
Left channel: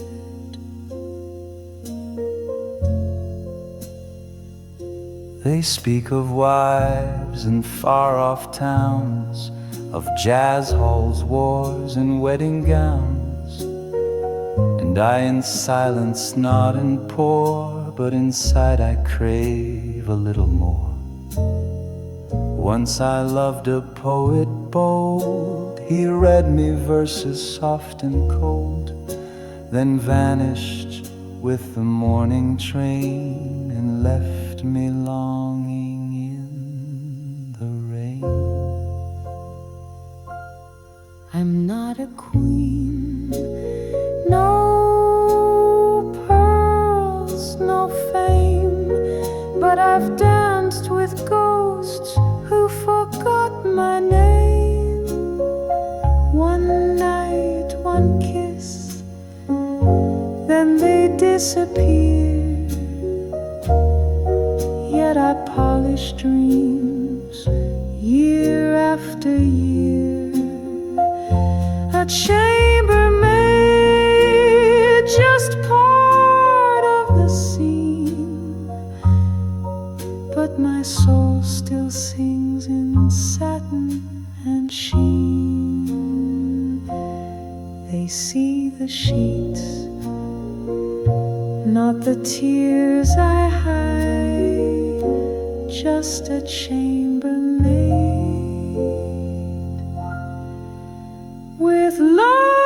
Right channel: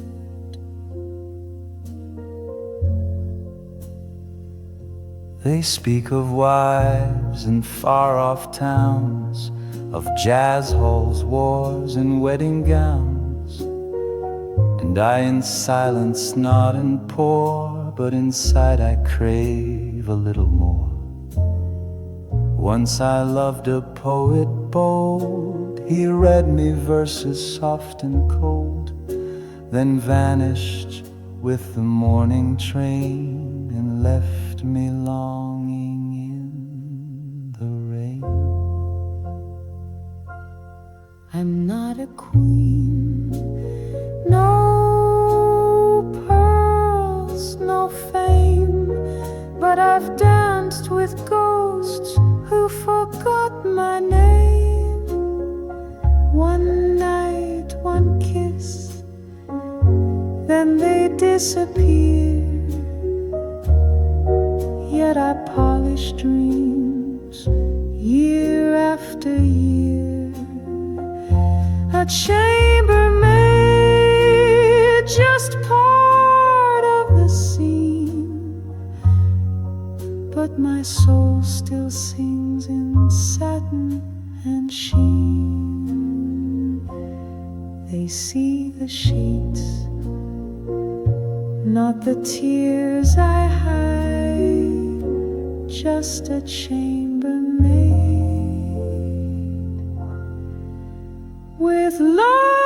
They speak of wives in far-off towns, of jazz halls, wars, and wedding gowns. And I in silence nod and pour, but inside I crave a little more. Once I loved a poet bold, he read me verses soft and cold, then vanished with the morning train and left me longing in the rain. I'm not a queen, no pearls, no fame, but I've danced with ghosts who forgot my name. One night, one kiss, then they disappear. Yet I polish dreams year after year. A chambermaid, just part of the scene, but my soul still sings in satin and sheen. They see the sheets, not the tears I hide, just a chambermaid with love.